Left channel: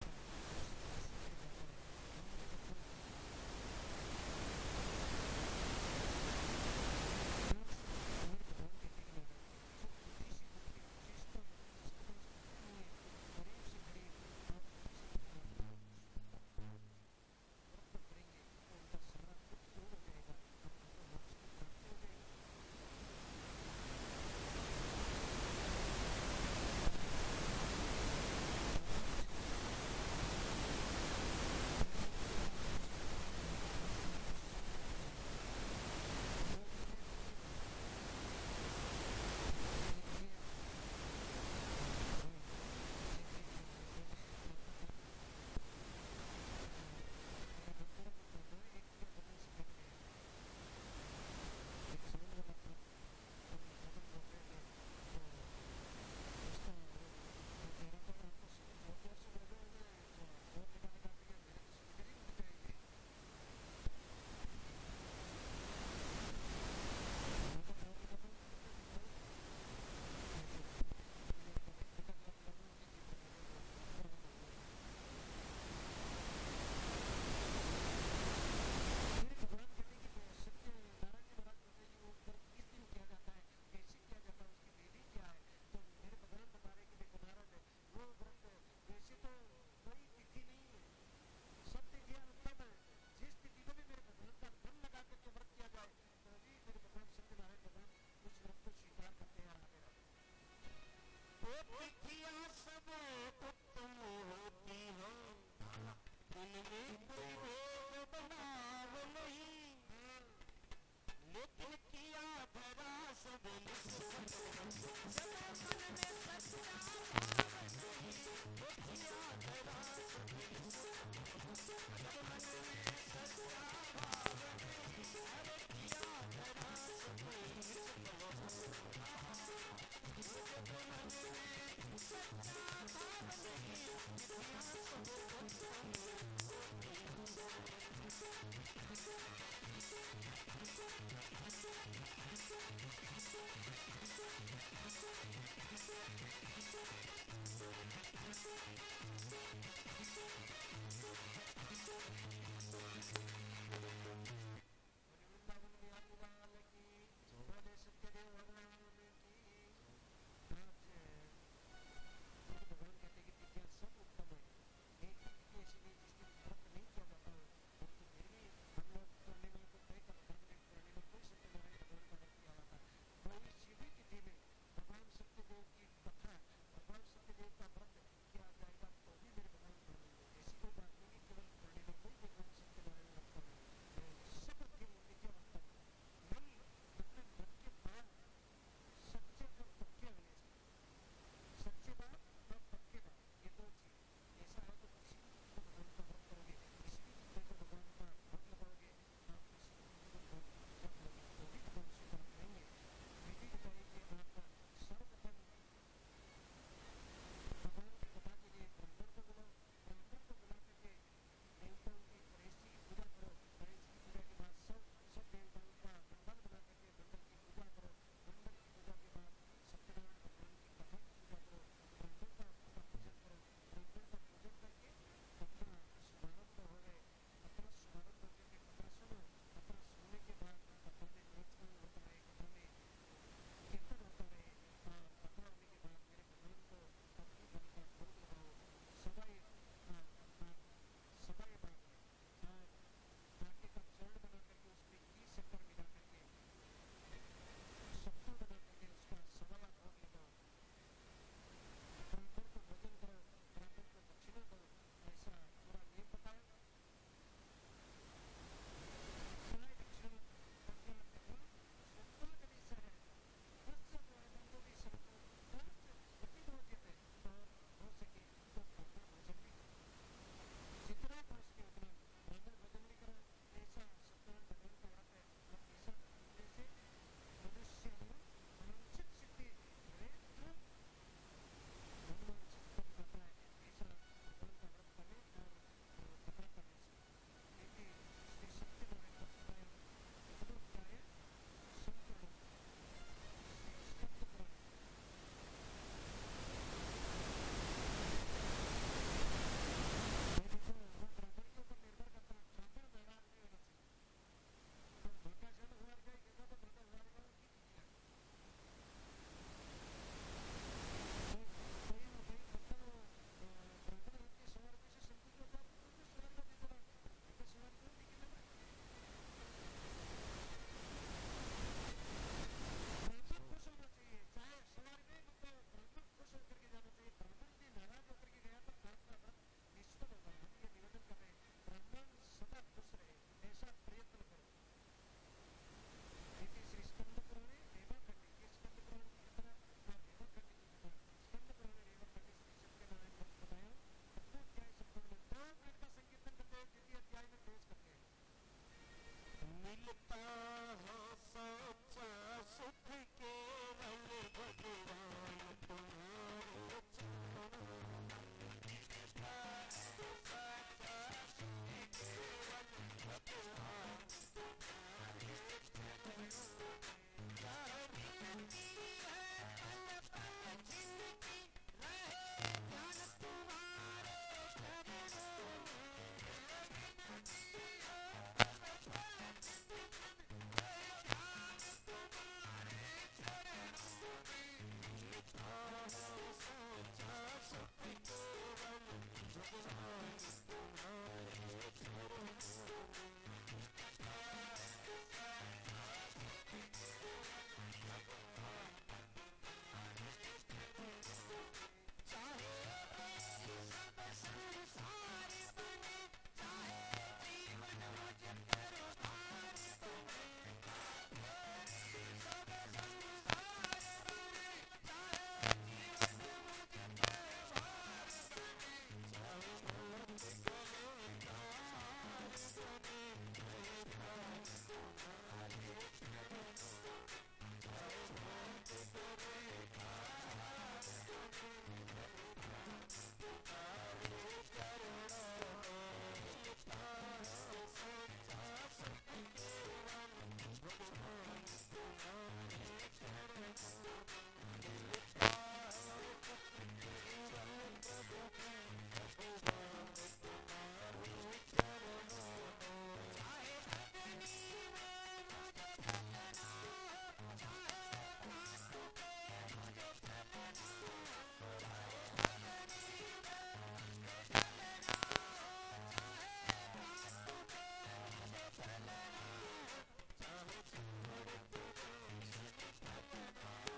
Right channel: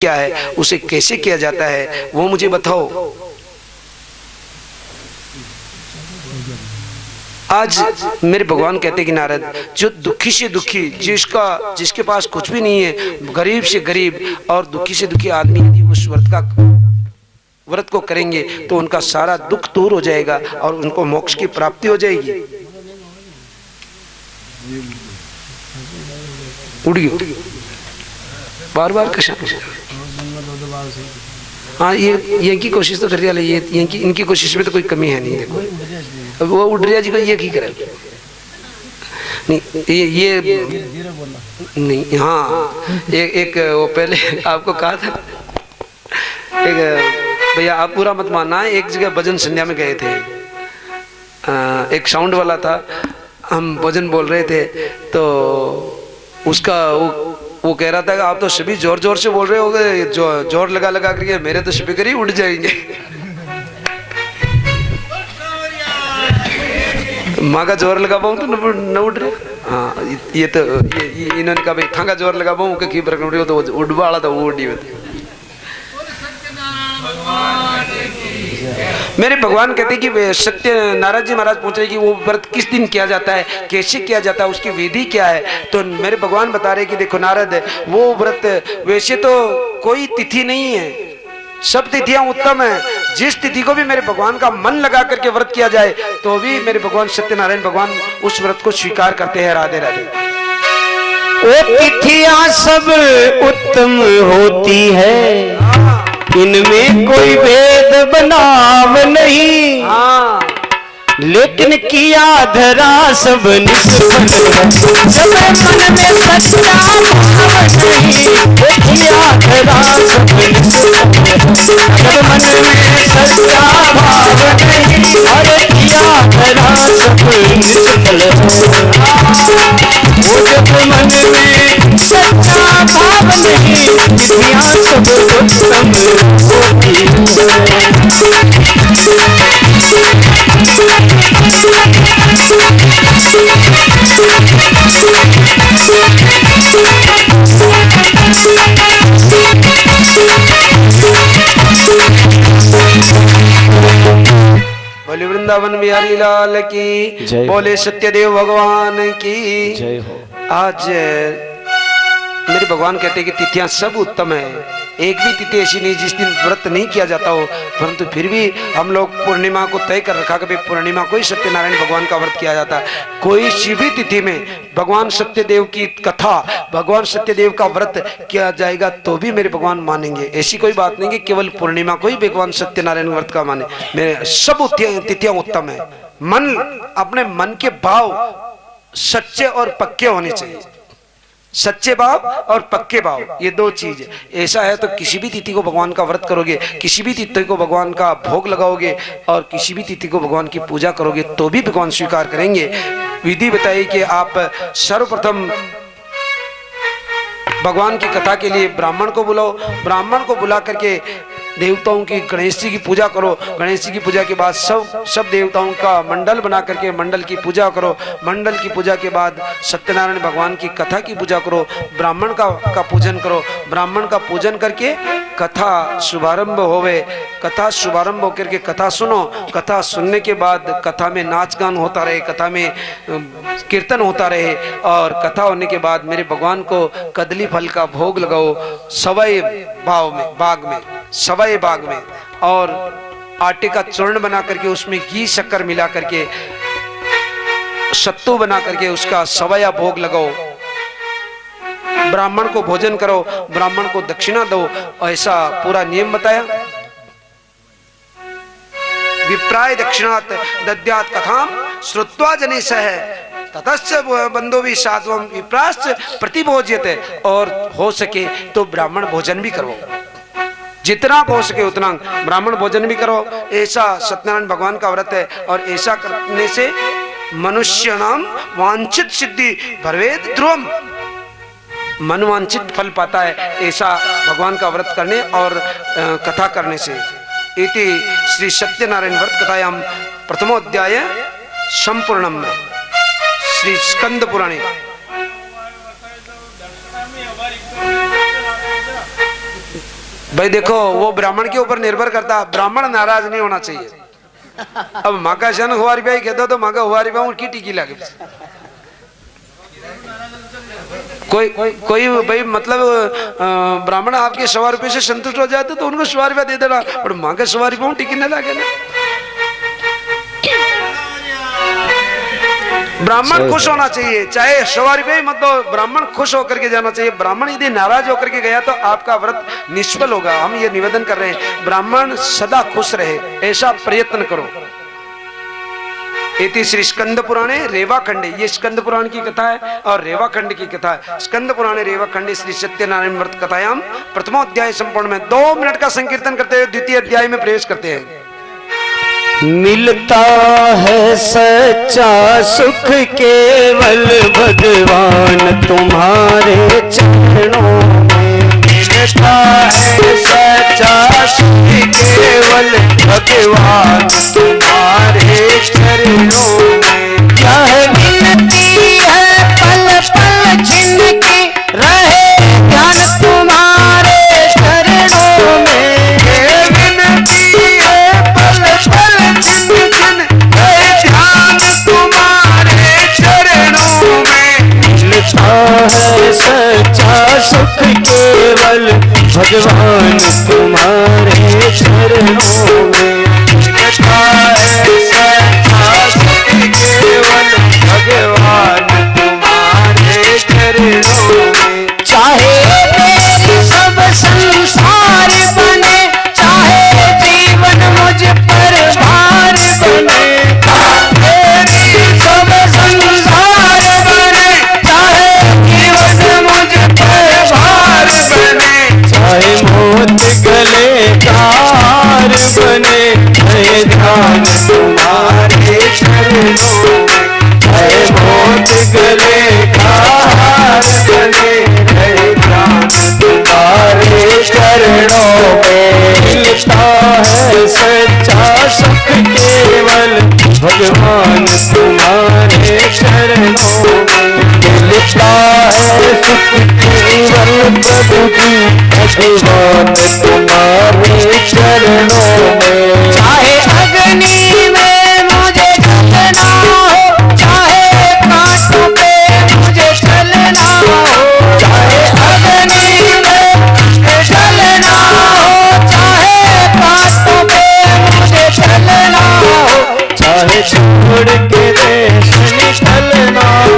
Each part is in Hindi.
क्या है, उसे कैसे किया जाता है, वो मुझे बताओ। आज मेरे भगवान कहते कि नारद, जो दुखी से दुखी, जिसके पास कुछ भी नहीं है, गरीब से गरीब और दुखी से दुखी आदमी यदि उस व्रत को करेंगे तो उनका सारा दुख दूर हो जाएगा और उनको मोक्ष की प्राप्ति हो जाएगी। उड़ गई बार बार कृष्ण कृष्ण। हाँ, ये की कोशिश तो कर रही है, ये इनकी कोशिश में तो कोई कमी है नहीं। देखो वो उड़रिया जी को ये की करे नहीं, ये नहीं। हाँ, एक वो पहले आपको कहा था, एक भैया आप पूरा मत मानना, एक जगह भजन संध्या में गए थे, एक साउंड वाला था, हम भजन बोल रहे थे, तो उसका वो कह रहा था कि आप तो सभी जोर जोर से बोल रहे होगे, जोर लगा लगा करके मेरे तो स्पीकर ही उड़ जाएंगे। माँ का जोर लगा पाऊँ तो न उड़ रहे। हाँ, ये तो इन्होंने कहा भाई थांगा जोर लगा पाऊँ की फर्क उड़ रही हो, तो उड़ वाला था वो उड़ी होती। मेरे भगवान कहते कि सत्य नारद जी महाराज पूछ रहे कि वो व्रत किस दिन किया जाता है, कैसे किया जाता है, उसकी विधि क्या है। तो मेरे भगवान बता रहे कि देखो नारद, वो व्रत वैसे तो कोई तिथि नहीं है, सब तिथियां उत्तम है। जिस तिथि को भी मेरे भगवान का मन लगा करके व्रत किया जाए तो भी मेरे भगवान सत्यनारायण भगवान उस व्रत को स्वीकार करते हैं। राधे राधे। वो तिथियां सब उत्तम होती है, इनमें कोई भेद बनाव नहीं। हाँ, लेकिन किया धरा सब निष्फल, जब मन में सच्चा भाव नहीं। किया धरा सब निष्फल, जब मन में सच्चा भाव नहीं। अरे किया धरा सब निष्फल, वो जब मन में सच्चा भाव नहीं। तिथियां सब उत्तम होती है। बोले वृंदावन बिहारी लाल की, बोले सत्यदेव भगवान की जय हो। आज मेरे भगवान कहते हैं कि तिथियां सब उत्तम है, एक भी तिथि ऐसी नहीं जिस दिन व्रत नहीं किया जाता हो, परंतु फिर भी हम लोग पूर्णिमा को तय कर रखा कि पूर्णिमा को ही सत्यनारायण भगवान का व्रत किया जाता है। कोई सी भी तिथि में भगवान सत्यदेव की कथा, भगवान सत्यदेव का व्रत किया जाएगा तो भी मेरे भगवान मानेंगे। ऐसी कोई बात नहीं कि केवल पूर्णिमा को ही भगवान सत्यनारायण व्रत का माने। मेरे सब तिथियां उत्तम है। मन, अपने मन के भाव सच्चे और पक्के होने चाहिए। सच्चे भाव और पक्के भाव, ये दो चीज ऐसा है तो किसी भी तिथि को भगवान का व्रत करोगे, किसी भी तिथि को भगवान का भोग लगाओगे और किसी भी तिथि को भगवान की पूजा करोगे तो भी भगवान स्वीकार करेंगे। विधि बताइए कि आप सर्वप्रथम भगवान की कथा के लिए ब्राह्मण को बुलाओ, ब्राह्मण को बुला करके देवताओं की, गणेश जी की पूजा करो। गणेश जी की पूजा के बाद सब देवताओं का मंडल बना करके मंडल की पूजा करो। मंडल की पूजा के बाद सत्यनारायण भगवान की कथा की पूजा करो। ब्राह्मण का पूजन करो। ब्राह्मण का पूजन करके कथा शुभारंभ होवे। कथा शुभारंभ होकर के कथा सुनो। कथा सुनने के बाद कथा में नाच गान होता रहे, कथा में कीर्तन होता रहे और कथा होने के बाद मेरे भगवान को कदली फल का भोग लगाओ सवाई बाग में और आटे का चूर्ण बना करके उसमें घी शक्कर मिला करके सत्तू बना करके उसका सवाया भोग लगाओ। ब्राह्मण को भोजन करो, ब्राह्मण को दक्षिणा दो। ऐसा पूरा नियम बताया। विप्राय दक्षिणात् दद्यात् कथाम श्रुत्वा जनेशः ततश्च बंधुभिः साध्वं विप्राश्च प्रतिभोज्यते। और हो सके तो ब्राह्मण भोजन भी करो, जितना हो सके उतना ब्राह्मण भोजन भी करो। ऐसा सत्यनारायण भगवान का व्रत है और ऐसा करने से मनुष्य नाम वांछित सिद्धि भवेत् ध्रुवम्, मनवांछित फल पाता है ऐसा भगवान का व्रत करने और कथा करने से। इति श्री सत्यनारायण व्रत कथायां प्रथमोध्याय संपूर्णम में श्री स्कंद पुराणे भाई देखो वो ब्राह्मण के ऊपर निर्भर करता, ब्राह्मण नाराज नहीं होना चाहिए। अब माँ का शन हुआरी भाई कहते तो माँ का हुआरी भाई उनकी टीकी लगे। कोई भाई मतलब ब्राह्मण आपके 100 रुपये से संतुष्ट हो जाते तो उनको 100 रुपया दे देना, और माँ के 100 रुपये टिकट न लगे ना। ब्राह्मण खुश होना चाहिए, चाहे 100 रुपये मत दो, ब्राह्मण खुश होकर के जाना चाहिए। ब्राह्मण यदि नाराज होकर के गया तो आपका व्रत निष्फल होगा। हम ये निवेदन कर रहे हैं ब्राह्मण सदा खुश रहे, ऐसा प्रयत्न करो। इति श्री स्कंद पुराणे रेवाखंडे, ये स्कंद पुराण की कथा है और रेवाखंड की कथा है। स्कंद पुराणे रेवाखंडे श्री सत्यनारायण व्रत कथायाम प्रथमोध्याय संपूर्ण में 2 मिनट का संकीर्तन करते हुए द्वितीय अध्याय में प्रवेश करते हैं। मिलता है सच्चा सुख केवल भगवान तुम्हारे चरणों में। मिलता है सच्चा सुख केवल भगवान तुम्हारे चरणों में। यह मिलती है पल पल जिनकी रहे ध्यान तुम्हारे चरणों में। ये मिलती है पल पल जिन रहे ध्यान तुम्हारे चरणों में। मिलता है सच्चा सुख केवल भगवान तुम्हारे चरणों में। मिलता है सच्चा सुख केवल भगवान तुम्हारे चरणों में। चाहे मेरी सब संसार बने, चाहे जीवन मुझ पर भार बने। मेरी सब संसार बने, चाहे जीवन मुझ पर भार बने। चाहे मौत गले का हार बने, है ध्यान तुम्हारे चरणों में। चाहे मौत गले का हार बने, है ध्यान तुम्हारे चरणों में। मिलता है सच्चा सुख केवल भगवान तुम्हारे चरणों में। मिलता है सुख केवल प्रभु जी भगवान तुम्हारे चरणों में। चाहे अग्नि में मुझे जलना हो, चाहे कांटों पे मुझे चलना हो। चाहे अग्नि में मुझे जलना हो, चाहे कांटों पे मुझे चलना हो। चाहे छोड़ के देश निकलना हो,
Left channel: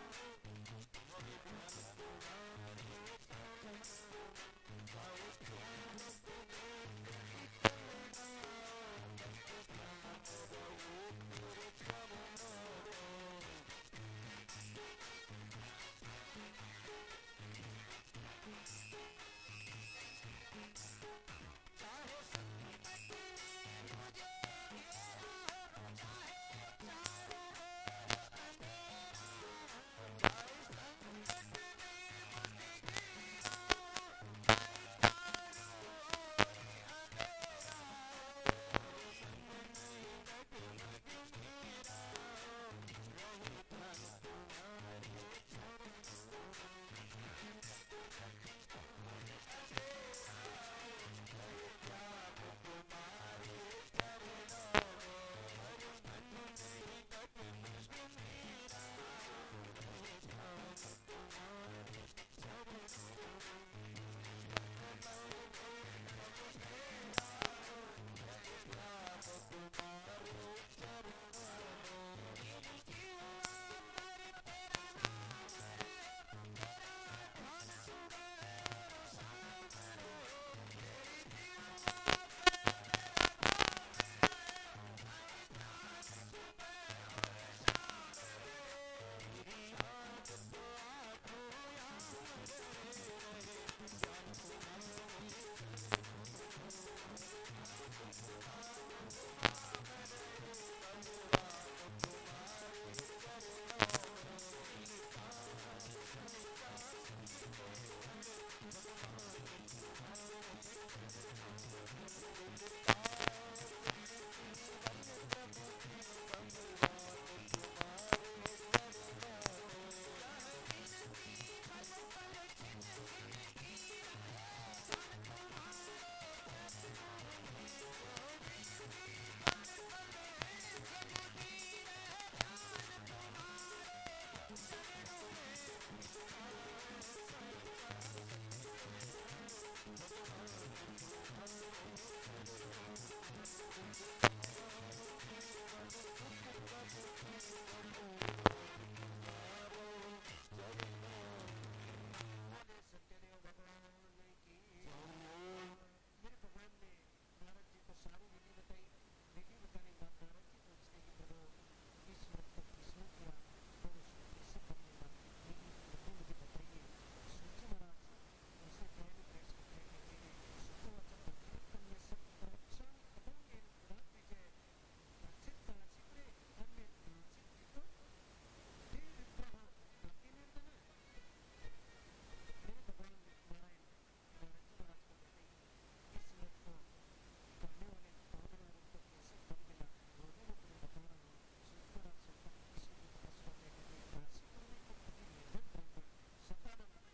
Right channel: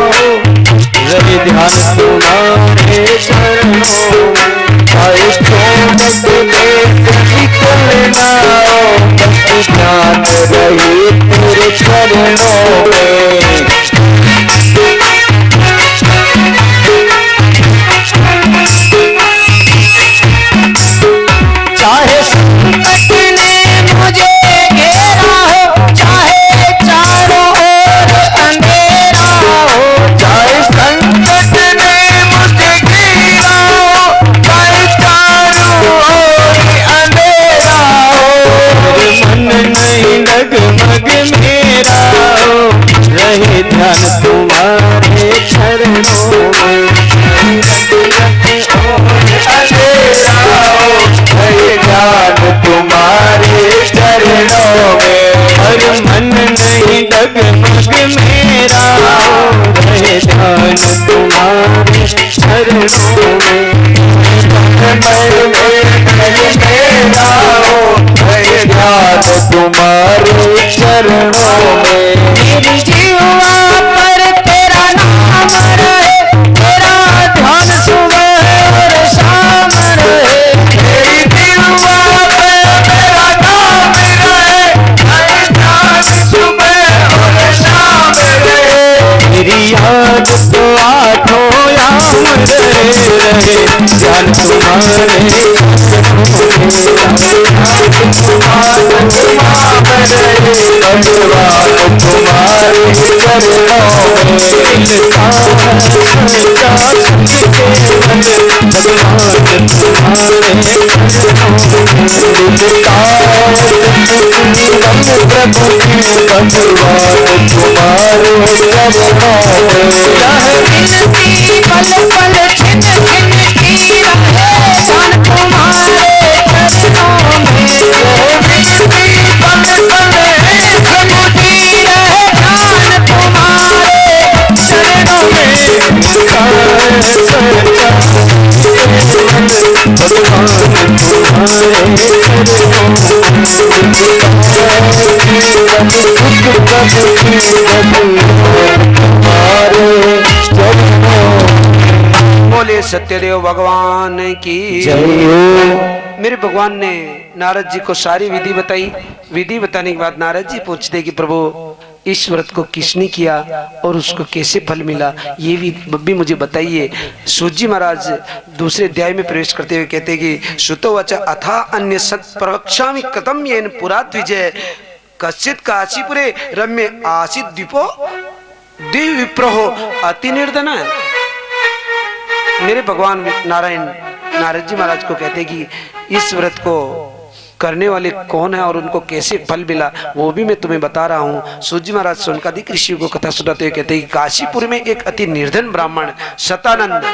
रहे ध्यान तुम्हारे चरणों में। चाहे छोड़ के देश निकलना हो, बस ध्यान रहे तेरे चरणों में। चाहे संकट ने मुझे घेरा हो, चाहे चारों ओर अंधेरा हो। चाहे संकट ने मुझे घेरा हो, चाहे चारों ओर अंधेरा हो। मन नहीं डगमग मेरा हो, रहे ध्यान तुम्हारे चरणों में। अंधेरा हो, रहे ध्यान तुम्हारे चरणों में। हर मन नहीं डगमग मेरा हो, रहे ध्यान तुम्हारे चरणों में। मेरा हो, रहे ध्यान तुम्हारे चरणों में। मेरी जीवा पर तेरा नाम रहे, तेरा ध्यान सुबह और शाम रहे। मेरी जीवा पर तेरा नाम रहे, तेरा ध्यान सुबह और शाम रहे। मेरी याद तो आठों याम रहे, ध्यान तुम्हारे भगवान तुम्हारे चरणों में। मिलता है सच्चा सुख केवल भगवान तुम्हारे चरणों में। मिलता है प्रभु की भगवान तुम्हारे चरणों में। यह विनती पल पल छिन छिन की रहे, ध्यान तुम्हारे बोले सत्यदेव भगवान की जय हो। मेरे भगवान ने नारद जी को सारी विधि बताई। विधि बताने के बाद नारद जी पूछते कि प्रभु इस व्रत को किसने किया और उसको कैसे फल मिला, ये भी मुझे बताइए। सूत जी महाराज दूसरे अध्याय में प्रवेश करते हुए कहते कि सुतो वच अथा अन्य सत प्रवक्ष्यामि कथम येन पुरा द्विजय कश्चित काशीपुरे रम्य आसीत द्वीपो दिव्य विप्रहो अति निर्धन। मेरे भगवान नारायण नारद जी महाराज को कहते कि इस व्रत को करने वाले कौन है और उनको कैसे फल मिला वो भी मैं तुम्हें बता रहा हूँ। सूत जी महाराज सोनकादिक ऋषि को कथा सुनाते हुए कहते हैं कि काशीपुर में एक अति निर्धन ब्राह्मण शतानंद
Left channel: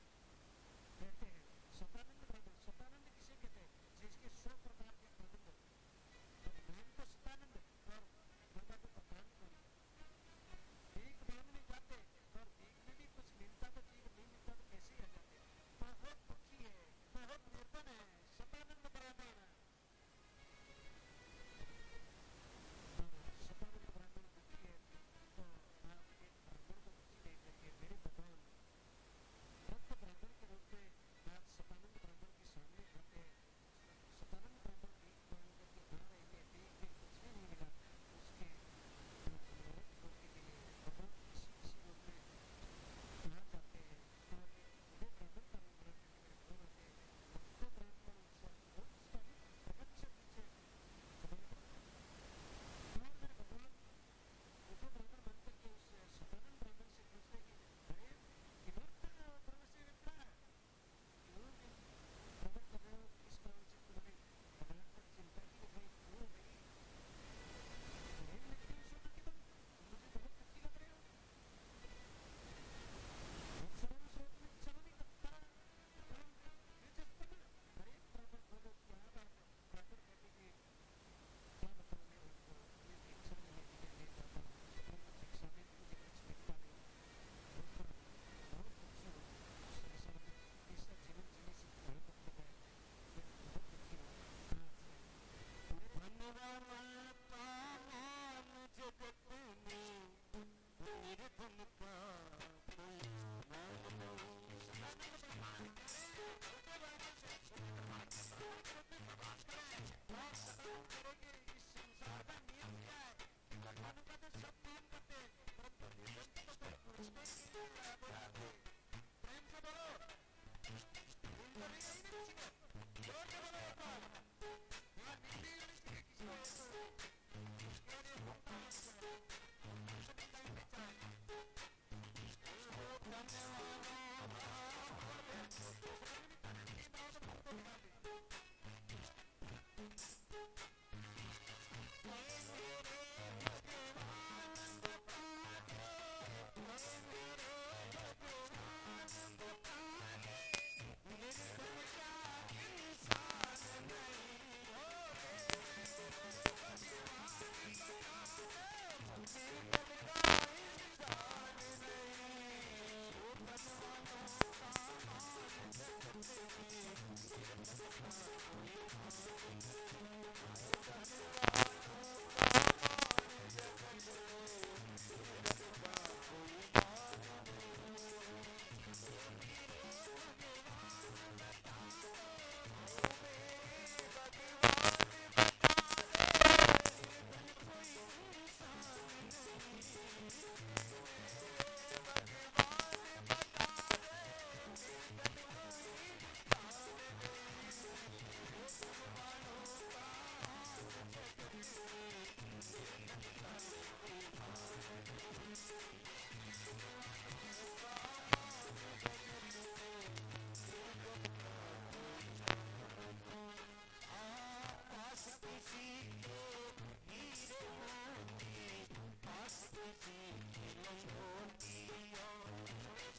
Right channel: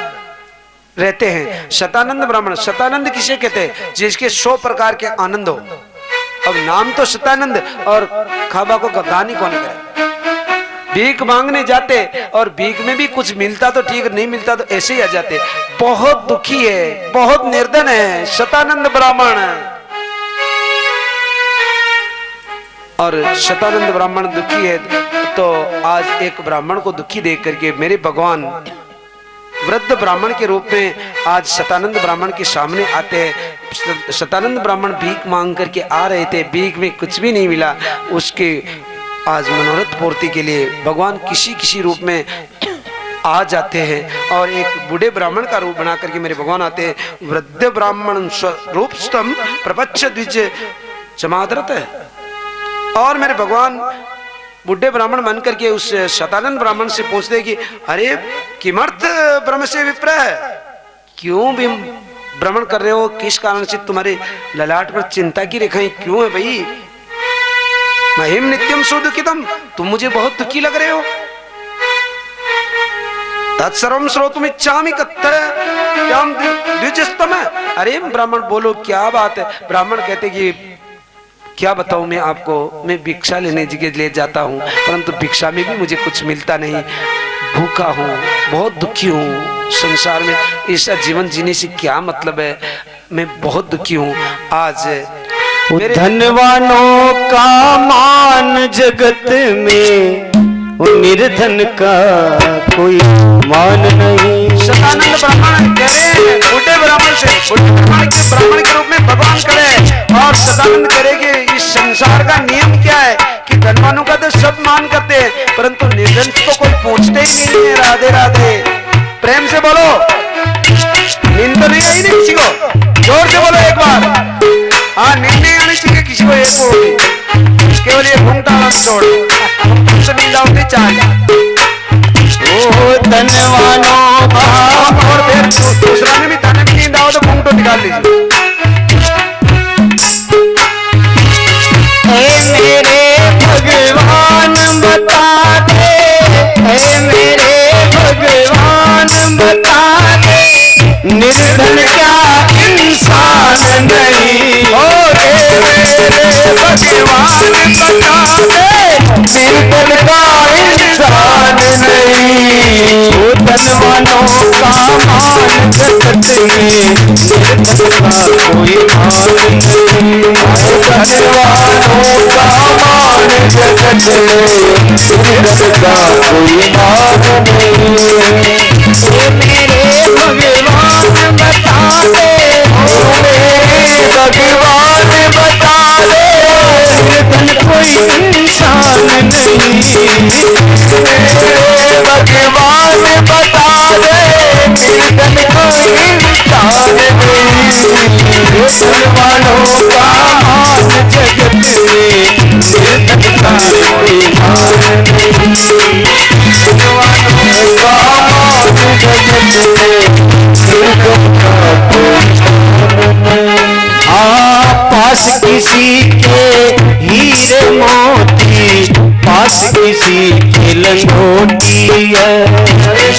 रहते हैं। शतानंद ब्राह्मण, शतानंद किसे कहते हैं? जिसके 100 प्रकार के आनंद हो। अब नाम तो शतानंद और खाबा को गद्दानी कौन करे। भीख मांगने जाते और भीख में भी कुछ मिलता तो ठीक, नहीं मिलता तो ऐसे ही आ जाते। बहुत दुखी है, बहुत निर्धन है शतानंद ब्राह्मण। और शतानंद ब्राह्मण दुखी है तो आज एक ब्राह्मण को दुखी देख करके मेरे भगवान वृद्ध ब्राह्मण के रूप में आज शतानंद ब्राह्मण के सामने आते हैं। शतानंद ब्राह्मण भीख मांग करके आ रहे थे, भीख में कुछ भी नहीं मिला। उसके आज मनोरथ पूर्ति के लिए भगवान किसी किसी रूप में आ जाते हैं और एक बूढ़े ब्राह्मण का रूप बना करके मेरे भगवान आते हैं। वृद्ध ब्राह्मण रूप स्तम प्रपच्छ द्विज समादरत है। और मेरे भगवान बुढ़े ब्राह्मण बन करके उस शतानंद ब्राह्मण से पूछते कि अरे किमर्थ ब्रह्म से विप्र है, क्यों भी भ्रमण कर रहे हो, किस कारण से तुम्हारे ललाट पर चिंता की रेखाएं क्यों है भाई? महिम नित्यम सुदुखितम, तुम मुझे बहुत दुखी लग रहे हो। तत्सर्वं श्रोतुम इच्छामि कथ्यम द्विजस्तम। अरे ब्राह्मण बोलो क्या बात है? ब्राह्मण कहते कि क्या बताऊं मैं आपको, मैं भिक्षा लेने के लिए जाता हूँ परंतु भिक्षा में भी मुझे कुछ मिलता नहीं। भूखा हूँ, बहुत दुखी हूँ, संसार में ऐसा जीवन जीने से क्या मतलब है, मैं बहुत दुखी हूँ। आज धनवानों का मान जगत में, निर्धन का कोई मान नहीं। शतानंद ब्राह्मण कह रहे हैं बूढ़े ब्राह्मण से, बूढ़े ब्राह्मण के रूप में भगवान करे और शतानंद करेंगे। इस संसार का नियम क्या है कि धनवानों का तो सब मान करते हैं परंतु निर्धन को कोई पूछते ही नहीं है। राधे राधे, प्रेम से बोलो, नींद तो नहीं आई नहीं किसी को? जोर से बोलो एक बार। हाँ, नींद नहीं आनी चाहिए किसी को, एक को केवल ये घूमता छोड़ तो नींद आती चाहिए। ओ धनवानों का, और फिर दूसरा में भी ताने में नींद आओ तो घूंघटो निकाल लीजिए। मेरे भगवान बता दे, मेरे भगवान बता दे, निर्धन क्या इंसान नहीं। मेरे भगवान बता दे, निर्धन का इंसान नहीं। वो धनवानों का मान जगत में, निर्धन का कोई मान नहीं। धनवानों का मान जगत में, निर्धन का कोई मान नहीं। मेरे भगवान बता दे, मेरे भगवान बता दे, निर्धन कोई इंसान नहीं। मेरे भगवान बता दे, निर्धन कोई इंसान नहीं। धनवानों का मान जगत में, निर्धन का कोई मान नहीं। धनवानों का मान जगत में, निर्धन का कोई मान नहीं। पास किसी के हीरे मोती, पास किसी के लंगोटी है।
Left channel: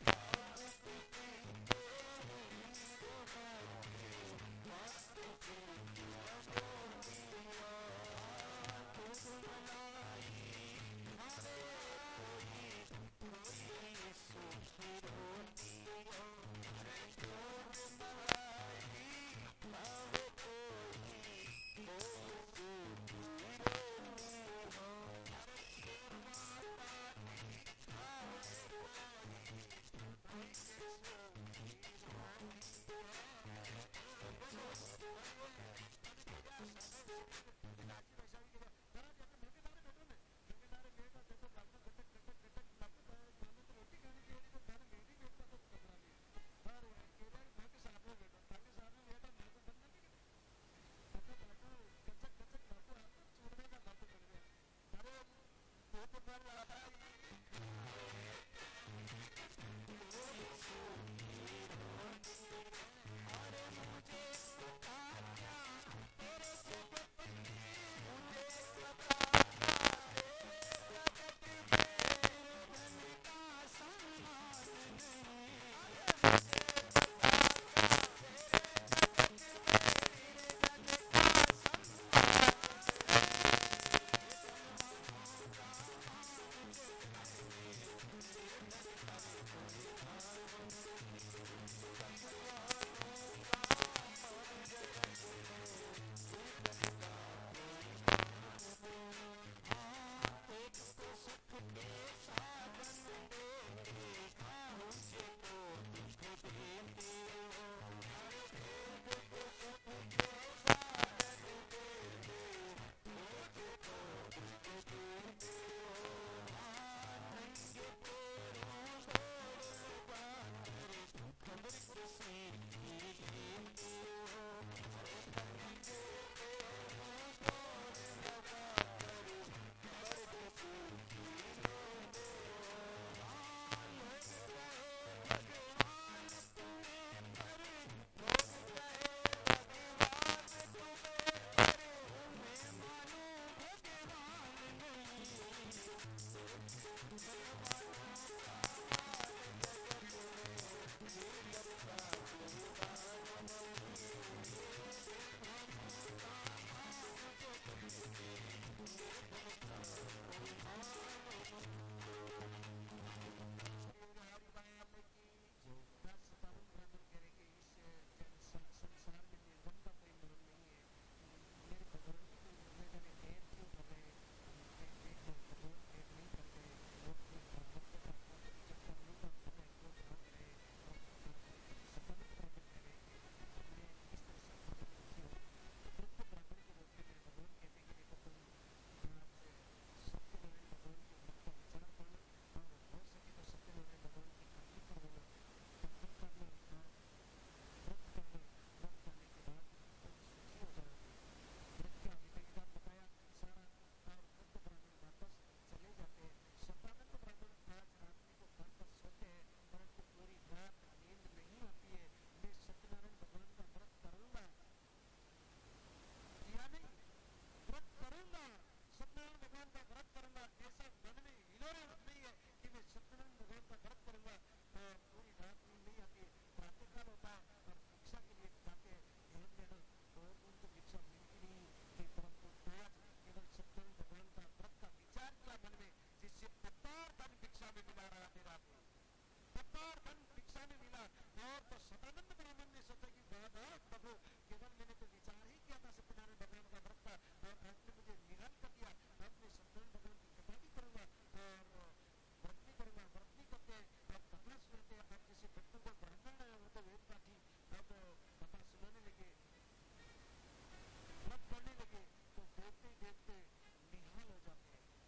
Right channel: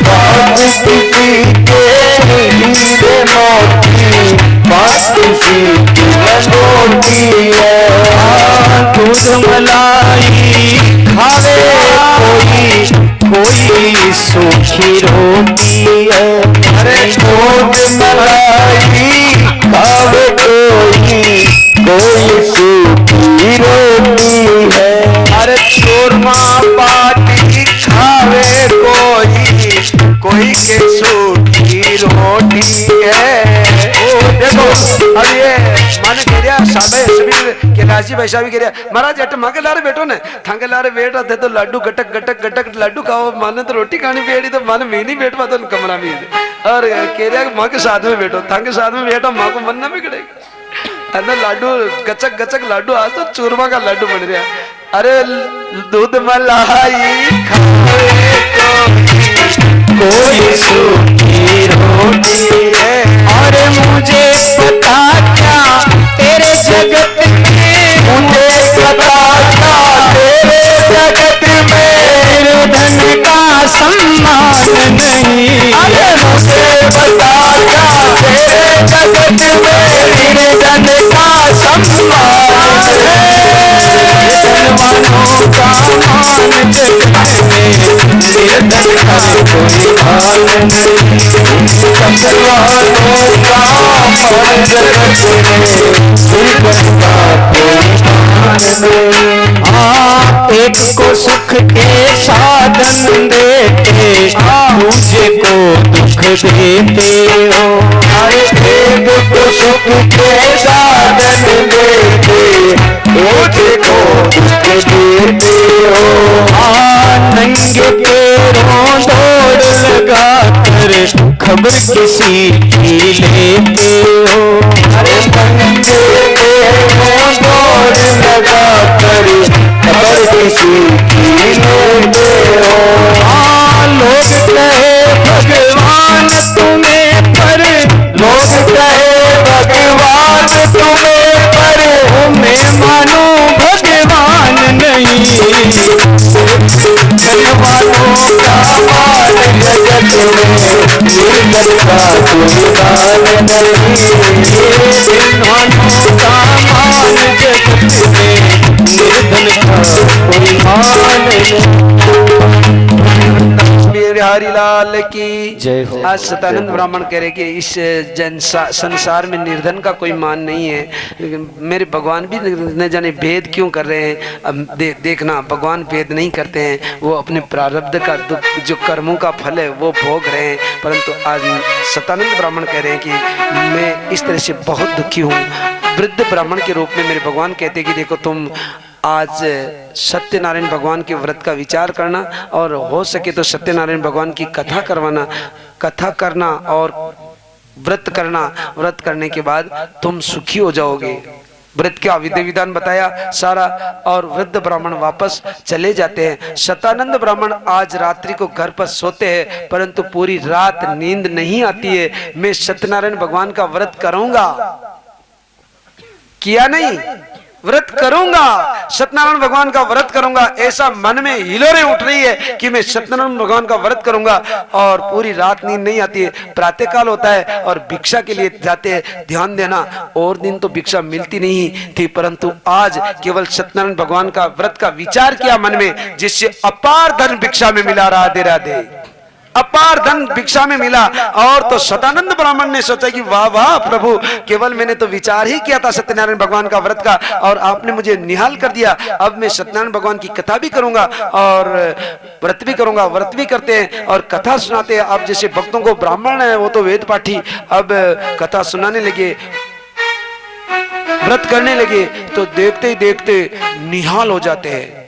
पास किसी के हीरे मोती, पास किसी की लंगोटी है। दूध मलाई खावे कोई, कोई सूखी रोटी है। अरे दूध मलाई खावे माने कह रहा साबे सभी कैलाशी वैसा भी कह रहा महाराज अट मांगे लारे बैठो ने थांगे लारे बैठो थे तो लड्डू गटक गटक गटक लड्डू खाओ माने तो रोटी खानी बैठी तो माने मैं नहीं बैठ पाता कमरा में और कह रहा माँ के साथ में बैठो थांगे साथ में बैठो माँ को मनना भी करेगा अंदर लड्डू गचक गचक लड्डू आज तो चूरमा का लड्डू बन रहा अरे दूध मलाई खाए कोई सूखी रोटी है और मुझे पता क्या तेरे जगत में मुझे पता क्या तेरे जगत में धन का सम्मान नहीं अरे मुझे पता क्या तेरे जगत में धन का सम्मान है धनवानों का मान जगत में निर्धन का कोई हाल नहीं धनवानों का मान जगत में निर्धन का कोई हाल नहीं हाँ एक को सुख के साधन देते दूसरे को दुख देते हो अरे एक को सुख के साधन देते दूसरे को दुख देते हो हाँ नंगे पैरों दौड़ लगा कर खबर किसी की लेते हो अरे नंगे पैरों दौड़ लगा कर खबर किसी की लेते हो हाँ लोग कहे भगवान तुम्हें पर लोग कहे भगवान तुम्हें पर मैं मानो भगवान नहीं धनवानों का मान जगत में निर्धन का कोई हाल नहीं धनवानों का मान जगत में निर्धन का कोई हाल नहीं हरि लाल की जय हो। आज सतानंद ब्राह्मण कह रहे कि इस संसार में निर्धन का कोई मान नहीं है मेरे भगवान भी न जाने भेद क्यों कर रहे हैं अब देखना भगवान भेद नहीं करते हैं वो अपने प्रारब्ध का जो कर्मों का फल है वो भोग रहे हैं परंतु आज सतानंद ब्राह्मण कह रहे हैं कि मैं इस तरह से बहुत दुखी हूँ वृद्ध ब्राह्मण के रूप में मेरे भगवान कहते हैं कि देखो तुम आज सत्यनारायण भगवान के व्रत का विचार करना और हो सके तो सत्यनारायण भगवान की कथा करवाना कथा करना और व्रत करना व्रत करने के बाद तुम सुखी हो जाओगे व्रत का विधि विधान बताया सारा और वृद्ध ब्राह्मण वापस चले जाते हैं सतानंद ब्राह्मण आज रात्रि को घर पर सोते हैं परंतु पूरी रात नींद नहीं आती है मैं सत्यनारायण भगवान का व्रत करूंगा किया नहीं व्रत करूंगा सत्यनारायण भगवान का व्रत करूंगा ऐसा मन में हिलोरें उठ रही है कि मैं सत्यनारायण भगवान का व्रत करूंगा और पूरी रात नींद नहीं आती है प्रातः काल होता है और भिक्षा के लिए जाते हैं ध्यान देना और दिन तो भिक्षा मिलती नहीं थी परंतु आज केवल सत्यनारायण भगवान का व्रत का विचार किया मन में जिससे अपार धन भिक्षा में मिला राधे राधे अपार धन भिक्षा में मिला और तो सतानंद ब्राह्मण ने सोचा कि वाह वाह प्रभु केवल मैंने तो विचार ही किया था सत्यनारायण भगवान का व्रत का और आपने मुझे निहाल कर दिया अब मैं सत्यनारायण भगवान की कथा भी करूंगा और व्रत भी करूंगा व्रत भी करते हैं और कथा सुनाते हैं अब जैसे भक्तों को ब्राह्मण है वो तो वेद पाठी अब कथा सुनाने लगे व्रत करने लगे तो देखते ही देखते निहाल हो जाते हैं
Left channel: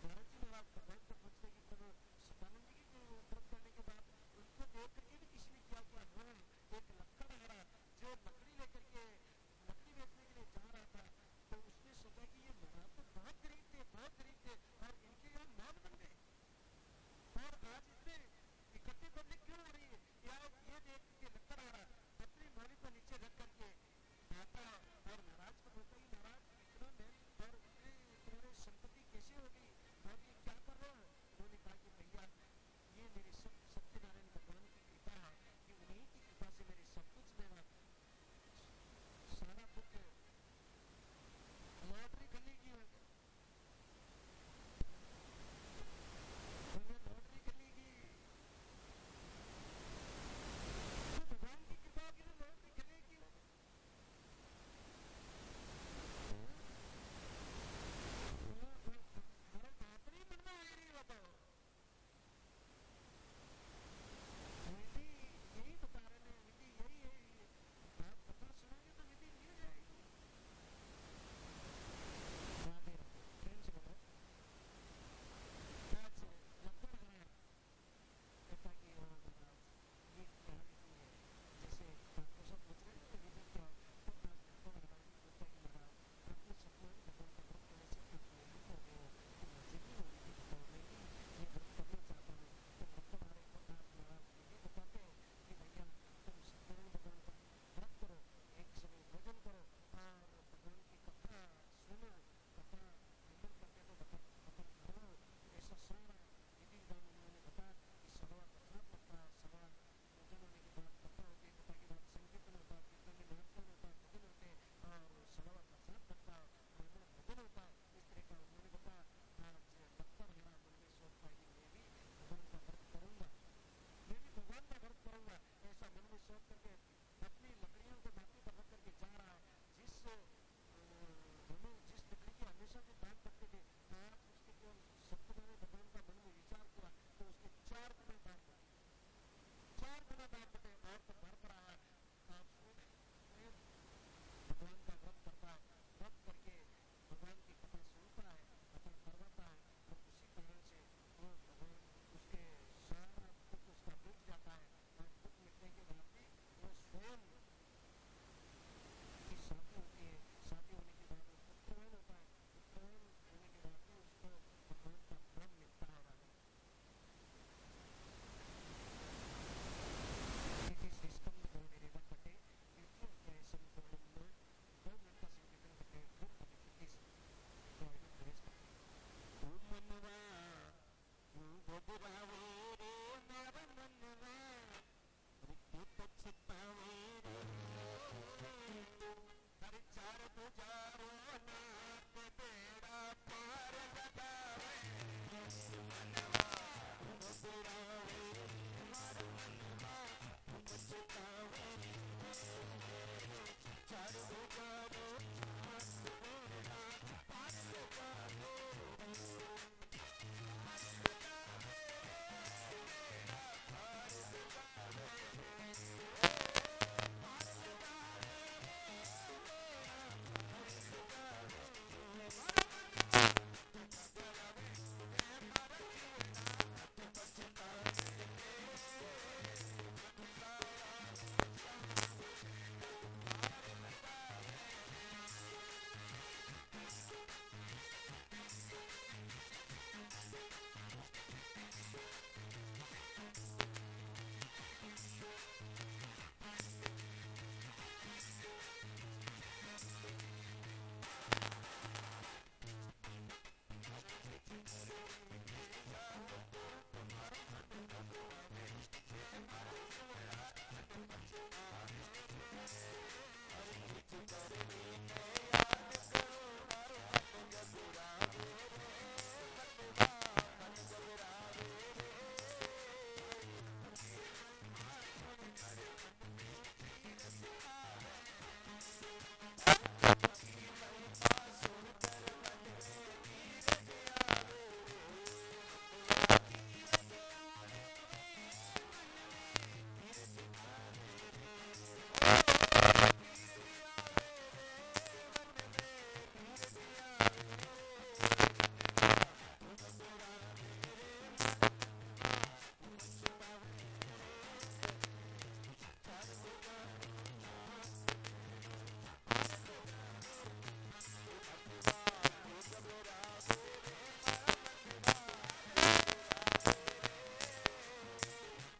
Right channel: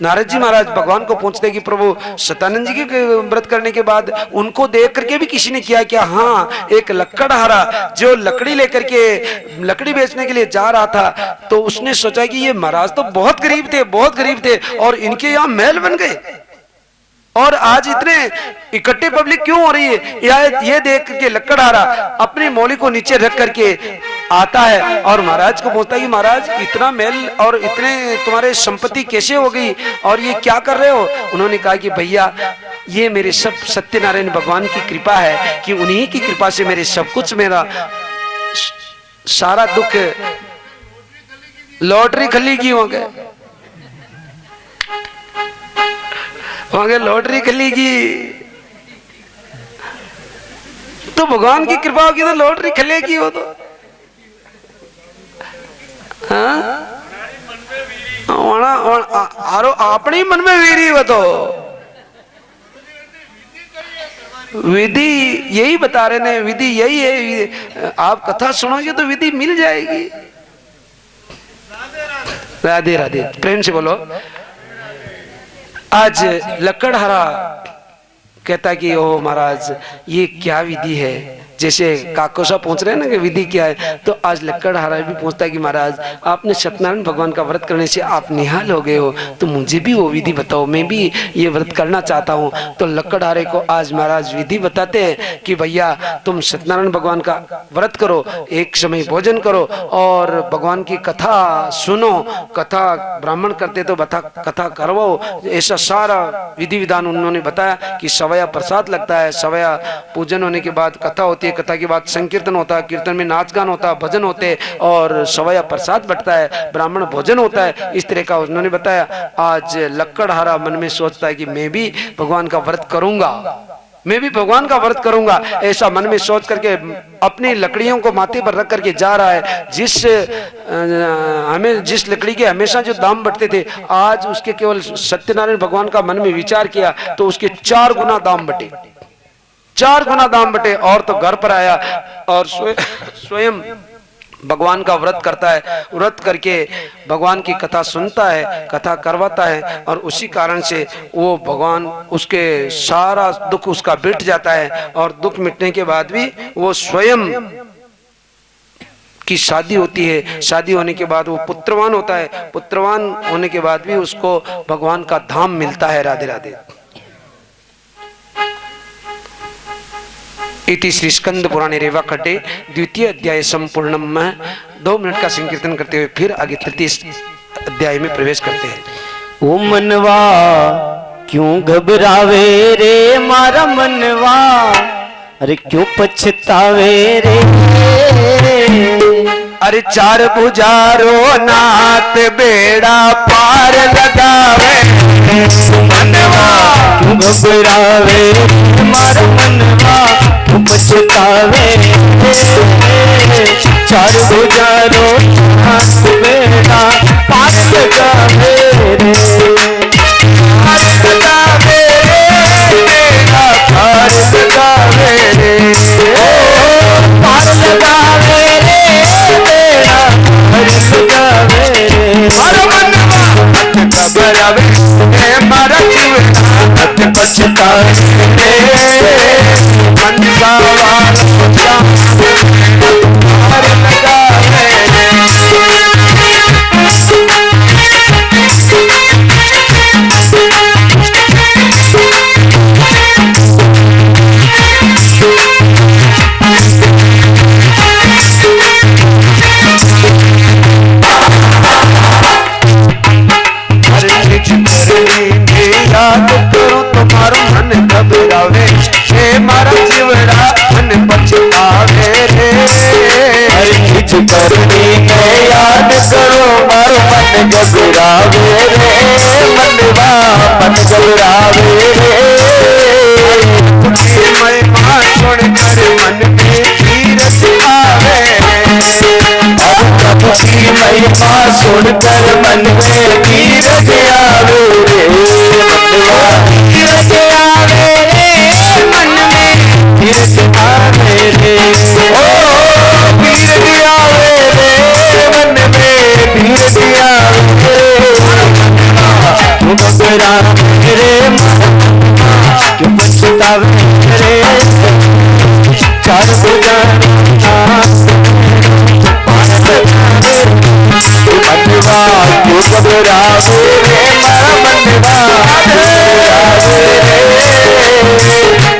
नारद जी महाराज भगवान को पूछते कि प्रभु सतानंद जी के व्रत करने के बाद उनको देख करके भी किसी ने किया क्या हाँ एक लकड़हारा जो लकड़ी लेकर के लकड़ी बेचने के लिए जा रहा था तो उसने सोचा कि ये महाराज तो बहुत गरीब थे और इनके यहाँ महल बन गए और आज इतने इकट्ठे पब्लिक क्यों हो रही है ये देख के लकड़हारा अपनी मौली को नीचे रख करके आता है और महाराज को बोलता है कि महाराज इतना महल और इतने तुम्हारे संपत्ति कैसे हो गई और ये क्या कर रहे हो उन्होंने कहा कि भैया ये मेरे सब सत्यनारायण भगवान की कृपा है कि उन्हीं की कृपा से मेरे सब कुछ मेरा सारा दुख लॉटरी खली की हो गए वहां लॉटरी खलेगी तो भगवान की कृपा होगी तो लॉटरी खलेगी वो तो अपने मन में वीरी वो तो विधि यही बता रहे ने, विधि यही है। आप कथा सुनोगे तो विधि मिल जाएगी। राधे राधे, प्रेम से बोलो। आज लकड़हारा कहता कि ओ महाराज ये क्या विधि है, जैसे काकोसा पूछ रहे हैं ना कि विधि क्या है, तो आज लकड़हारा भी पूछता है कि महाराज आपने सत्यनारायण भगवान का व्रत करने से आप निहाल हो गए हो, तो मुझे भी वो विधि बताओ, मैं भी ये व्रत करना चाहता हूँ। तो लकड़हारे को आज महाराज विधि बताते हैं कि भैया तुम सत्यनारायण भगवान का व्रत करो, एक समय भोजन करो और भगवान की कथा सुनो, कथा ब्राह्मण करते तो बता कथा करवाओ। ऐसा सारा विधि विधान उन्होंने बताया कि सवया प्रसाद लगता है, सवया पूजन होने के बाद कथा होती है, कथा के बाद संकीर्तन होता है, कीर्तन में नाच गान होता है, भजन होते हैं और सवया प्रसाद बटता है, ब्राह्मण भोजन होता है। इस तरह का उन्होंने बताया। आज लकड़हारा मन में सोचता है कि मैं भी भगवान का व्रत करूंगा, मैं भी भगवान का व्रत करूंगा, ऐसा मन में सोच करके अपनी लकड़ियों को माथे पर रख करके जा रहा है। हमें जिस लकड़ी के हमेशा जो दाम बढ़ते थे, आज उसके केवल सत्यनारायण भगवान का मन में विचार किया तो उसके 4 गुना दाम बटे, 4 गुना दाम बटे। और तो घर पर आया और स्वयं भगवान का व्रत करता है, व्रत करके भगवान की कथा सुनता है, कथा करवाता है और उसी कारण से वो भगवान उसके सारा दुख उसका मिट जाता है। और दुख मिटने के बाद भी वो स्वयं की शादी होती है, शादी होने के बाद वो पुत्रवान होता है, पुत्रवान होने के बाद भी उसको भगवान का धाम मिलता है। राधे राधे। इति श्री स्कंद पुराणे रेवा खड्डे द्वितीय अध्याय संपूर्णम। 2 मिनट का संकीर्तन करते हुए फिर आगे तृतीय अध्याय में प्रवेश करते हैं। ओ मनवा क्यों घबरावे रे मारा मनवा, अरे क्यों पछतावे रे, अरे 4 भुजारो नाथ बेड़ा पार लगावे, मनवा क्यों घबरावे मारा मनवा, क्यों पछतावे रे, 4 भुजारो नाथ बेड़ा पार लगावे रे, पार लगावे रे, बेड़ा पार लगावे रे, ओ पार लगावे रे, बेड़ा पार लगावे रे, मारो मनवा घबरावे मारा जीवन पछतावे रे, मनवा पार लगावे रे। याद करो तुम्हारो मन घबरावे, हे मारा जीवड़ा मन पछतावे रे, हर चीज करनी है याद करो मारो मन घबरावे रे, मनवा मन घबरावे रे, महिमा सुनकर मन में तीरथ आवे, और प्रभु की महिमा सुनकर मन में तीरथ आवे रे, मनवा तीरथ आवे रे, मन में तीरथ आवे रे, ओ तीरथ आवे रे, मन में तीरथ आवे रे, क्यों घबरावे रे, क्यों पछतावे रे, 4 भुजा मनवा क्यों घबरावे रे, मारा मनवा घबरावे रे,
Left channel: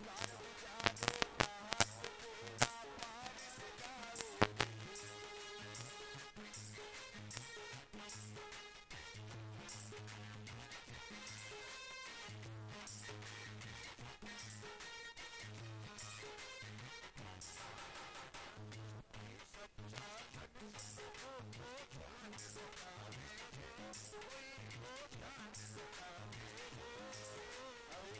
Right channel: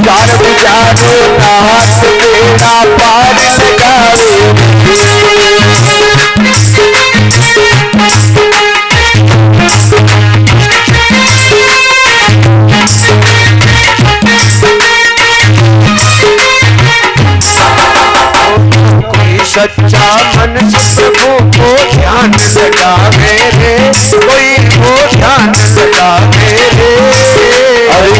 4 भुजारो नाथ बेड़ा पार लगावे सच्चा मन से प्रभु को ध्यान लगावे रे, कोई को ध्यान लगावे रे, अरे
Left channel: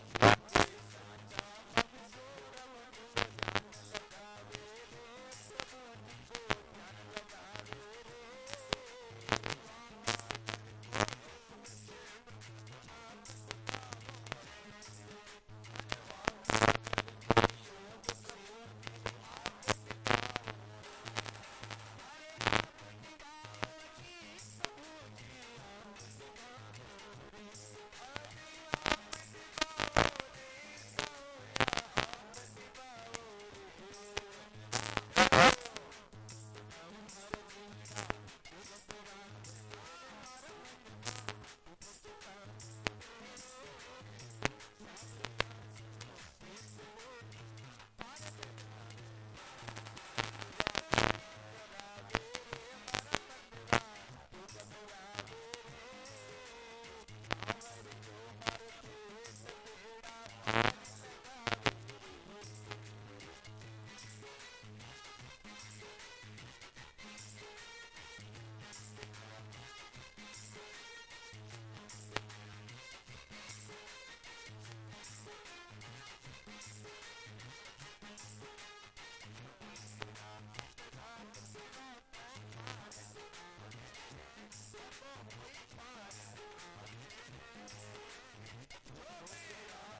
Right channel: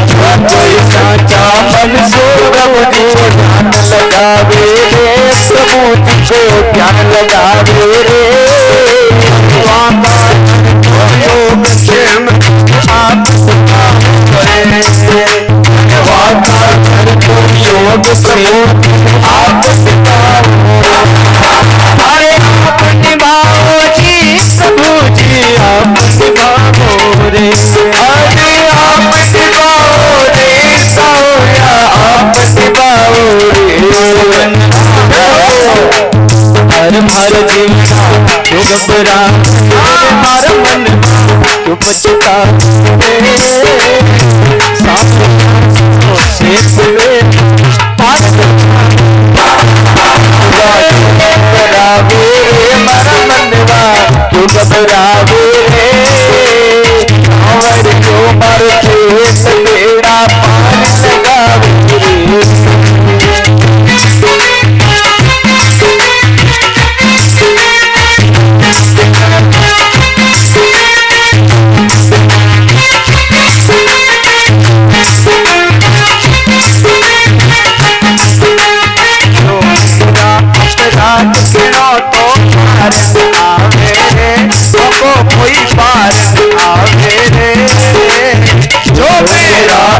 कोई साचा मन से प्रभु को ध्यान लगावे रे, प्रभु को ध्यान लगावे रे, योग क्षेम आप करे, वाता अब प्रभु आप निभाओ, अरे आप निभाओ जी प्रभु जी आप निभाओ रे, अरे आप निभाओ रे साया आप निभाओ रे, हर हर जीवना क्यों घबरा, हमारा मन क्यों पछता से खुले पार घबरावे हमारा मनवा क्यों घबरावे और क्यों मरते बेड़ा पार लगावे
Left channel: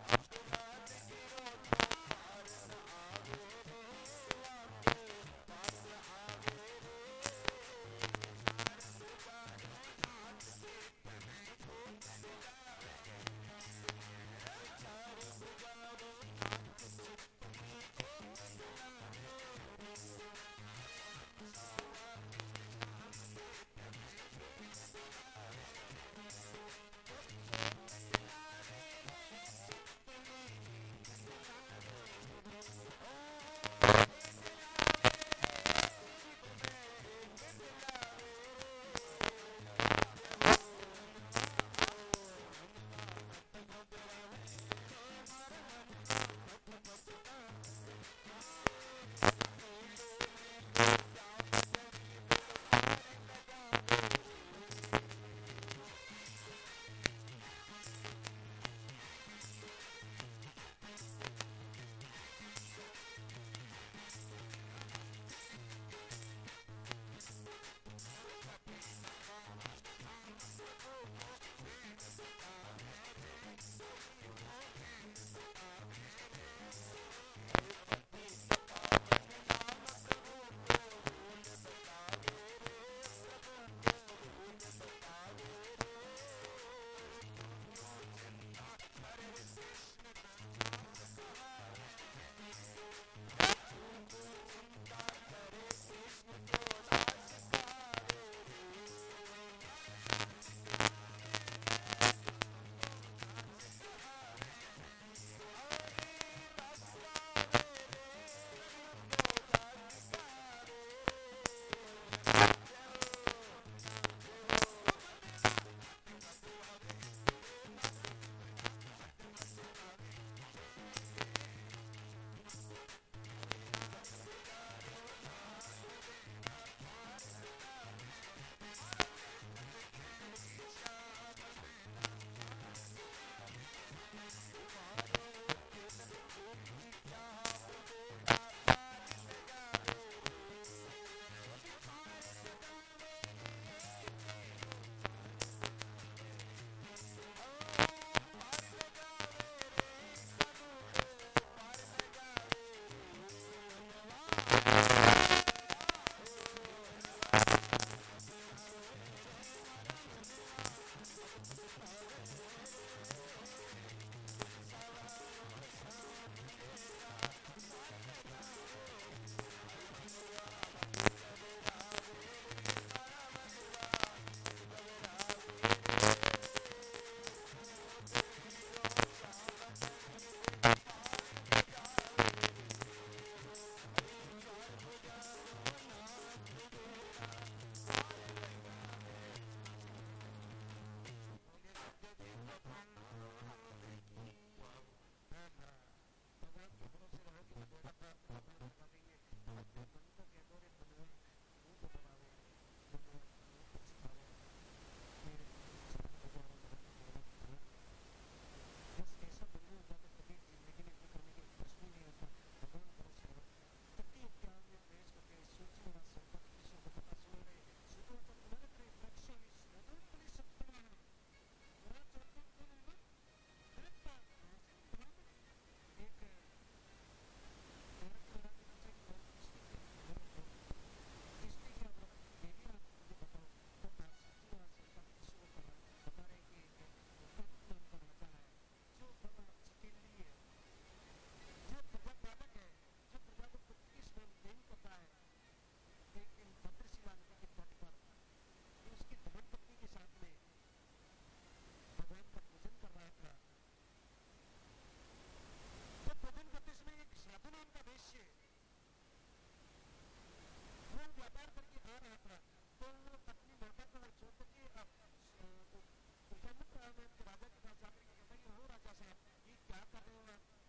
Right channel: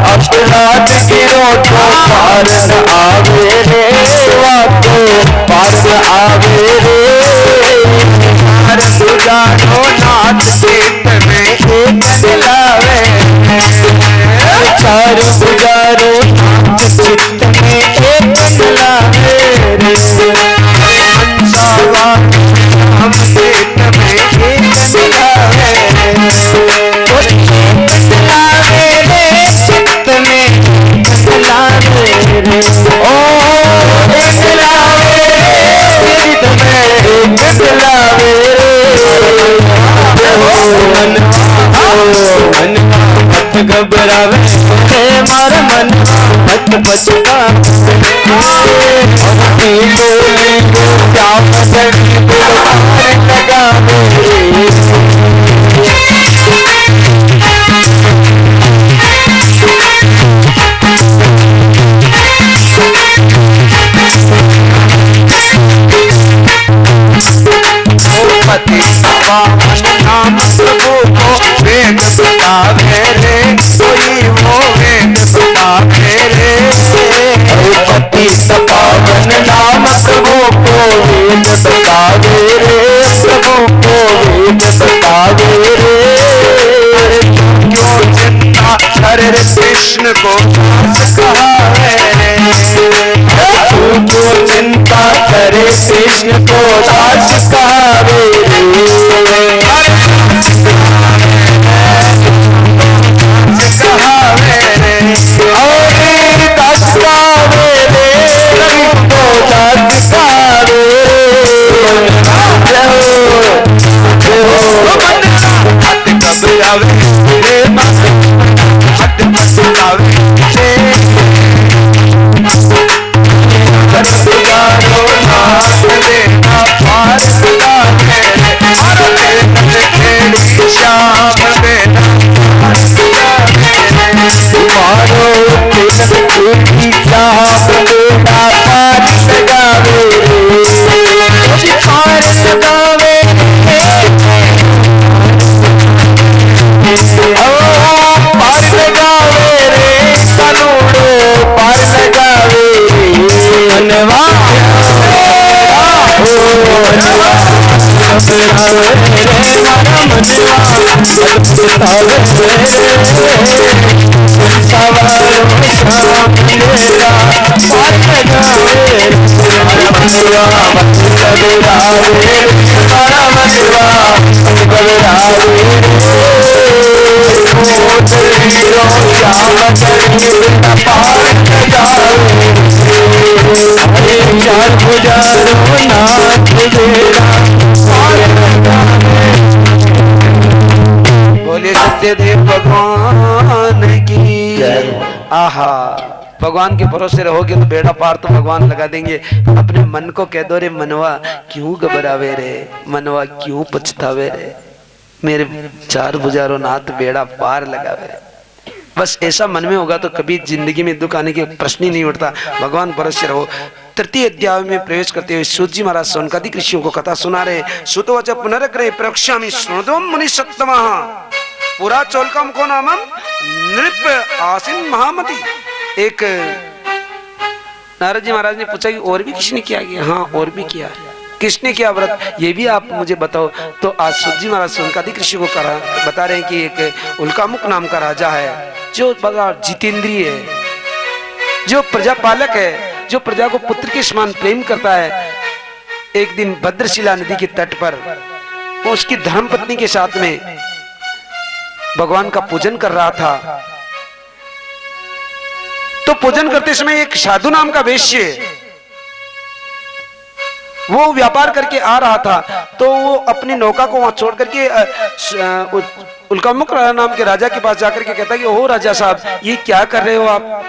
अपराध गिरो तो पार न आवे रे, वाको पार न आवे रे, हर गुजारो नाथ चित्त में एक दिलावे, चार गुजारो नाथ चित्त में एक दिलावे रे, मनसावा हम चित्त में एक दिलावे घबरावे मारा मन मत बचता क्या लगावे पति नाम प्रभु को वेद बतावे रे, कोई वो वेद बतावे रे, पति पावन नाम प्रभु को वेद बतावे रे, प्रभु को वेद बतावे रे, क्यों चिंता करे कृष्ण को दास कहावे रे, क्यों चिंता करे कृष्ण को दास कहावे रे, बोलिए सत्यदेव भगवान की आहा। भगवान के भरोसे रहोगे तो बेड़ा पार तो भगवान लगा देंगे। अपने मन को कह दो रे मनवा क्यों घबरावे रे, मनवा क्यों पछतावे रे, मेरे चार बुझारो नाथ बेड़ा पार लगावे रे। बस ऐसा मन में होगा तो कभी जिंदगी में दुख आने के प्रश्न ही नहीं उठता। भगवान भरोसे रहो। तृतीय अध्याय में प्रवेश करते हुए सूत जी महाराज सौनकादिक ऋषियों को कथा सुना रहे। सुतवच पुनरग्रहे प्रवक्ष्यामि शृणुध्वं मुनिसत्तमः पुरा चौलकम को नामम नृप आसीन महामति। एक नारद जी महाराज ने पूछा कि और भी किसी ने किया? हाँ, और भी किया। किसने किया व्रत, ये भी आप मुझे बताओ। तो आज सूत जी महाराज सोनकादिक ऋषि को बता रहे हैं कि एक उल्कामुख नाम का राजा है, जो बड़ा जितेंद्रिय है, जो प्रजापालक है, जो प्रजा को पुत्र के समान प्रेम करता है। एक दिन भद्रशिला नदी के तट पर वो उसकी धर्मपत्नी के साथ में भगवान का पूजन कर रहा था। तो पूजन करते समय एक साधु नाम का वैश्य वो व्यापार करके आ रहा था। तो वो अपनी नौका को वहां छोड़ करके उल्कामुख नाम के राजा के पास जाकर के कहता कि ओ राजा साहब, ये क्या कर रहे हो आप?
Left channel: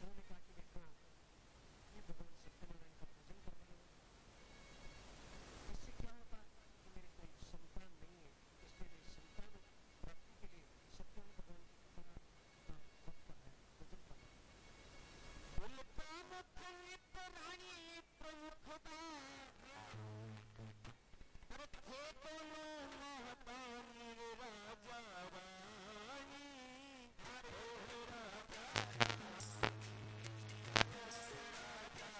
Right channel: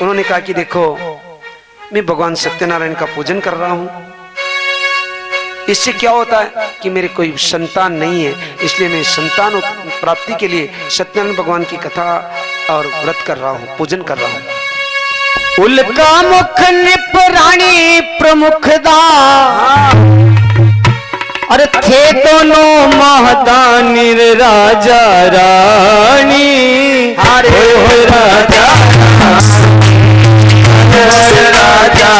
उन्होंने कहा कि देखो, मैं भगवान सत्यनारायण का पूजन कर रहा हूं। इससे क्या होता है कि मेरे कोई संतान नहीं है, इसलिए मैं संतान प्राप्ति के लिए सत्यनारायण भगवान की कथा और व्रत कर रहा हूं, पूजन कर रहा हूं। उल्कामुख निपराणी प्रमुख दा, अरे थे दोनों महदानी राजा रानी। हरे राजा राजा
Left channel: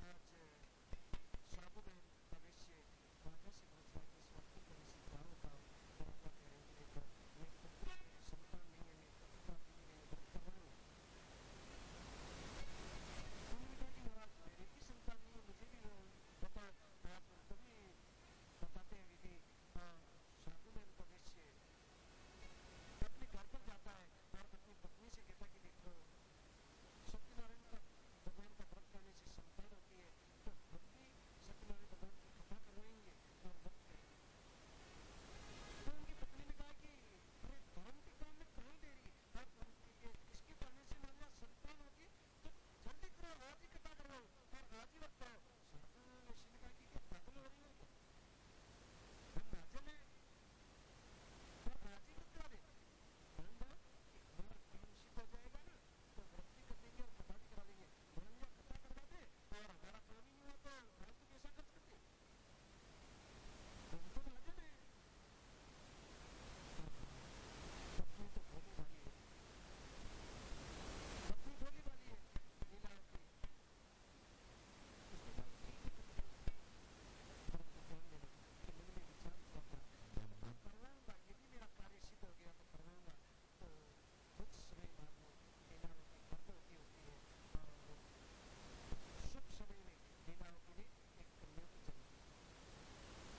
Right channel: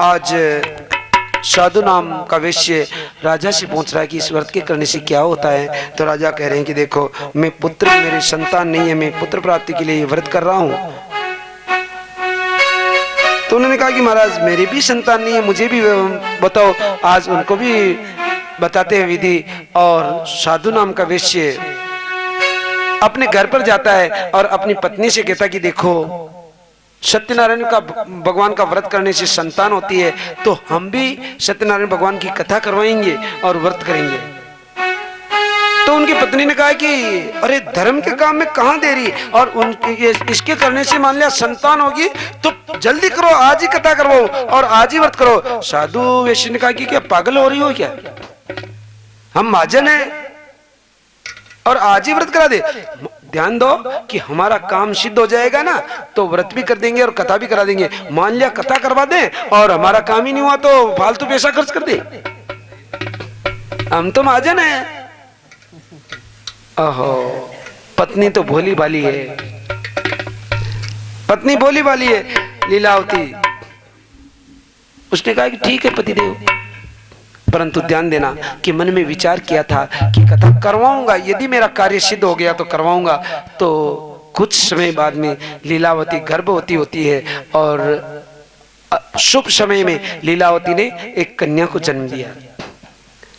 आज साधु नाम का वैश्य राजा से पूछ रहा है कि इस व्रत के करने से क्या होता है। तो राजा कह रहे हैं कि देखो, मैं पुत्र, मेरे संतान नहीं है, मैं पुत्र प्राप्ति के लिए ये व्रत कर रहा हूं। तो उन्होंने कहा कि महाराज, मेरी भी संतान नहीं है, मुझे भी बताओ। आज उनको भी बताते हैं विधि। और साधु नाम का वैश्य अपने घर पर जाता है और अपनी पत्नी से कहता कि देखो, सत्यनारायण का भगवान का व्रत करने से संतान होती है, तो हम भी सत्यनारायण भगवान की कथा करवाएंगे और व्रत करेंगे। तो उनकी पत्नी ने कहा कि अरे, धर्म के काम में कहां देरी, और उनके इसके करने से मान लिया संतान होगी तो जल्दी करो, आज ही कथा करवाओ और आज ही व्रत करो। साधु वैश्य ने कहा कि क्या पागल हो रही हो क्या, हम महाजन है और आज ही व्रत करा दे। ध्यान दो कि हमारा काम सिद्ध हो जाएगा ना, तो व्रत भी कर देंगे और कथा भी करा देंगे। मान लिया कथा करवा दें और हमारा काम ही नहीं हुआ तो फालतू पैसा खर्च कर दे, हम तो महाजन है। ओहो, पत्नी तो भोली भाली है, पत्नी भोली भाली है लीलावती। उसने कहा कि ठीक है पतिदेव, परंतु ध्यान देना कि मन में विचार किया था कि कथा करवाऊंगा, यदि मेरा कार्य सिद्ध हो गया तो करवाऊंगा। तो कुछ समय बाद में लीलावती गर्भवती होती है और शुभ समय में लीलावती ने एक कन्या को जन्म दिया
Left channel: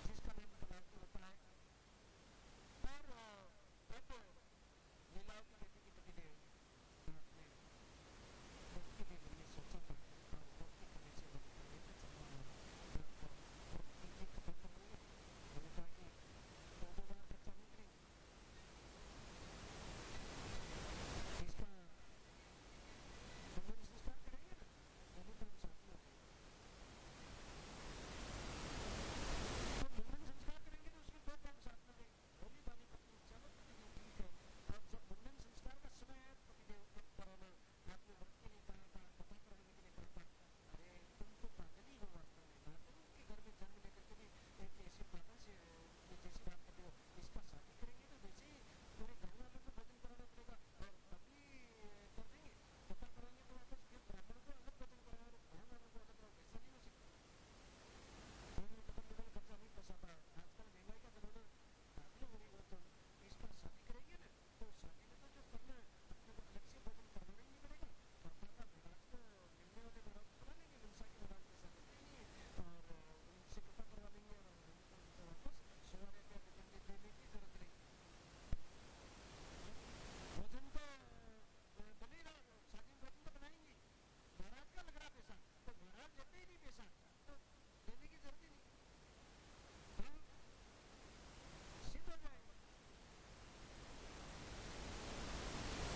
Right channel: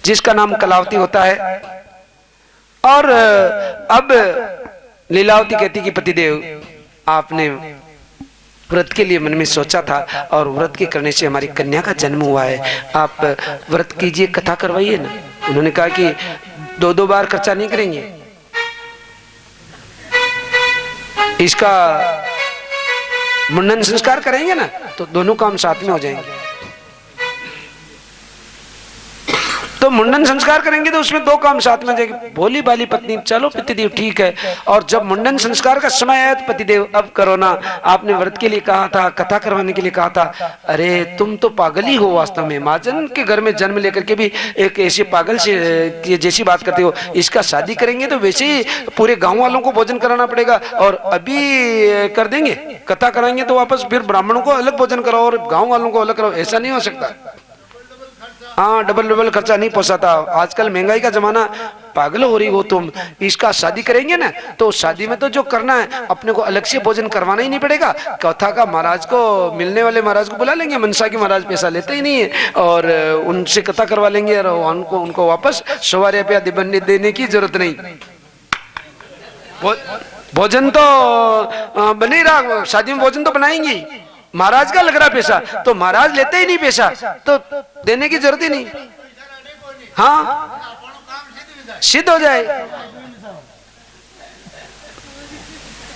जिसका नाम कलावती होता है। और अब लीलावती कहती कि पतिदेव, आपने व्रत के लिए मन में सोचा था और व्रत के करने से हमारी कन्या का जन्म हुआ है, आप व्रत कीजिए, कथा करवाइए ना। उन्होंने कहा कि 2-2 बार खर्चा नहीं करेंगे, इसका मुंडन संस्कार करेंगे ना तो दोनों काम साथ में हो जाएंगे। तो मुंडन संस्कार करेंगे तो उसमें 2 काम साथ में हो जाएंगे। भोली भाली पत्नी, चलो पतिदेव ठीक है। और जब मुंडन संस्कार का समय आया तो पतिदेव अब करो ना, आपने व्रत के लिए कहा था, कथा करवाने के लिए कहा था। अरे तुम तो पागल ही हो वास्तव में, महाजन के घर में जन्म लेकर के भी एक ऐसे पागल से जैसी बात करते हो। इसका शादी करेंगे तो वैसे ही पूरे गाँव वालों को भोजन कराना पड़ेगा, और अभी कर देंगे, कथा कराएंगे तो वापस फिर ब्राह्मणों को अलग भोजन कराओ और गाँव वालों को अलग कराओ, ऐसा नहीं हो सकता। हाँ, डबल खर्चा नहीं पोसाता, आजकल महंगाई का जमाना, पागल हो रही हो तुम। इसका शादी करेंगे ना तो शादी में तो जो करना है अपने को अलग से भोजन करवाना ही नहीं पड़ेगा। कथा का महाराज को, मिलने वाले महाराज को बुला लेंगे, मनसा के महाराज पैसा लेते ही नहीं है, और उनसे कथा करवा लेंगे और उनको वापस 100 रुपया देने की जरूरत नहीं। भोजन तो बने रहा, शादी में भोजन तो बनाएंगे, महाराज का लग रहा पैसा तो महाराज लेते ही नहीं पैसा, तो देने की जरूरत ही नहीं। हाँ, सिद्ध हो जाए।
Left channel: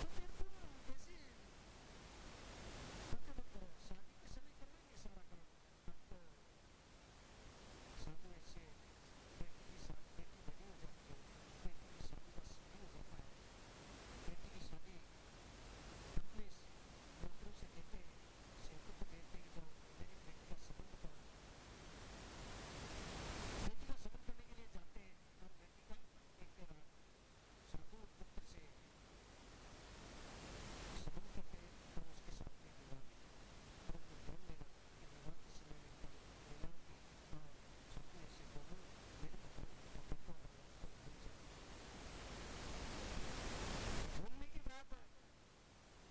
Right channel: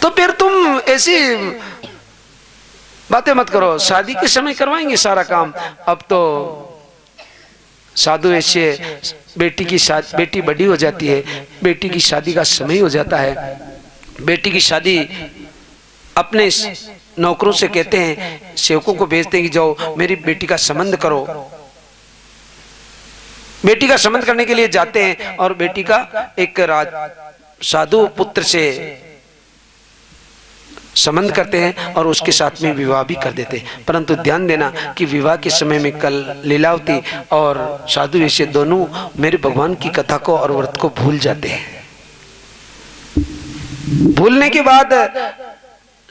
तो फिर तुम ऐसी बातें मत करो, शादी के समय करवाएंगे सारा काम। अब तो साधु ऐसे बेटी बड़ी हो जाती है, बेटी की शादी का समय हो जाता है। बेटी की शादी अपने नौकरों से कहते हैं, सेवकों को भेजते हैं कि जाओ मेरी बेटी का संबंध करो। बेटी का संबंध करने के लिए जाते हैं और बेटी का एक साधु पुत्र से संबंध करते हैं और उसके साथ में विवाह भी कर देते हैं। परंतु ध्यान देना कि विवाह के समय में कल लीलावती और साधु ऐसे दोनों मेरे भगवान की कथा को और व्रत को भूल जाते हैं। भूलने के बाद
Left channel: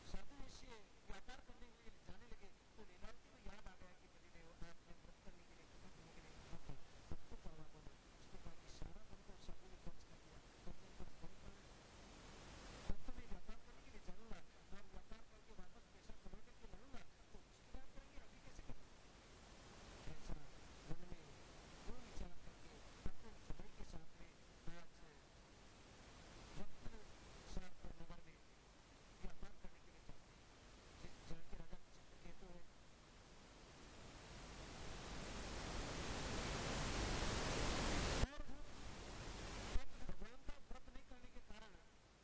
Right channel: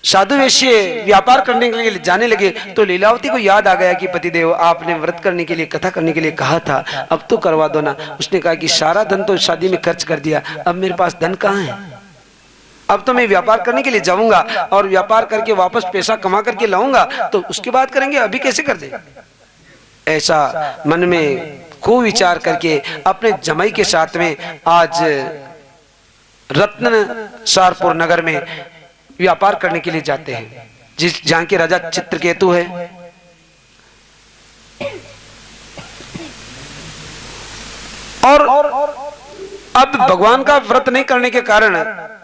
साधु वैश्य व्यापार करने के लिए जाने लगे तो लीलावती को याद आ गया कि पतिदेव, आपने व्रत करने के लिए, कथा करने के लिए कहा था, अब तो करवा दो ना। उसने कहा कि सारा धन तो शादी में खर्च कर दिया, अब मेरे पास धन कहाँ है, अब तो मैं व्यापार करने के लिए जाऊंगा और व्यापार करके वापस पैसा कमा करके लाऊंगा, तो उसके बाद करेंगे, अभी कैसे कर दे। ऐसा मन में कुविचार करके अपने जमाई के साथ में आज रत्न सारपुर नगर में व्यापार करने के लिए जाते हैं, जहां के राजा चित्रकेतु है। और अब भगवान का व्रत नहीं करने के कारण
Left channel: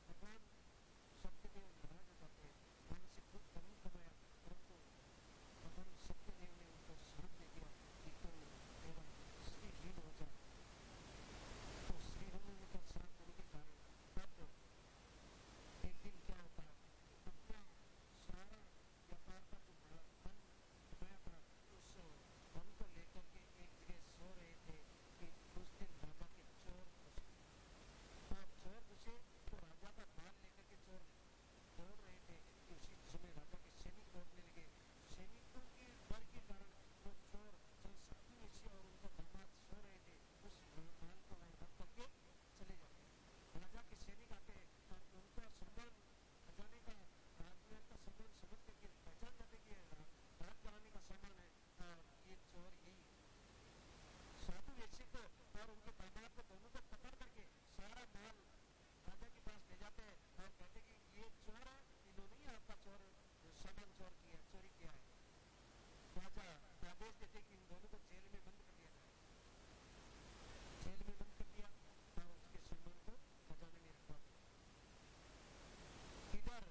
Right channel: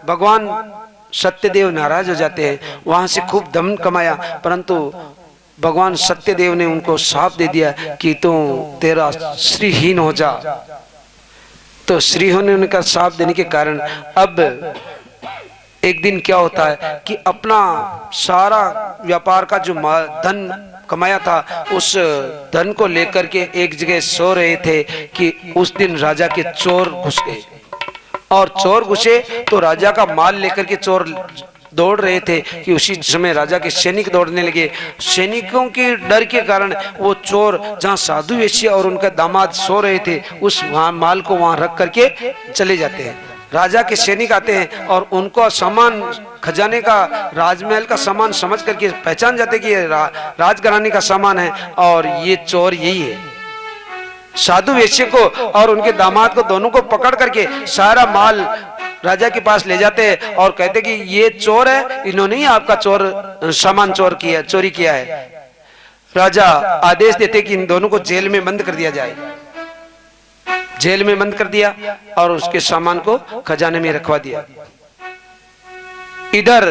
भगवान सत्यदेव नाराज हो जाते हैं। वहां से खूब धन कमाया, परंतु भगवान सत्यदेव ने उनको शाप दे दिया कि तू तेरा श्रीहीन हो जा। तो श्री होने उनका शाप देने के कारण अब एक दिन क्या होता है कि अपना सारा व्यापार का जो धन कमाया था उस धन को लेकर के एक जगह सो रहे थे कि उस दिन राजा के चोर घुस गए। और चोर घुसे तो राजा का माल लेकर के चोर दौड़ रहे थे कि उसी समय राजा के सैनिक दौड़ने लगे। सैनिकों के डर के कारण वो चोर जहां साधु वैश्य और उनका दामाद सो रहे थे उस माल को वहां रख करके चले जाते हैं। राजा के सैनिक आते हैं और उनको सामान, खजाने का, राजमहल का सामान समझ करके पहचान जाते कि ये राजघराने का सामान है और ये चोर यही है। साधु वैश्य को और उनके दामाद को दोनों को पकड़ करके सारा माल राजा के पास ले जाते हैं और कहते कि ये चोर है, इन्होंने ही आपका सामान चोरी किया है। राजा आदेश देते कि इन दोनों को जेल में बंद कर दिया जाए। जेल में बंद कर दिया और उसके सामान को खजाने में रखवा दिया। इधर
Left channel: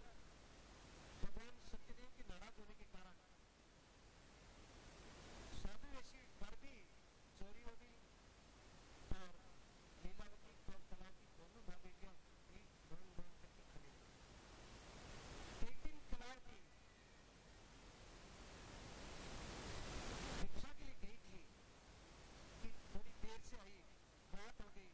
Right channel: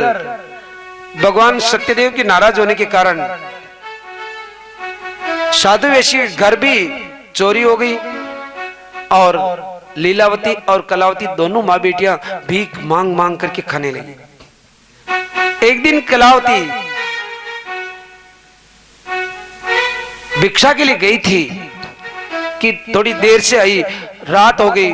भगवान सत्यदेव के नाराज होने के कारण साधु वैश्य घर भी चोरी हो गई और लीलावती और कलावती दोनों माँ बेटियां भीख मांग मांग करके खाने लगी। एक दिन कलावती भिक्षा के लिए गई थी कि थोड़ी देर से आई, रात हो गई,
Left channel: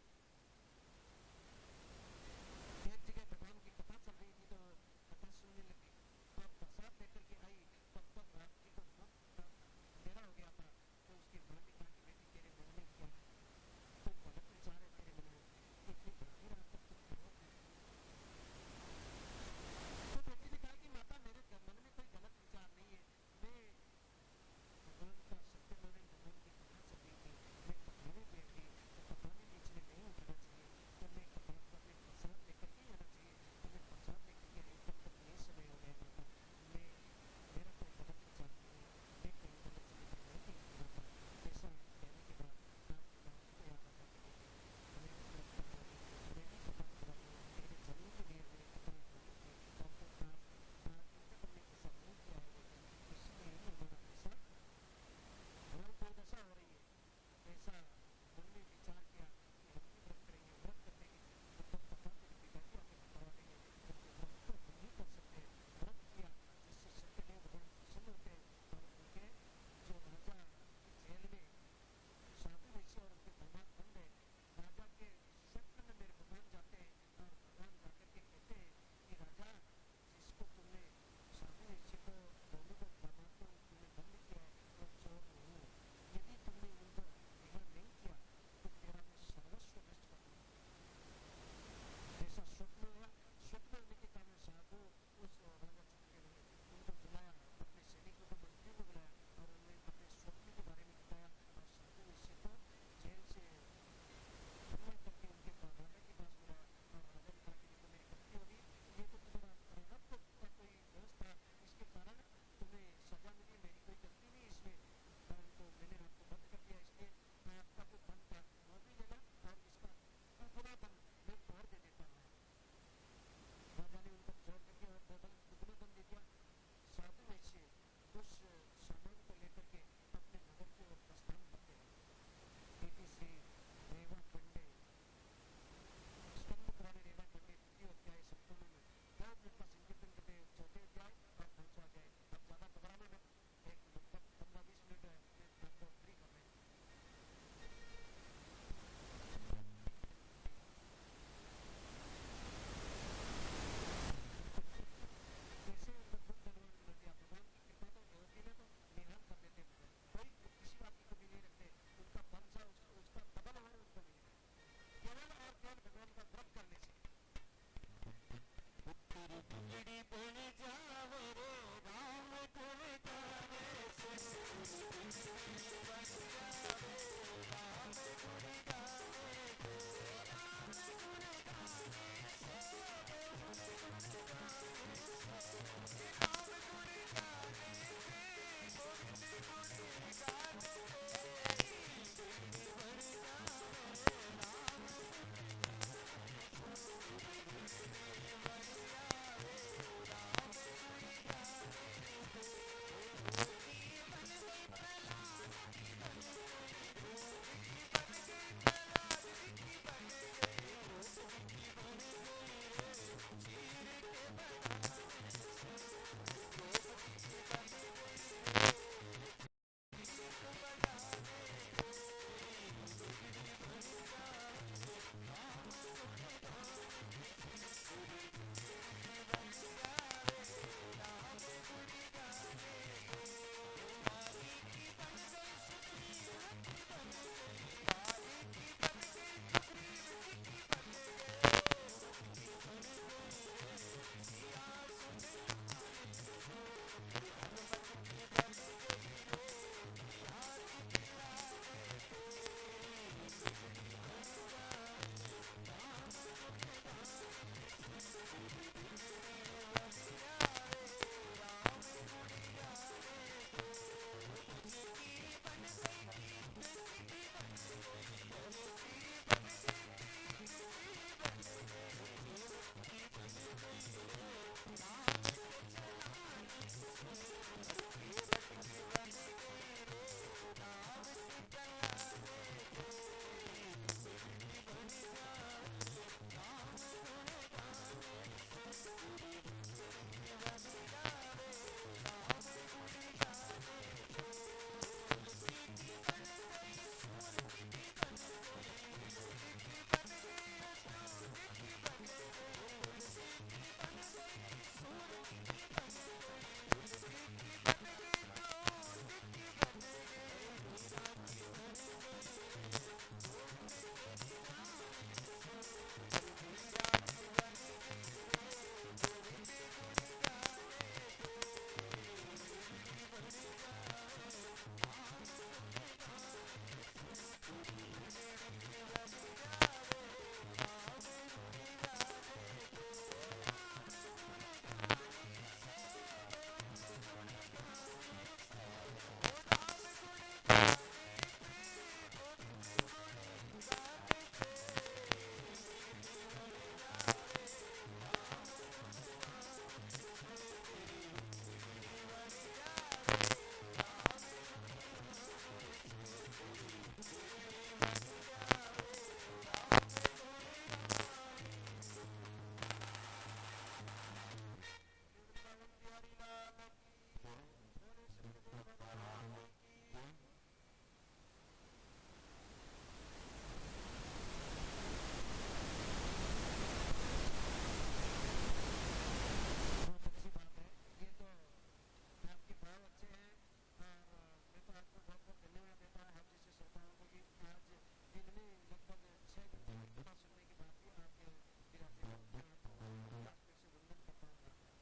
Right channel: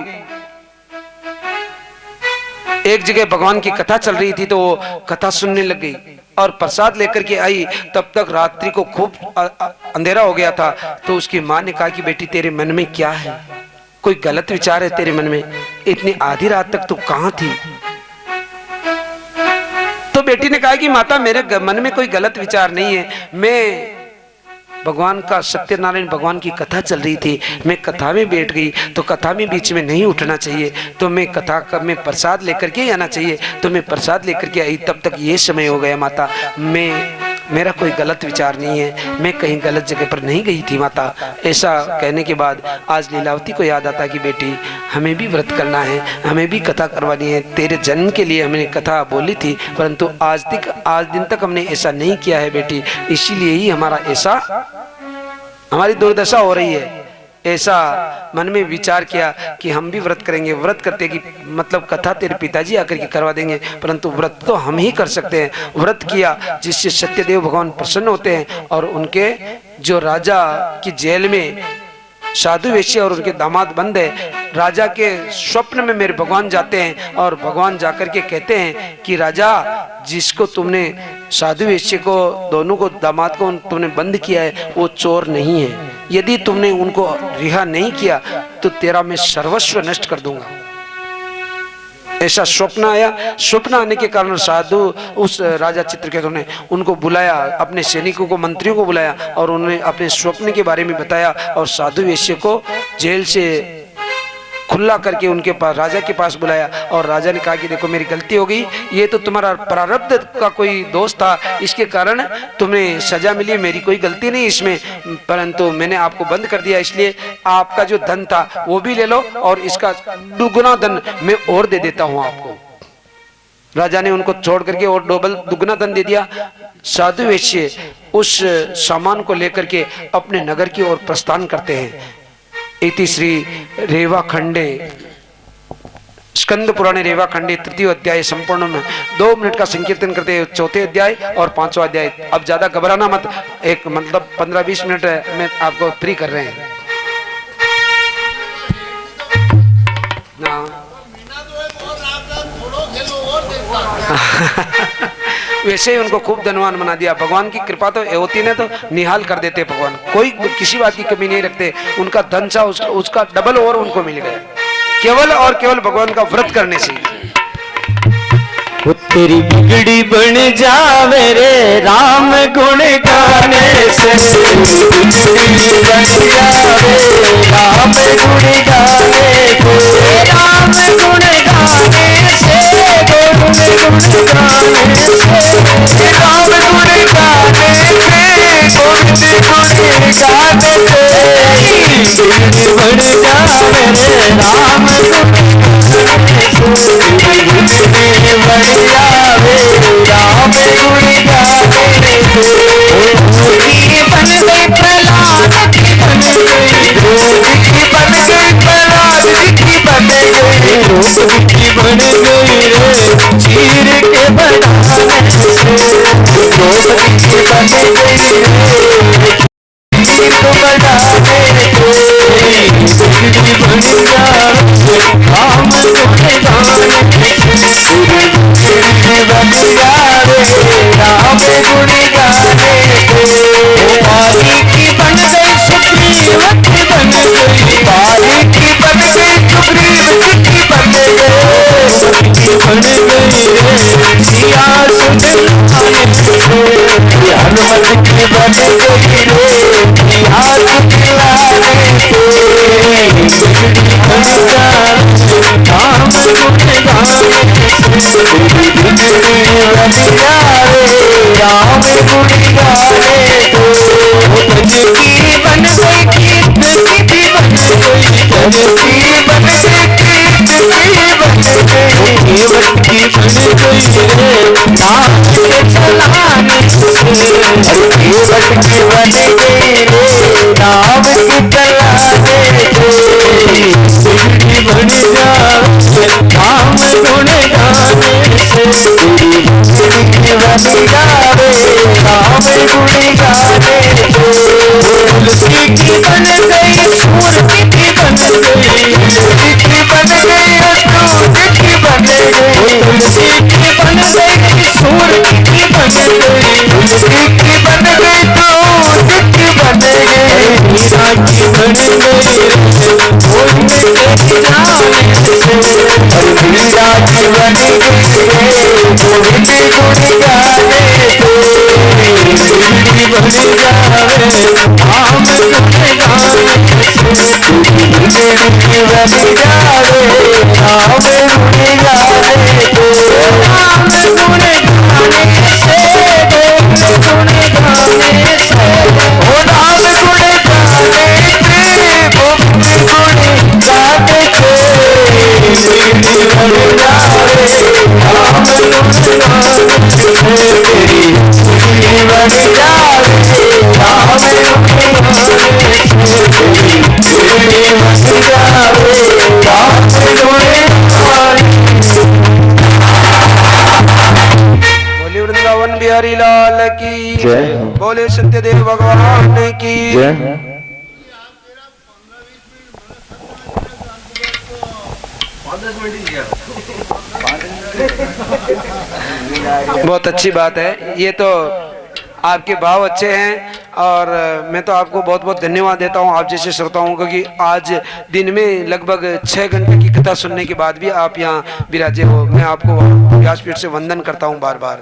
एक जगह भगवान की कथा चल रही थी तो वो कथा सुनने लग गई और प्रसाद लेकर के आई। तब तक रात्रि को खूब अंधेरा हो गया था। तो उसकी माँ ने कहा कि बेटी तेरे मन में क्या है, कोई गलत विचार है तेरे मन में, इतनी आधी रात तक तू कहां थी? तो बेटी ने कहा कि माता मेरे मन में कोई गलत विचार नहीं है, मैं भगवान का, सत्यनारायण भगवान की कथा चल रही थी, मैं कथा में बैठ गई, तो कथा में बीच में नहीं उठना चाहिए, तो मैं कथा का मैं प्रसाद लेकर के आना चाहिए, तो मैं प्रसाद लेकर के आई, तब तक ये समय हो गया माता, मेरा कोई गलत विचार नहीं है, मैं कहीं गलत जगह पर नहीं गई थी माता। ऐसा कहने के बाद आज लीलावती को याद आता कि बेटी हमें भी व्रत करना है, हमें भी कथा करवानी है, तेरे जन्म के लिए हमने कथा बोली थी, परंतु आज दिन तक हमने ऐसा नहीं किया है बेटी, इसीलिए ही हमारी दुर्दशा हो रही है। ऐसा मन में विचार किया कि हम भी व्रत करेंगे, व्रत करते कि मतलब कथा तेरे पिताजी आकर के करवा देंगे, परंतु व्रत तो हम ही कर सकते हैं। व्रत किया जिससे सत्यदेव भगवान प्रसन्न होते हैं और उनके जो राजा की जेल में साधु वेश्य और उनके दामाद बंद है, राजा के स्वप्न में मेरे भगवान जाते हैं और भगवान जाकर के कहते हैं कि राजा जिसको तुमने साधु वेश्य को, दोनों को, दामाद को तुमने बंद किया है वो चोर नहीं है, यदि तुमने उनको रिहा नहीं किया तो तेरा मैं सर्वस्व नष्ट कर दूंगा। ऐसा स्वप्न आया। स्वप्न आने के कारण साधु उस राजा चित्रकेतु ने उनको बुलाया, अपने सैनिकों को, मंत्रियों को बुलाया और उन्होंने अपने स्वप्न के बारे में बताया और साधु वेश्य को जेल से खुला करके उनके पास, राजा के पास बुलाया और राजा ने कहा कि देखो मेरी गलती हो गई, ये तो तुम्हारा प्रारब्ध का कोई दोष था, इसके कारण तुम्हें सजा मिली, मेरी कोई गलती नहीं इसमें, परंतु मैंने आपको बंद कर दिया, इसलिए आपका जो धन था वो भी ले लो और इसका दुगुना धन मैं और दे देता हूं आपको। राजा ने उनको छोड़ करके और दुगुना धन दे दिया। साधु वेश्य उस सामान को लेकर के अपने नगर की ओर प्रस्थान करते हैं। इति श्री रेवा खंडे स्कंद पुराणे रेवा खंडे तृतीय अध्याय संपूर्ण में 2 मिनट का संकीर्तन करते हैं, चौथे अध्याय और 5वां अध्याय। अब ज्यादा घबराना मत, एक मतलब 15-20 मिनट में आपको फ्री कर रहे हैं। वैसे ही उनको खूब धनवान बना दिया। भगवान की कृपा तो होती ने तो निहाल कर देते भगवान, कोई किसी बात की कमी नहीं रखते। उनका धन सा उसका डबल और उनको मिल गया, केवल और केवल भगवान का व्रत करने से। तेरी बिगड़ी बन जावे रे राम गुण गाने से, बिगड़ी बन जावे राम गुण गाने से, राम गुण गाने से, गुण गाने से, राम गुण गाने से, गुण गाने से, बिगड़ी बन जावे रे राम गुण गाने से, बिगड़ी बन जावे राम गुण गाने से। बन गई प्रहलाद की, बन गई रोग की, बन गई प्रहलाद की, बन गई रोग की, बन गई रे चीर के बनाने से, रोग की बन गई रे चीर को बनाने से, बिगड़ी बन जावे राम गुण गाने से, बिगड़ी बन जावे राम गुण गाने से। बारी की बन गई सुग्रीवत बन गई, बारी की बन गई सुग्रीवत की बन गई, की बन गई रे सिया सुदिलाने से, हनुमत की बन गई रे सिया सुदिलाने से, बिगड़ी बन जावे राम गुण गाने से, बिगड़ी बन जावे राम गुण गाने से। की बन गई कीर्त की बन गई, धन की बन गई कीर्त की बन गई, केवट की बन गई रे नाम के चलाने से, केवट की बन गई रे नाम के चलाने से, बिगड़ी बन जावे राम गुण गाने से, बिगड़ी बन जावे राम गुण गाने से। तुलसी की बन गई सूर की टिक्की बन गई तू टिक्की बन गई मीरा की बन गई कोई मेरे जाने से मीरा की बन गई कोई गुड़ गाने से मीरी बन जावे हम गुड़ गाने से मीरी बन जावे हम गुड़ गाने से हम गुड़ गाने से गुण गाने से ओ राम गुण गाने से गुण गाने से मीरी बन जावे हम गुण गाने से तेरी मीरी बन जावे हम गुण गाने से तेरी मीरी बन जावे हम गुण गाने बोले वृंदावन बिहारी लाल की जय। बोले सत्यदेव भगवान की बहुत अच्छी बात है। ये तो आपके भाव अच्छे हैं और मैं तो आपको बहुत बहुत धन्यवाद देता हूँ आप जैसे श्रोताओं को कि आज दिन में लगभग 6 घंटे की कथा सुनने के बाद भी आप यहाँ विराजे हो। मैं आपको व्यासपीठ से वंदन करता हूँ बार बार।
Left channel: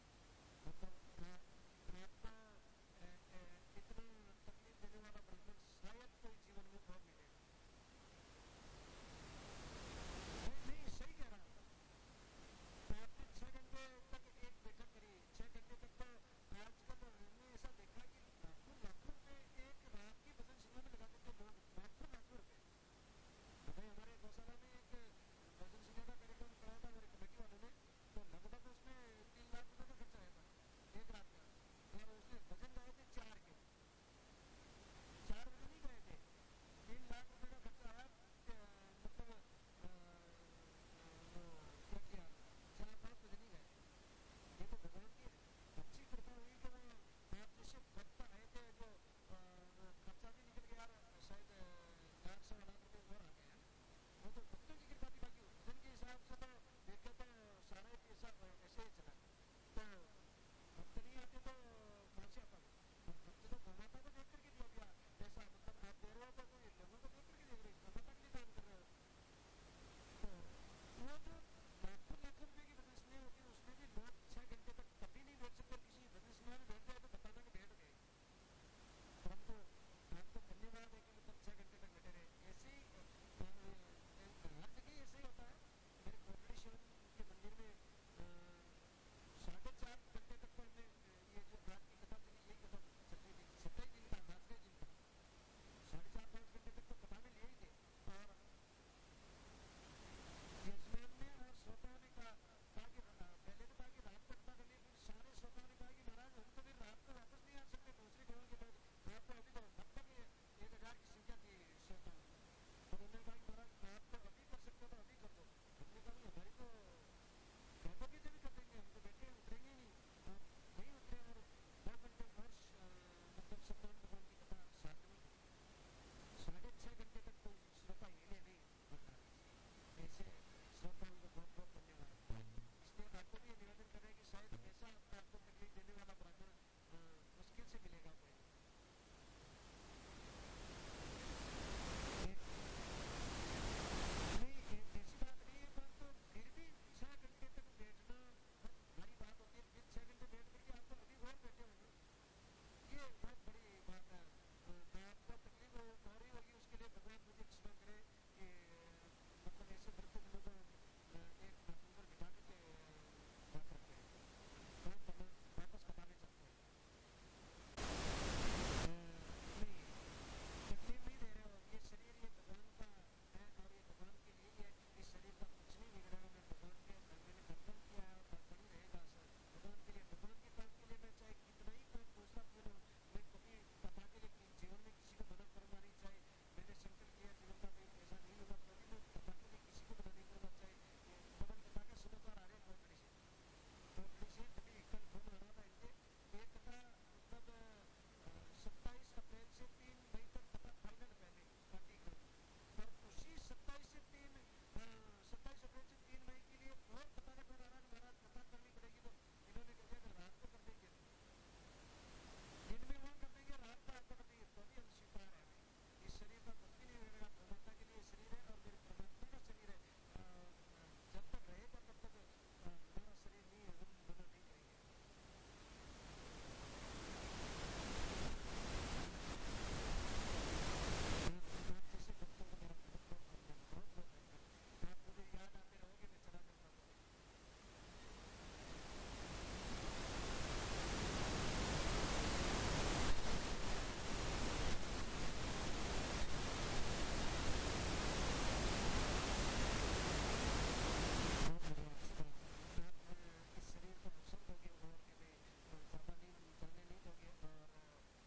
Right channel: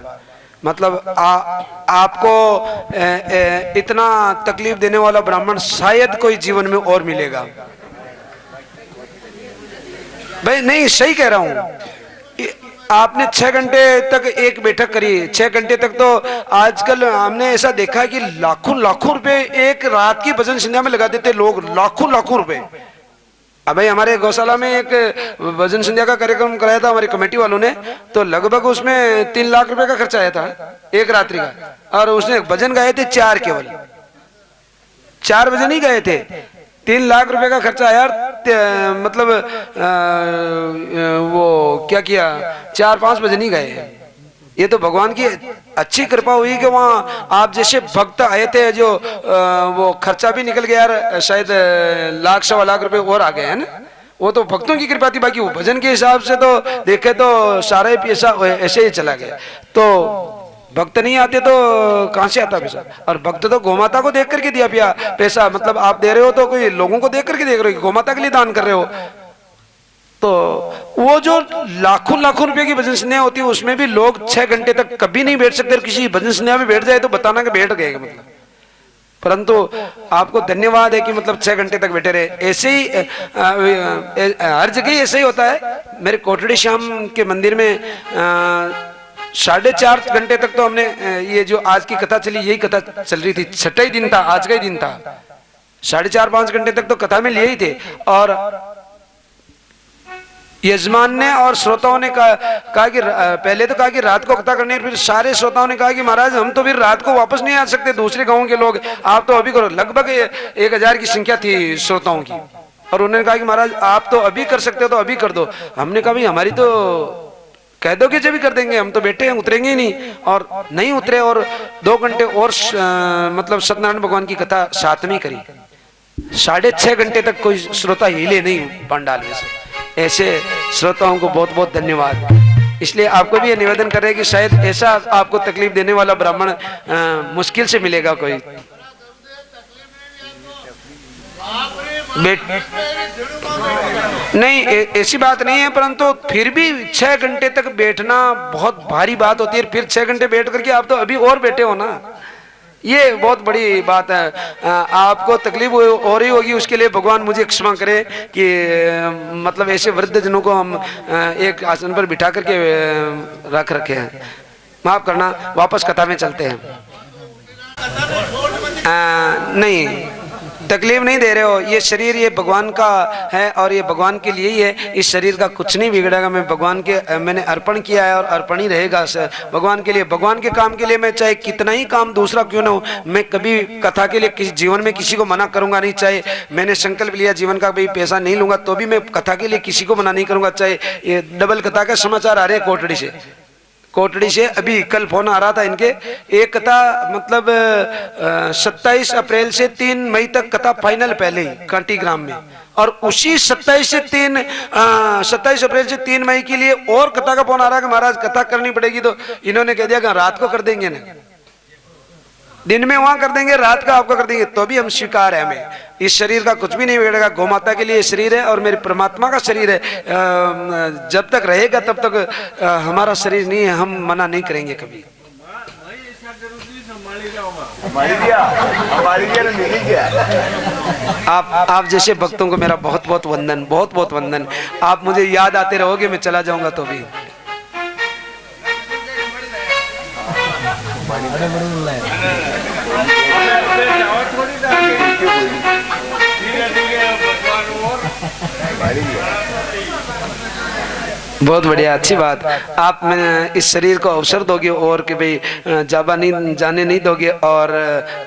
मतलब आपको इतना तकलीफ देने वाला ब्राह्मण शायद कोई जीवन में और मिलेगा। भाई नहीं, सही कह रहा हूँ। आपने 6 घंटे तक एक बैठक करी, 6 घंटे तक तो आजकल हमने ऐसा देखा है कि लाखों लाखों रुपए एक रात की भजन संध्या में लगा देते लोग, लाखों लाखों रुपए। अब भाई हमारे गौशाला में एक भजन संध्या का कार्यक्रम कराया था हमारी कमेटी वालों ने, तो लगभग उसमें 3 लाख रुपए का खर्चा आया था एक रात्रि का, और उसने भजन गाए थे 4, केवल 4 भजन ही गाए थे। 3 लाख रुपए का खर्चा आया। मतलब वो क्या किया, 4-5 भजन ही गाए। ये तो भगवान की अच्छी कृपा हुई कि वहाँ आप जैसे भक्त आए थे जो वो खर्चा भी निकल गया यार, शायद 1-1.25 लाख रुपए और आ गए हैं ना। वो तो भक्तों की कृपा थी, बाकी वो भजन के हिसाब से तो देखे तो सारा ही पैसा ऐसे ही चला गया। तो भक्त नहीं आते तो कहां से आता पैसा? और भक्त तो गोमाता को देख करके दिया पैसा। मतलब आप दे रहे हो तो कोई लोगों को देख करके देख रहे हो, गोमाता के लिए दान कर रहे हो। तो वो जो लाखों लाखों रुपए की भजन संध्या होती है उसमें भी लोग 6 घंटे तक कभी नहीं बैठ सकते। किसी भजन संध्या में बैठ जाए तो बताना कि बैठ गए मतलब। परंतु आपको धन्यवाद है कि मतलब 6 घंटे तक बैठे रहे। ऐसे ही हर जगह ऐसे ही होता है। मेरे कोटड़ी श्याम के मंदिर में 4.5 घंटे तक तो हमने ये जो आज की कथा चली यही कथा चल रही थी। 6वां दिन था, आज का ही दिन था। 4.5-5 घंटे तक तो कथा में लिए ही थे। और यजमान ने और श्रोताओं ने कहा कि पहले तो कहा कि रात को कथा करनी है, फिर सारे श्रोताओं ने कहा कि महाराज हम तो फिर रात को वापस नहीं आ सकते, दूसरे गांवों के लोग, आप तो अभी करो। लगभग 1000 की संख्या थी श्रोताओं की। और उन्होंने कहा कि महाराज आप तो अभी कर सकते हो तो अभी कर दो। हमने कहा भाई हमारी तो कह दो कि जब भी कर देंगे, हम तो बैठे हैं, उतरेंगे ही नहीं। और नहीं उतरे और 2 घंटे और मतलब सत्यनारायण भगवान की कथा साथ में करी। 6.5 घंटे तक कोई श्रोता हिले नहीं पंडाल में से। ऐसे श्रोताओं को बहुत बहुत धन्यवाद। इसलिए आपको भी ये निवेदन कर रहे हैं कि शायद ऐसा आपको तकलीफ देने वाला ब्राह्मण मुश्किल से मिलेगा कोई। नहीं ऐसी बात नहीं है, परंतु फिर भी 6 घंटे तक बैठना बहुत भारी बात होती है। फिर 6 घंटे बैठ करके आप तो अभी और बैठे हो ना, ये बहुत बड़ी बात है। आपको तकलीफ हो रही होगी, उसके लिए भगवान मुझे क्षमा करे कि मतलब ऐसे वृद्ध जनों को हम एक आसन पर बिठा करके रख रखे हैं। माफ करना, वापस कथा में चलते हैं। नहीं तकलीफ नहीं दे रहे हो, ये शरीर ये भगवान का है और ये भगवान के लिए ही है। इस शरीर का कुछ नहीं बिगड़ेगा। मैं भगवान के मैंने अर्पण किया है और अर्पण ही रहेगा भगवान के लिए। भगवान के काम के लिए मैं चाहे कितना ही काम दूसरा क्यों ना हो, मैं कभी कथा के लिए किसी जीवन में किसी को मना करूंगा नहीं। चाहे मैंने संकल्प लिया जीवन का भाई पैसा नहीं लूंगा तो भी मैं कथा के लिए किसी को मना नहीं करूंगा। चाहे ये डबल कथा का समाचार आ रहे हैं कोटड़ी से अभी कल फोन आ रहा था इनके। एक कथा मतलब 27 अप्रैल से 3 मई तक कथा फाइनल पहले ही कांटी ग्राम में, और उसी 27 अप्रैल से 3 मई के लिए और कथा का फोन आ रहा है कि महाराज कथा करनी पड़ेगी, तो इन्होंने कह दिया कि रात को कर देंगे ना, दिन में वहां कर देंगे, रात का आपको कर देंगे, तो भी हम स्वीकार है। हमें इस शरीर का कुछ भी नहीं बिगड़ेगा, गौ माता के लिए शरीर है और मेरे परमात्मा का शरीर है, जब तक रहेगा तब तक हमारा शरीर नहीं है, हम मना नहीं करेंगे कभी। आप जैसे भक्तों को मेरा बहुत बहुत वंदन, बहुत बहुत वंदन। आप मुझे याद आते रहोगे, मैं चला जाऊंगा तो भी। बहुत बढ़िया, अच्छी बात। आप इस शरीर को अवसर दोगे और कि भाई जाने नहीं दोगे, और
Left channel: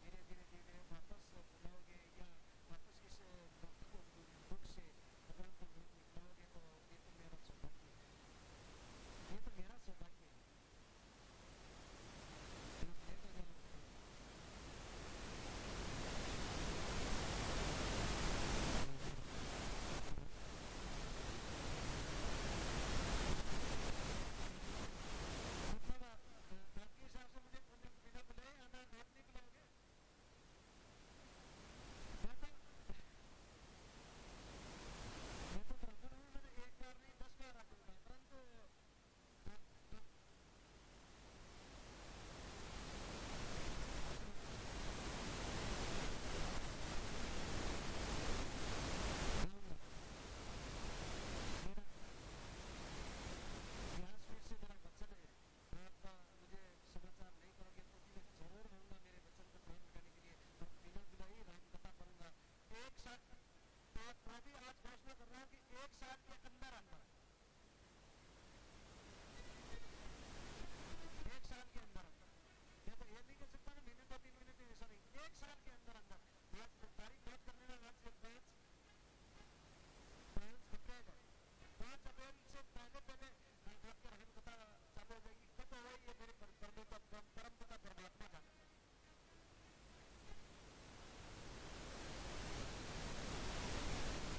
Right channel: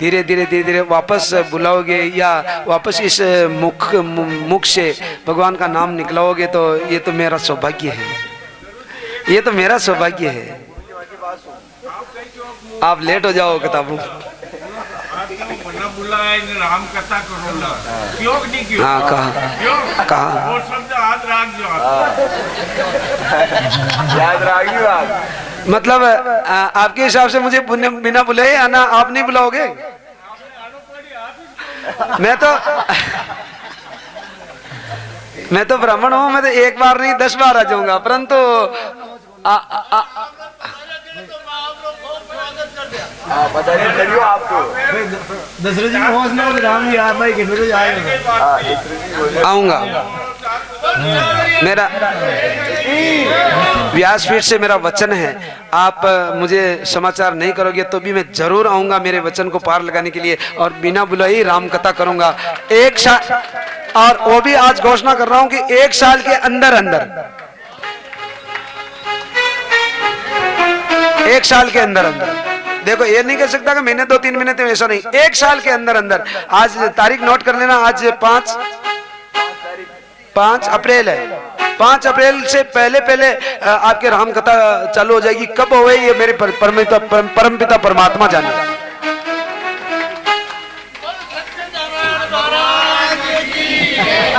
धीरे धीरे वापस बुलाओगे या वापस इस मुख से भगवान का नाम निकलाओगे, तो ये तो मेरा सौभाग्य है, ये तो मेरा सौभाग्य है। आप लेट हो जाओ किताबों। राम कथा करो, क्यों नहीं क्यों? हाँ कहा वो शब्द याद रख जो याद रखी बात। मतलब आपके हिसाब से मुझे बिना बुलाए आना, आप नहीं बुलाओगे? मैं तो ब्राह्मण हूँ, मैं तो एक बार नहीं 10 बार आ जाऊंगा, परंतु पता नहीं करियो आपको दशरथ जी को हौसला राम जी आप भाई कितने बजे आएगा? आऊंगा। मेरा व्यासपीठ से मेरा वचन है, आप मुझे समाचार नहीं करोगे तो भी मैं जरूर आऊंगा मेरे वचन को पार लगाने के लिए, और बिना बुलाए राम कथा करूंगा। एक साल, और वो भी आज घोषणा कर रहा हूं कि 1 साल के अंदर अंदर, 1 साल के अंदर अंदर, देखो ये नहीं कह सकता कि महीने 2-3 महीने, तो ऐसा नहीं, 1 साल के अंदर अंदर। आज तारीख नोट कर लेना, आज 5 अप्रैल है। 5 अप्रैल से पहले आपके राम कथा चालू हो जाएगी। कब हो ये मेरे परमपिता परमात्मा जाने।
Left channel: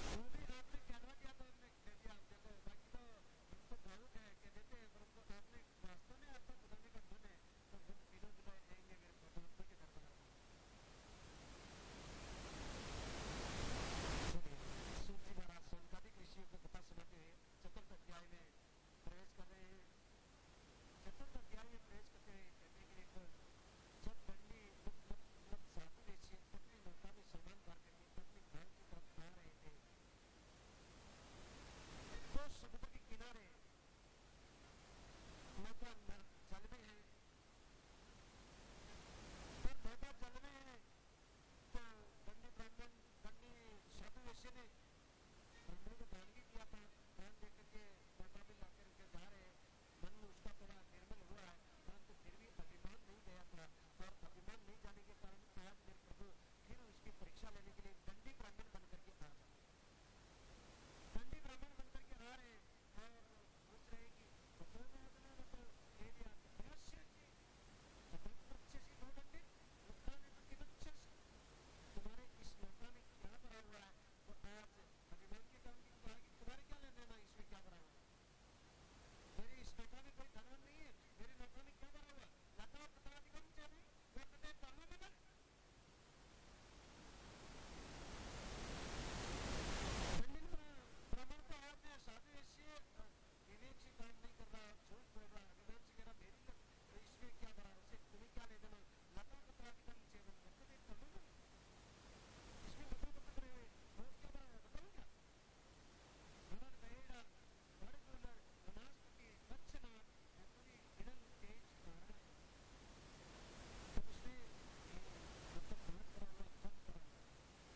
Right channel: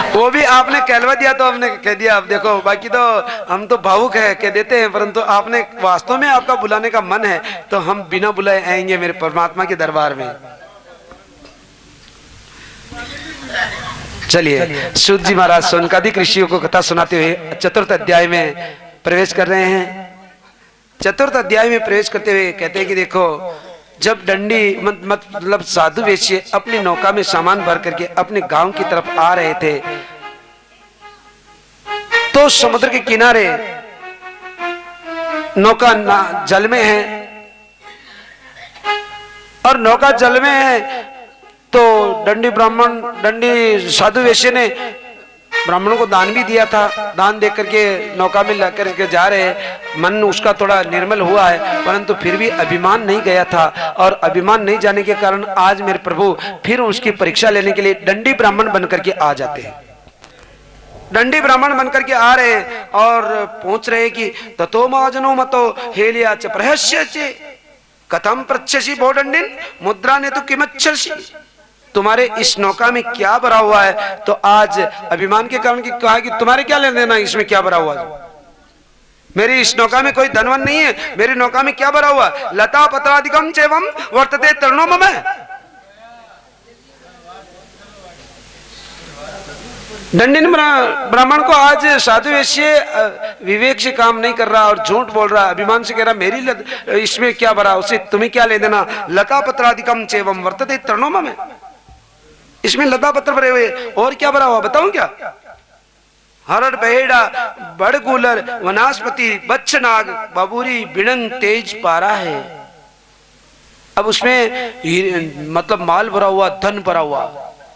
वो भी आपने कहलवा दिया तो हमने कह दिया। अब देखो, बाकी तो हम तो भावुक है कह देते हैं, परंतु आपने वास्तव में आपका बुलाने का मन है तो हम बिना बुलाए आएंगे मेरे परमात्मा के दरबार में। चलिए, सूत जी महाराज सोनकादिक ऋषियों को कथा सुनाते हुए चतुर्थ अध्याय में प्रवेश कर रहे हैं। चतुर्थ अध्याय में प्रवेश करते हुए कहते हैं कि देखो, जब डंडी मतलब साधु वेश्य अपनी नौका में सामान भर करके अपने गांव की तरफ आ रहे थे, तो समुद्र के किनारे नौका जल में है, और नौका जल में है तो डंडी साधु वेश्य ने ब्राह्मणों को दान भी दिया था। दान दे करके नौका में ला करके जा रहे, मन उसका थोड़ा निर्मल हुआ है, परंतु फिर भी अभिमान नहीं गया था, और अभिमान नहीं जाने के कारण आज मेरे प्रभु फिर उसकी परीक्षा लेने के लिए दंडी ब्राह्मण बनकर के आ जाते हैं। दंडी ब्राह्मण बनकर के आ रहे हैं और पहुंच रहे कि ततो महाजनो मतो हेलिया च प्रहस्य चे कथम पृच्छसि भो दंडिन मुद्रा ने तो किमच्छसि, तुम्हारे इस नौका में क्या भरा हुआ है? तो आज अभिमान के कारण कहा कि तुम्हारे क्या लेने देना, इसमें क्या भरा हुआ है? मेरी इस नौका में कोई धनवन नहीं है, मेरी नौका में क्या भरा हुआ? लता पत्रादिकम चैवम वर्तते तरणो मम। दंडिन ब्राह्मण को आज साधु वेश्य विवेक से काम नहीं कर रहा और झूठ बोल रहा, अभिमान से कह रहा मेरी इसमें क्या भरा, उसे तुम्हें क्या ले देना? लता पत्रादिकम चैवम वर्तते तरणो मम, इसमें लता पत्र भरे हुए, और क्या भरा हुआ बताऊं क्या? हरड़ बहेड़ा बड़गुलर वनस्पति बच्छनाग बाबूरी बिड़न तेज पारा है। अब उसमें मतलब माल भरा हुआ, धन भरा हुआ,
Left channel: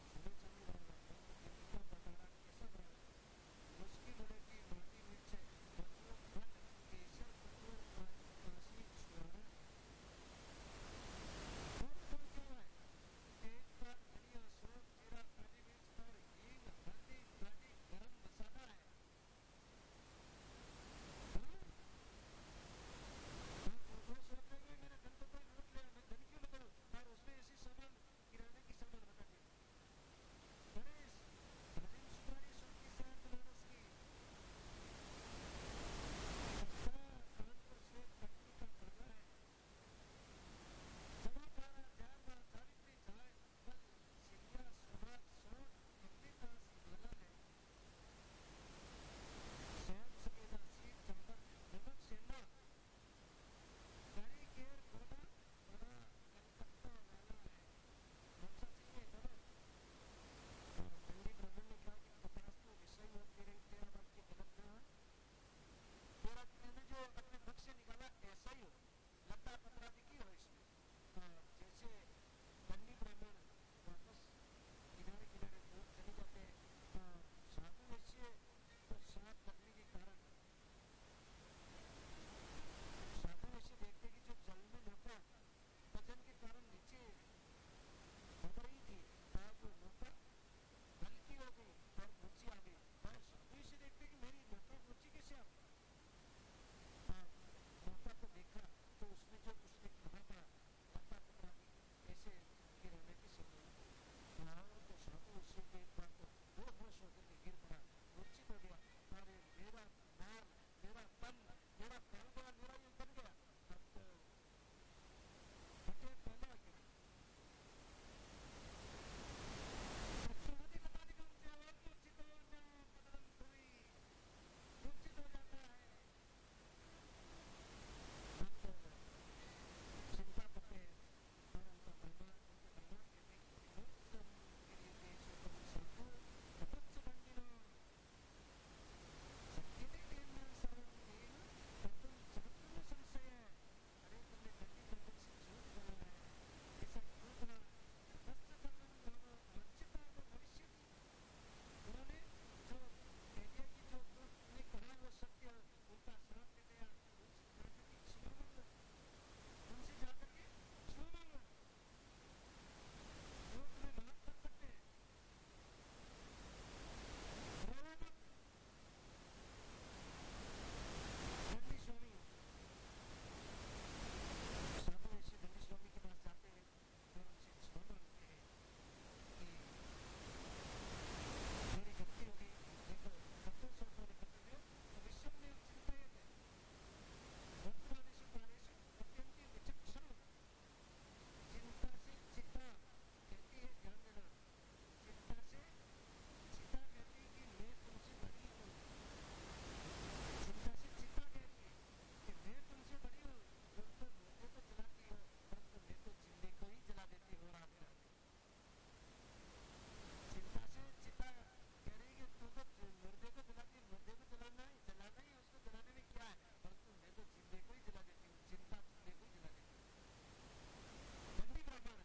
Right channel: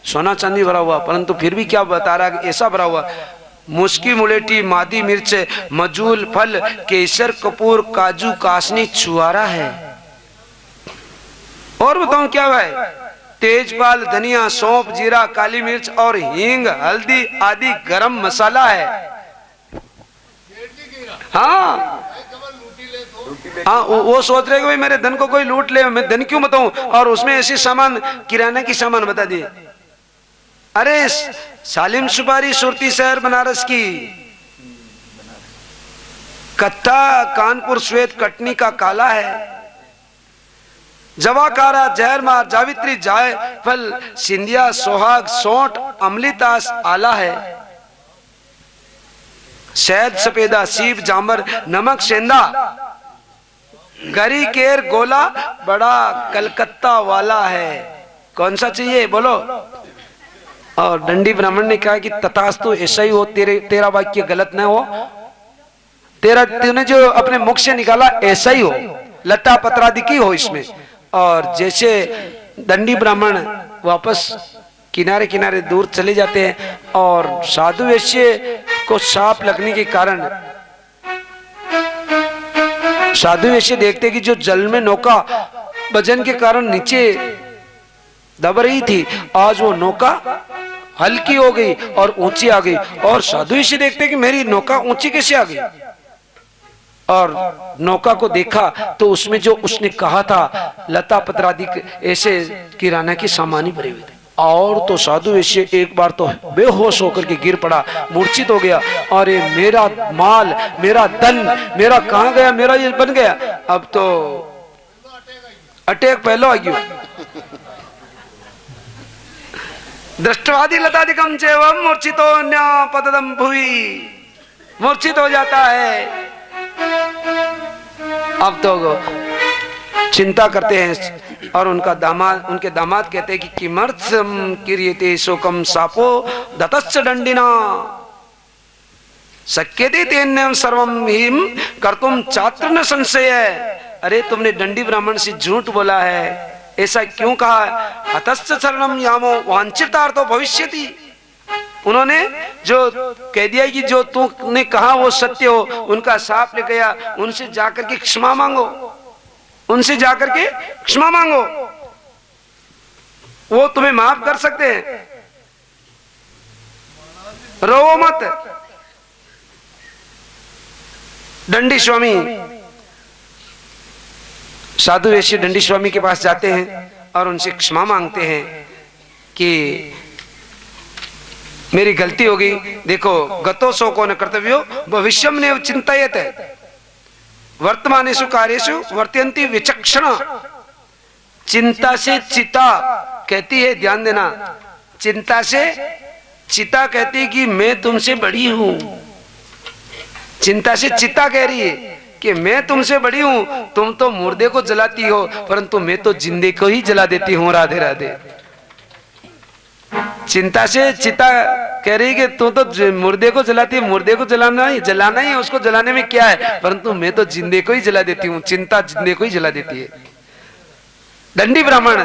सोना चांदी भरा हुआ, परंतु फिर भी क्या बता रहा है? ऐसा भरा हुआ मुस्की मुलेटी मादी मिर्च मजूल फल केसर कपूर काजू कासनी छुआरा है। और बताऊं क्या है? तेजपाल धनिया सौंफ जीरा काली मिर्च और हींग हल्दी आदि गरम मसाला है। हाँ हाँ, वो सोच रहे कि भाई मेरे धन को कोई लूट ले, मैं धन क्यों बताऊं? और उसमें ऐसी सामान किराना की सामान बता दिए। अरे सालिम सुपारी सुरती शहर बनारस की, कत्था कानपुर श्वेत कटनी का काला है, जवाकारा जहरमार जावित्री जायफल सिंधिया सोहाग सोंठ अमलीतास आला है, शहद सफेदा सीप जामर नमक सेंधा गरी केर गोला बड़ा कलकत्ता वाला है। कौन सा चाहिए बोलो। और दंडी ब्राह्मण ने कहा कि तथास्तु ऐसा ही हो, तेरा वाक्य गलत न हो, तूने जो अपने मुख से निकाला ऐसा ही हो, लता पत्रादि की हो इसमें। और जैसे दंडी ब्राह्मण वापस किनारे किनारे दूर चले जाते हैं और साधु वैश्य को सांप लगने के कारण साधु वैश्य देखते कि जो जल में नौका वजन के कारण नीचे दब रही थी, आज वो नौका हल्की हो गई और ऊंची आ गई। और साधु वैश्य देखते कि मेरी नौका ऊंची कैसे आ गई, और नौका को देखा तो उसमें जो उसने कहा था लता पत्रादि ऐसे किराना की सामानी भरे हुए थे। और तो साधु वैश्य एक बार तो बेहोश होकर के गिर पड़ा, मूर्छित हो गया। अरे मेरा माल, मेरा धन, मेरा कहां गया, मेरा ये बन गया। अब तो अटैक पहलो आ गया। दृष्टवादी लतादिकम चैवम मूर्छितो न्या पतदम भुवि, मूर्छित हो जाता है। अब तो चिंता करते हैं और उनके दामाद कहते हैं कि किमर्थम किरीते शोकम सापो दतश्च दंडिना शक्यते तेन्यम सर्वम हिम कर्तुम चात्र न संशय। अरे तुमने दंडी ब्राह्मण से झूठ बोला है, ऐसा क्यों कहा। हतश्च शरणम यामो वांछितार्थो भविष्यति। उन्होंने जो कह दिया कि जो तुमने कहा वो सत्य हो, उनका साफ ले गया। उनसे जाकर के क्षमा मांगो, उनसे जाकर के क्षमा मांगो, वो तुम्हें माफ कर सकते हैं। रो मत। दंडी स्वामी, साधु वैश्य दंडी स्वामी के पास जाते हैं और उनसे क्षमा मांगते हैं कि मेरी गलती होगी। देखो गतो शोको न कर्तव्यो भविष्यम ने चिंतायत है, वर्तमानेषु कार्येषु वर्तयन्ति विचक्षणा। चिंता से चिता कहती है, ध्यान देना, चिंता से चिता कहती है कि मैं तुमसे बड़ी हूं। चिंता से चिता कह रही है कि मैं तुमसे बड़ी हूं, तुम तो मुर्दे को जलाती हो परंतु मैं तो जिंदे को ही जला देती हूं। राधे राधे। चिंता से चिता कह रही कि तू तो मुर्दे को जलाती है, मुर्दे को जलाना ही है, उसको जलाने में क्या है, परंतु मैं तो जिंदे को ही जला देती हूँ। चिंता जिंदे को ही जला देती है। दंडी ब्राह्मण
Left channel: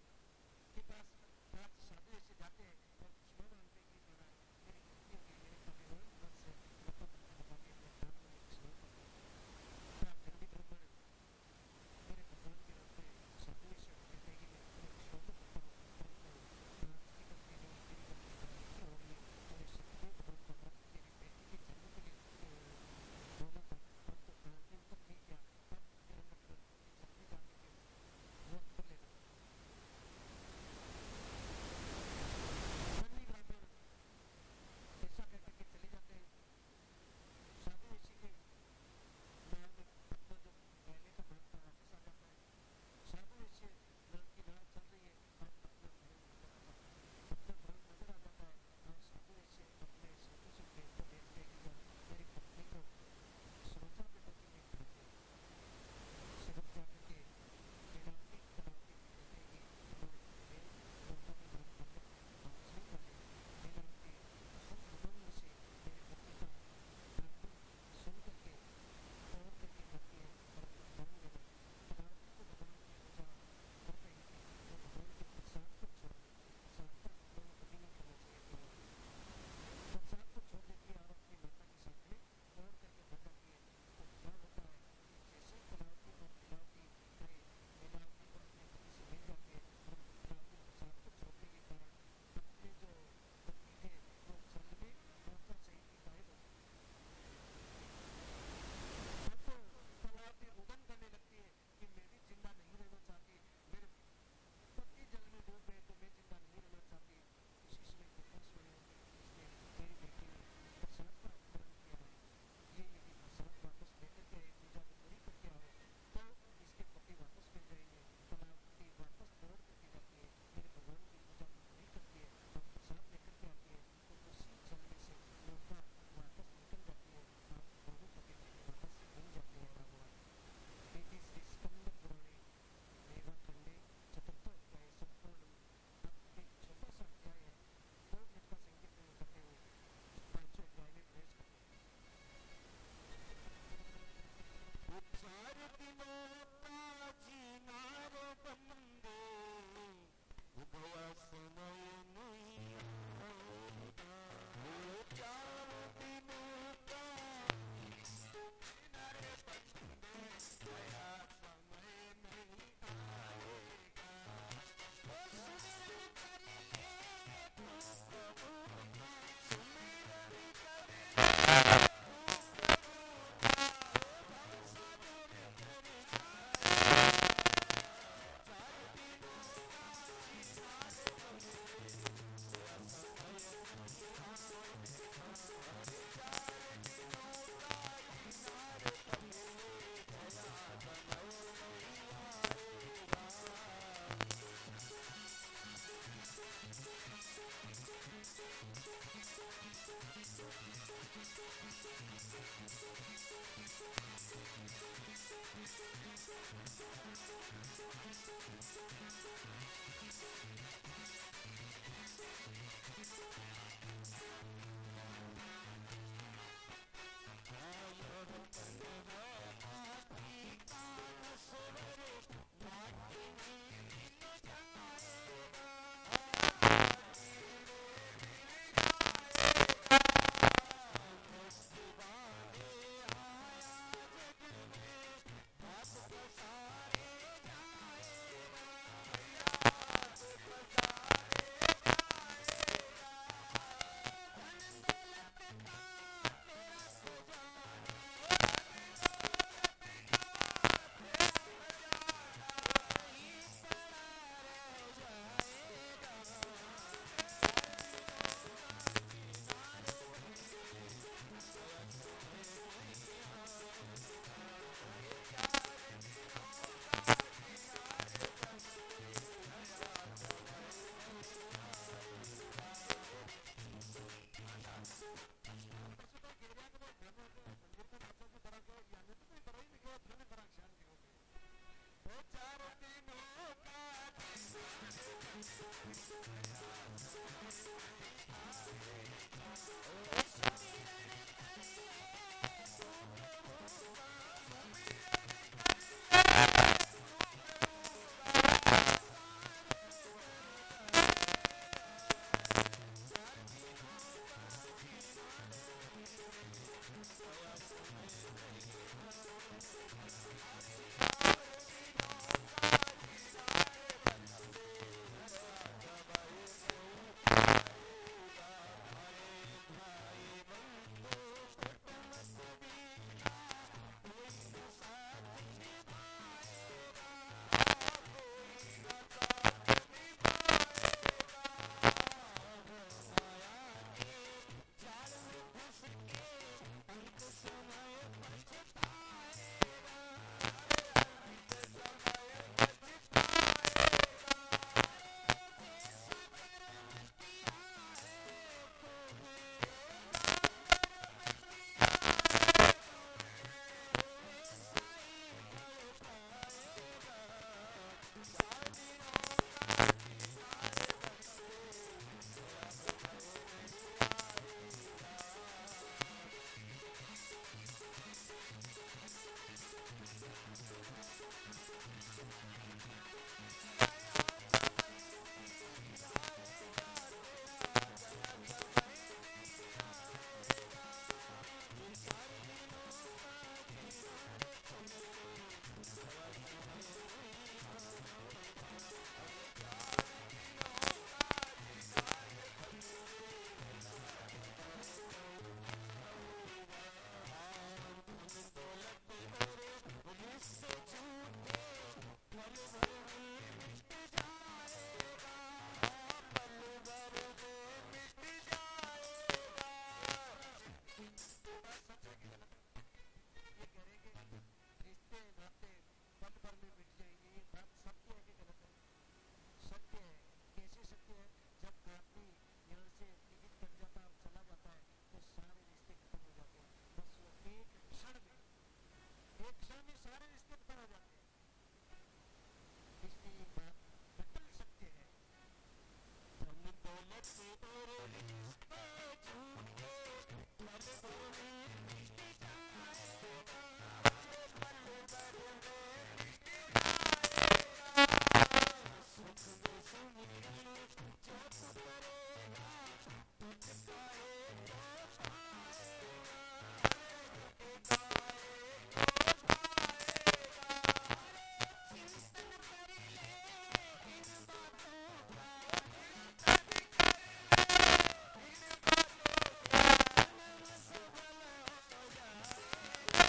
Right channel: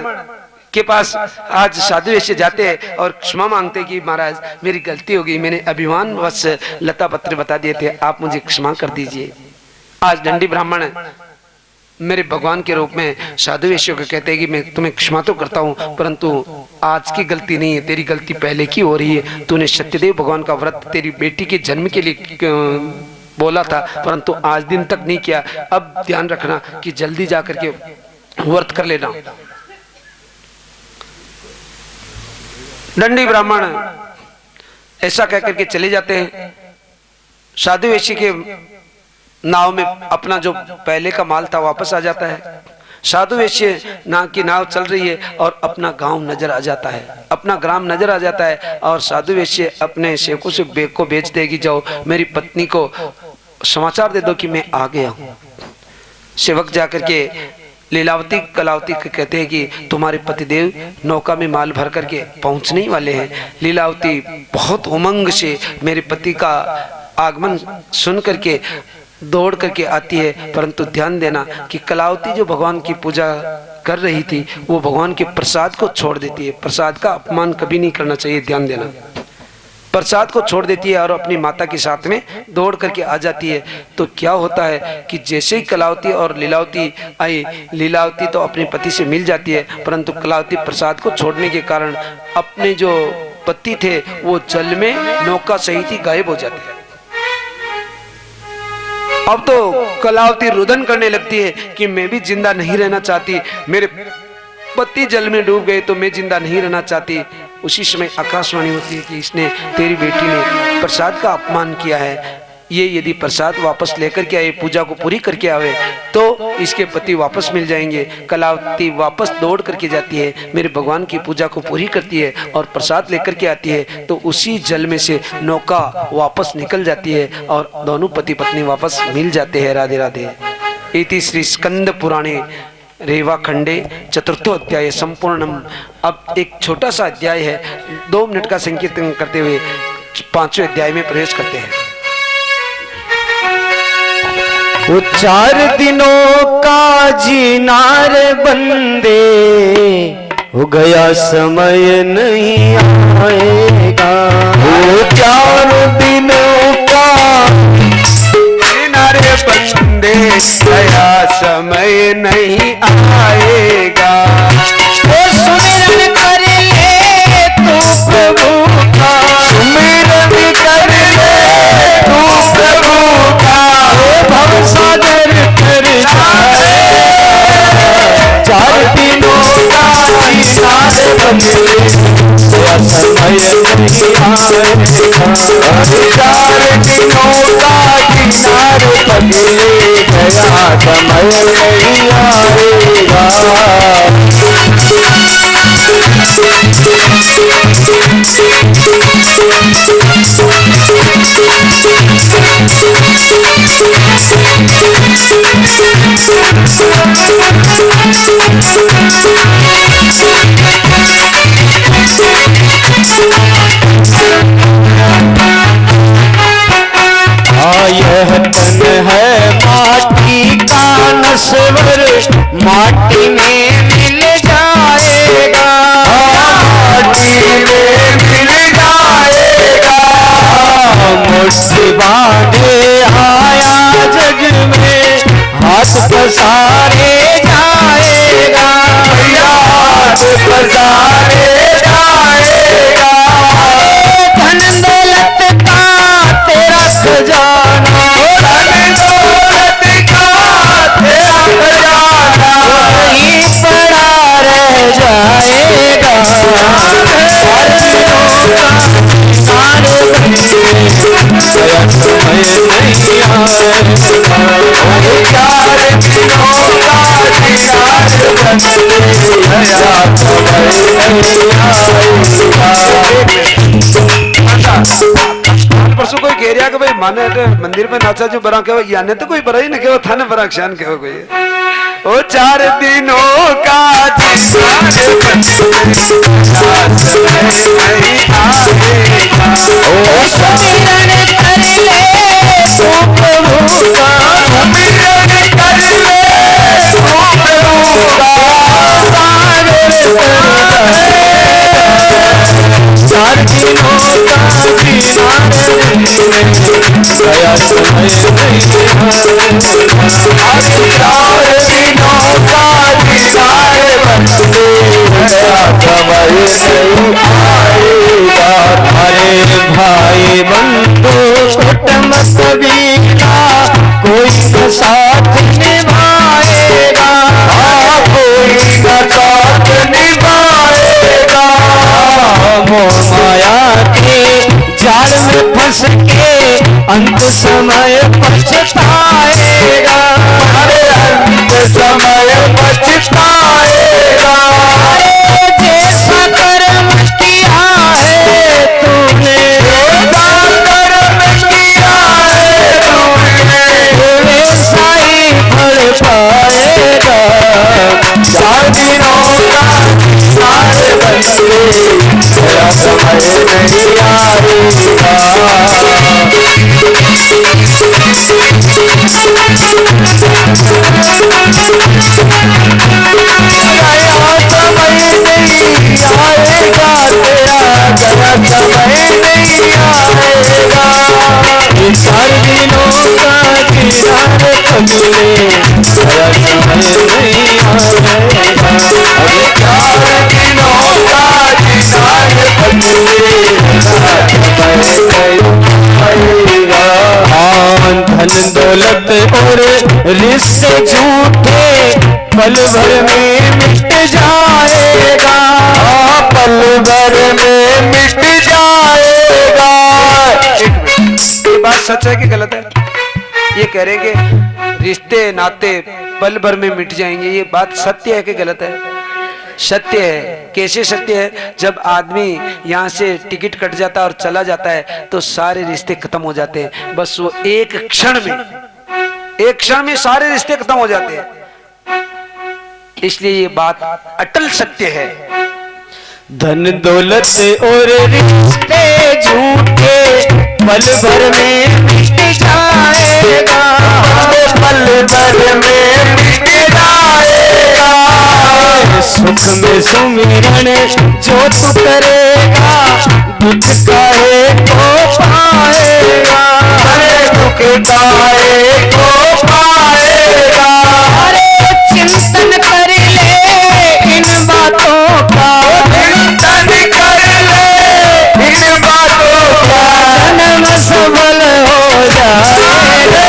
के पास आज साधु वैश्य जाते हैं और क्षमा मांगते कि महाराज मेरी गलती हो गई, मैंने अभिमान वश लता पत्र बता दिए थे, आप मुझे क्षमा कर दीजिए। आज दंडी ब्राह्मण मेरे भगवान के रूप में साधु वैश्य को कहते हैं कि मैं तुम्हें क्षमा तो करता हूं, परंतु आज की गलती नहीं है, तेरी गलती पहले की हो रही है। तूने सत्यदेव भगवान का व्रत तेरी बेटी के जन्म के लिए बोला था, परंतु आज दिन तक नहीं किया। अब ध्यान रखना कि जल्दी जाकर के व्रत कर लेना। दंडी ब्राह्मण ऐसा कहकर के चले जाते हैं। साधु वैश्य के नाव में अपना जो पहले का माल था वापस आ जाता है। साधु वैश्य की नाव चल रही है और अपना गांव नजर आ जाता है, अपना ग्राम नजर आ जाता है। और साधु वैश्य अपने सेवकों से बेग को बेच देगी, जाओ मेरी पत्नी को समाचार दे दो कि मैं आ गया हूं। सेवक जाकर के लीलावती कलावती कहते हैं कि तुम्हारे पतिदेव नौका में माल भर करके पहुंचने ही वाले हैं। लीलावती बहुत उमंग से मेरे पति का आगमन सुन करके दौड़ करके आती है, परंतु ध्यान देना कि कलावती जो भगवान की पूजा कर रही थी वो भगवान के प्रसाद को छोड़ देती है। प्रसाद का अपमान कभी नहीं करना चाहिए, ध्यान देना। प्रसाद को छोड़ देती है और अपनी माता के साथ में दौड़ करके आ जाती है। तो क्या होता है कि जैसे ही कलावती और लीलावती आई, लीलावती तो अपने पति से मिल जाती है, परंतु कलावती प्रसाद को छोड़ने के कारण अपने जो पति थे वो जल में नौका सहित ही गायब हो जाते हैं। अब तो कलावती रुदन करने लगती है कि मैं भी जिंदा नहीं रहना चाहती, मेरे पति जल में डूब गए तो मैं जिंदा नहीं रहना चाहती। उसी समय आकाशवाणी होती है कि इसने, तेरी बेटी ने प्रसाद का अपमान किया है, ये यदि प्रसाद वापस लेकर के आए, पूजा को पूरी करके आवे तो इसके पति वापस मिल जाएंगे। कलावती वापस दौड़ करके जाती है, मेरे भगवान की पूजा को पूरी करती है और प्रसाद लेकर के आती है, तो उसी जल में से नौका वापस निकल जाती है और दोनों पति पत्नी वापस मिल जाते हैं। राधे राधे। इति श्री स्कंद पुराणे रेवा खंडे चतुर्थो अध्याय संपूर्णम। अब एक छोटा सा अध्याय है, 2 मिनट का संकीर्तन करते हुए 5वें अध्याय में प्रवेश करते हैं। वो 4 दिनों का जीना रे बंदे, हो गया समय नहीं आएगा। वो 4 दिनों का जीना रे बंदे, गया समय नहीं आएगा। वो सुमिरन कर ले तू प्रभु का, सुमिरन कर ले तू प्रभु का, भवसागर कर जाए। 4 दिनों का जीना रे बंदे, गया समय नहीं आएगा। 4 दिनों का जीना रे बंदे, गया समय नहीं आएगा। यह तन है माटी का नस्वर, माटी में मिल जाएगा। माटी में मिल जाएगा। मुट्ठी बांधे आया जग में, हाथ पसारे जाएगा। हाथ पसारे जाएगा। धन दौलत का तेरा खजाना, धन दौलत का तेरा खजाना वहीं पड़ा रह जाएगा। 4 दिनों का जीना रे बंदे, गया समय नहीं आएगा। 4 दिनों का जीना रे बंदे, गया समय नहीं आएगा। परसों कोई कह रहा कि भाई माने मंदिर में नाचा जो बरा कहो, याने तो कोई बरा ही नहीं कहो, थाने बरा क्षण कहो कोई। ओ 4 दिनों का जीना रे बंदे, नहीं आएगा। ओ सुमिरन कर ले तू प्रभु का, सुमिरन कर ले तू प्रभु का, सागर कर जाए। 4 दिनों का जीना रे बंदे, गया समय नहीं आएगा। 4 दिनों का जीना रे बंदे, गया समय नहीं आएगा। अरे भाई बंधु कुटुंब कबीला, कोई न साथ निभाएगा। कोई न साथ निभाएगा। मोह माया के जाल में फंस के अंत समय पछताएगा। अरे अंत समय पछताएगा। जैसा कर्म किया है तूने, जैसा कर्म किया है तूने, वैसा ही फल पाएगा। 4 दिनों का जीना रे बंदे, गया समय नहीं आएगा। धन दौलत और रिश्ते झूठे पल भर में मिट जाएगा, पल भर में सच है कि गलत है? ये कह रहे कि रिश्ते नाते पल भर में मिट जाएंगे, ये बात सत्य है कि गलत है? सत्य है। कैसे सत्य है? जब आदमी यहाँ से टिकट कट जाता है और चला जाता है तो सारे रिश्ते खत्म हो जाते हैं। बस वो एक क्षण में सारे रिश्ते खत्म हो जाते हैं। इसलिए ये बात अटल सत्य है। धन दौलत और रिश्ते झूठे पल भर में मिट जाएगा, पल भर में मिट जाएगा। सुख में सुमिरन जो तू करेगा, दुख काहे को पाएगा, दुख काहे को पाएगा। अरे चिंतन कर ले इन बातों का, चिंतन कर ले इन बातों का, जन्म सफल हो जाएगा।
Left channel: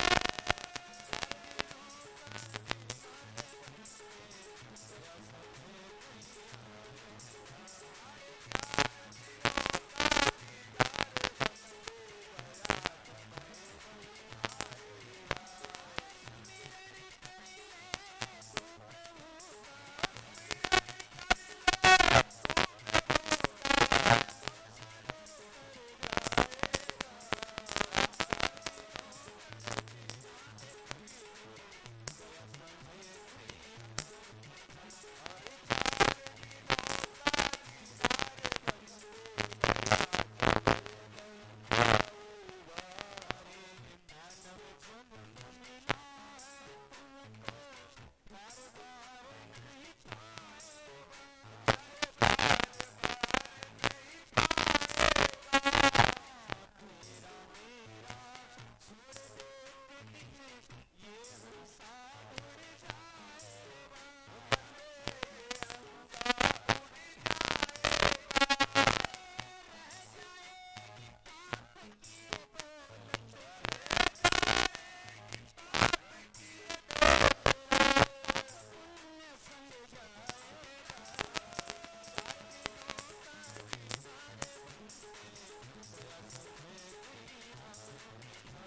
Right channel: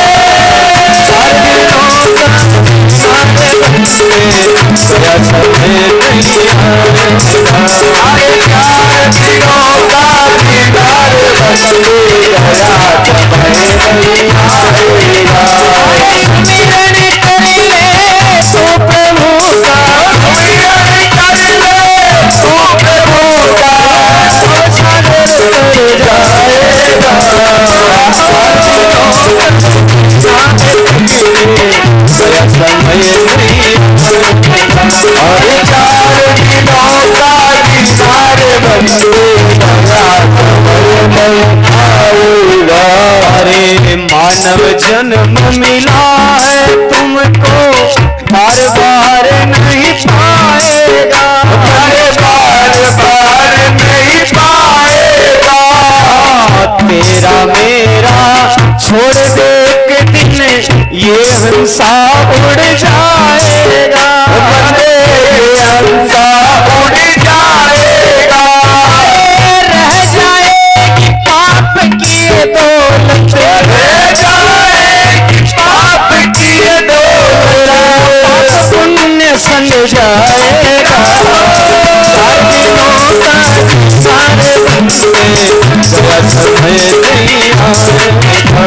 मानव जन्म मिला है तुमको, बार बार नहीं पाएगा, बार बार नहीं पाएगा। तेरा मेरा छोड़ दे के दिन ये हंसा उड़ जाएगा, हंसा उड़ जाएगा। रह जाएगी पाप की दौलत, रह जाएगी पाप की दौलत, पाप पुण्य संग जाएगा। सारे बंदे जरा समय नहीं आएगा,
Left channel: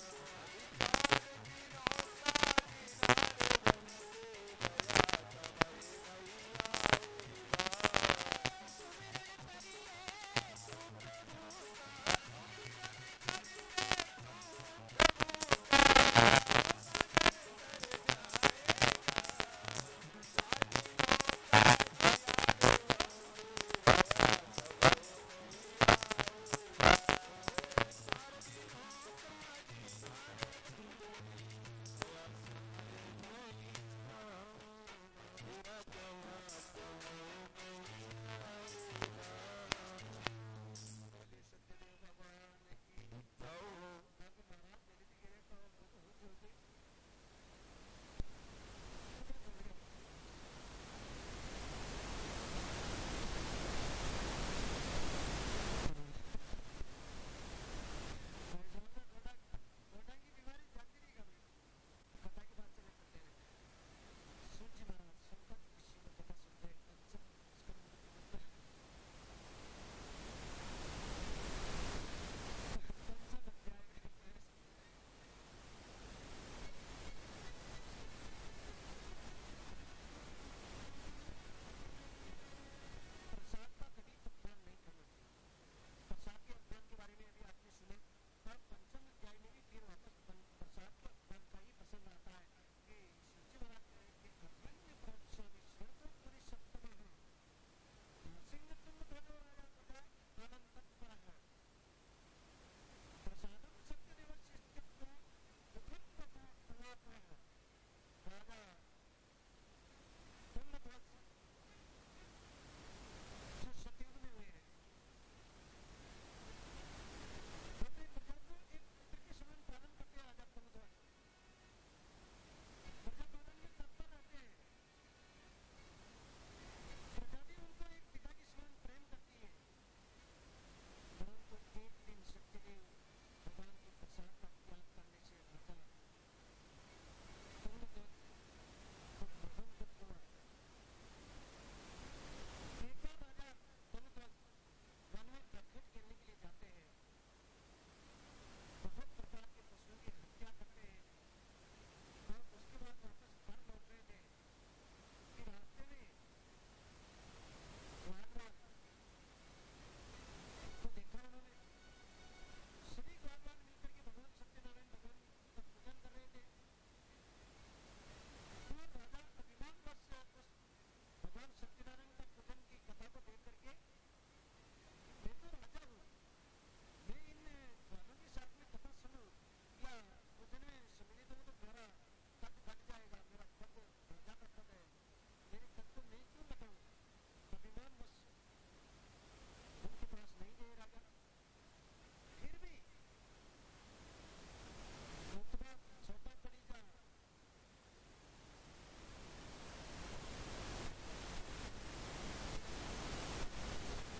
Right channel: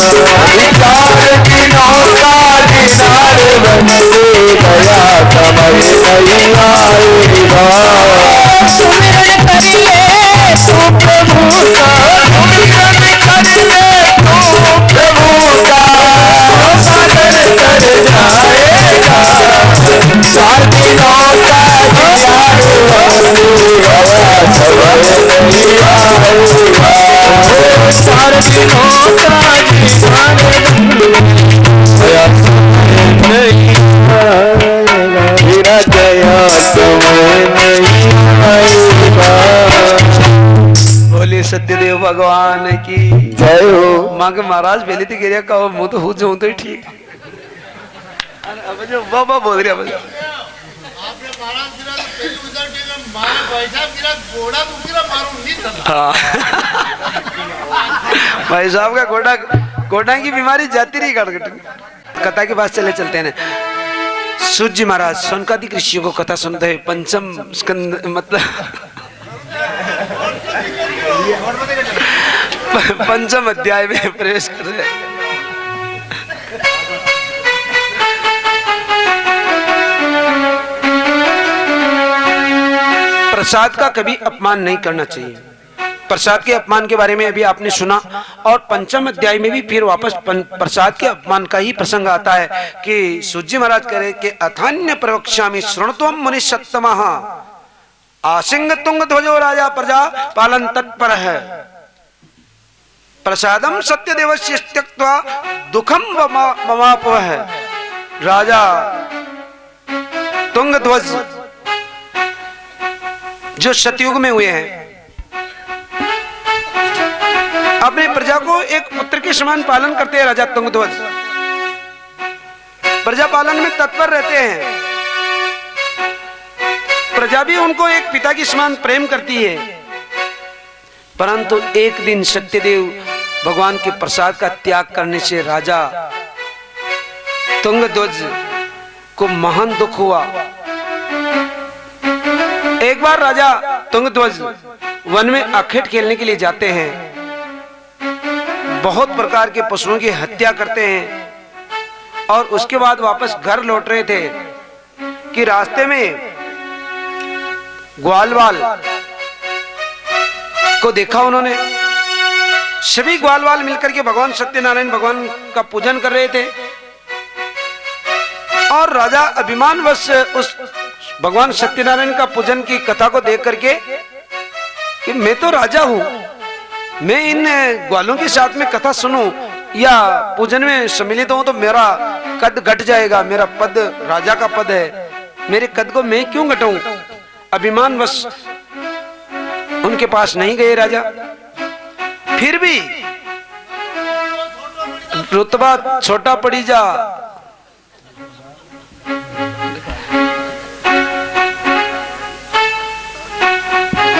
चार दिनों का दीदार बंदे गया समय नहीं आएगा। सुमिरन कर ले तू प्रभु का, सुमिरन कर ले तू प्रभु का, सागर कर जाएगा। चार दिनों का दीदार बंदे गया समय नहीं आएगा, चार दिनों का दीदार गया समय नहीं आएगा, मेरा गया समय नहीं आएगा। बोले सत्यदेव भगवान की जय हो। माँ के महाराज पहले तो गिरिया का मुंह तो हो जाऊं तो ठीक। अब जो बाबा बोल रही है भाई साहब का गोडा की बीमारी जाती रही कटकट। कथा के पास चलते हैं। सूत जी महाराज सोनकादिक ऋषियों को कथा सुनते हुए पंचम स्कंद मतलब पंचम अध्याय में प्रवेश कर रहे हैं। प्रसाद का कभी अपमान नहीं करना चाहिए। प्रसाद के अपमान के बारे में अभी आपने सुना और पंचम अध्याय में भी फिर वापस प्रसाद के अपमान का ही प्रसंग आता है कि सूजी महाराज कह रहे कि अथान्य प्रवक्ष्यामि शृणुत्वम मुनि सत्तमः आसिंग तुंग ध्वजो राजा प्रजा पालन तत्पर है प्रसादम सत्यदेवस्य त्यक्त्वा दुखम ममापवः है। राजा तुंग ध्वज जो सतयुग में हुए हैं अपने प्रजा को एक पुत्र के समान पालन करते हैं। राजा तुंगध्वज प्रजा पालन में तत्पर रहते हैं। प्रजा भी उनको एक पिता के समान प्रेम करती है। परंतु एक दिन सत्यदेव भगवान के प्रसाद का त्याग करने से राजा तुंगध्वज को महान दुख हुआ। एक बार राजा तुंगध्वज वन में आखेट खेलने के लिए जाते हैं। बहुत प्रकार के पशुओं की हत्या करते हैं और उसके बाद वापस घर लौट रहे थे कि रास्ते में ग्वालवाल को देखा उन्होंने। सभी ग्वालवाल मिलकर के भगवान सत्यनारायण भगवान का पूजन कर रहे थे और राजा अभिमानवश उस भगवान सत्यनारायण का पूजन की कथा को देख करके कि मैं तो राजा हूं, मैं इन ग्वालों के साथ में कथा सुनूं या पूजन में सम्मिलित हूं तो मेरा कद घट जाएगा, मेरा पद राजा का पद है, मेरे कद को मैं क्यों घटाऊं। अभिमानवश उनके पास नहीं गए राजा। फिर भी रुतबा छोटा पड़ी जा,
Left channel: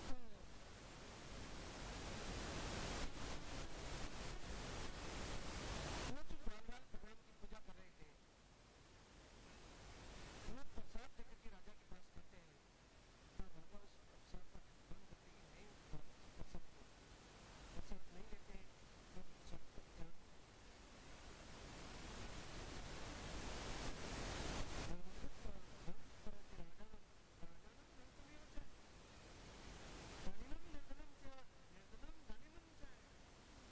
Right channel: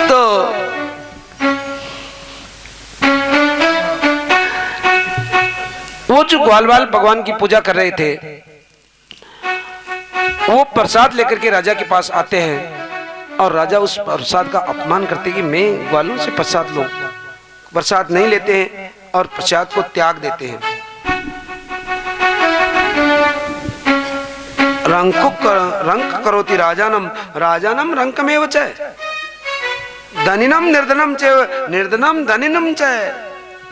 तो वो जो ग्वालवाल भगवान की पूजा कर रहे थे वो प्रसाद लेकर के राजा के पास आते हैं और राजा उस प्रसाद का अपमान करते कि मैं ग्वालों से प्रसाद लूं। प्रसाद नहीं लेते हैं और प्रसाद को त्याग देते हैं। रंक करोति राजानम राजानम रंकमेव च धनिनम निर्धनम च निर्धनम धनिनम च।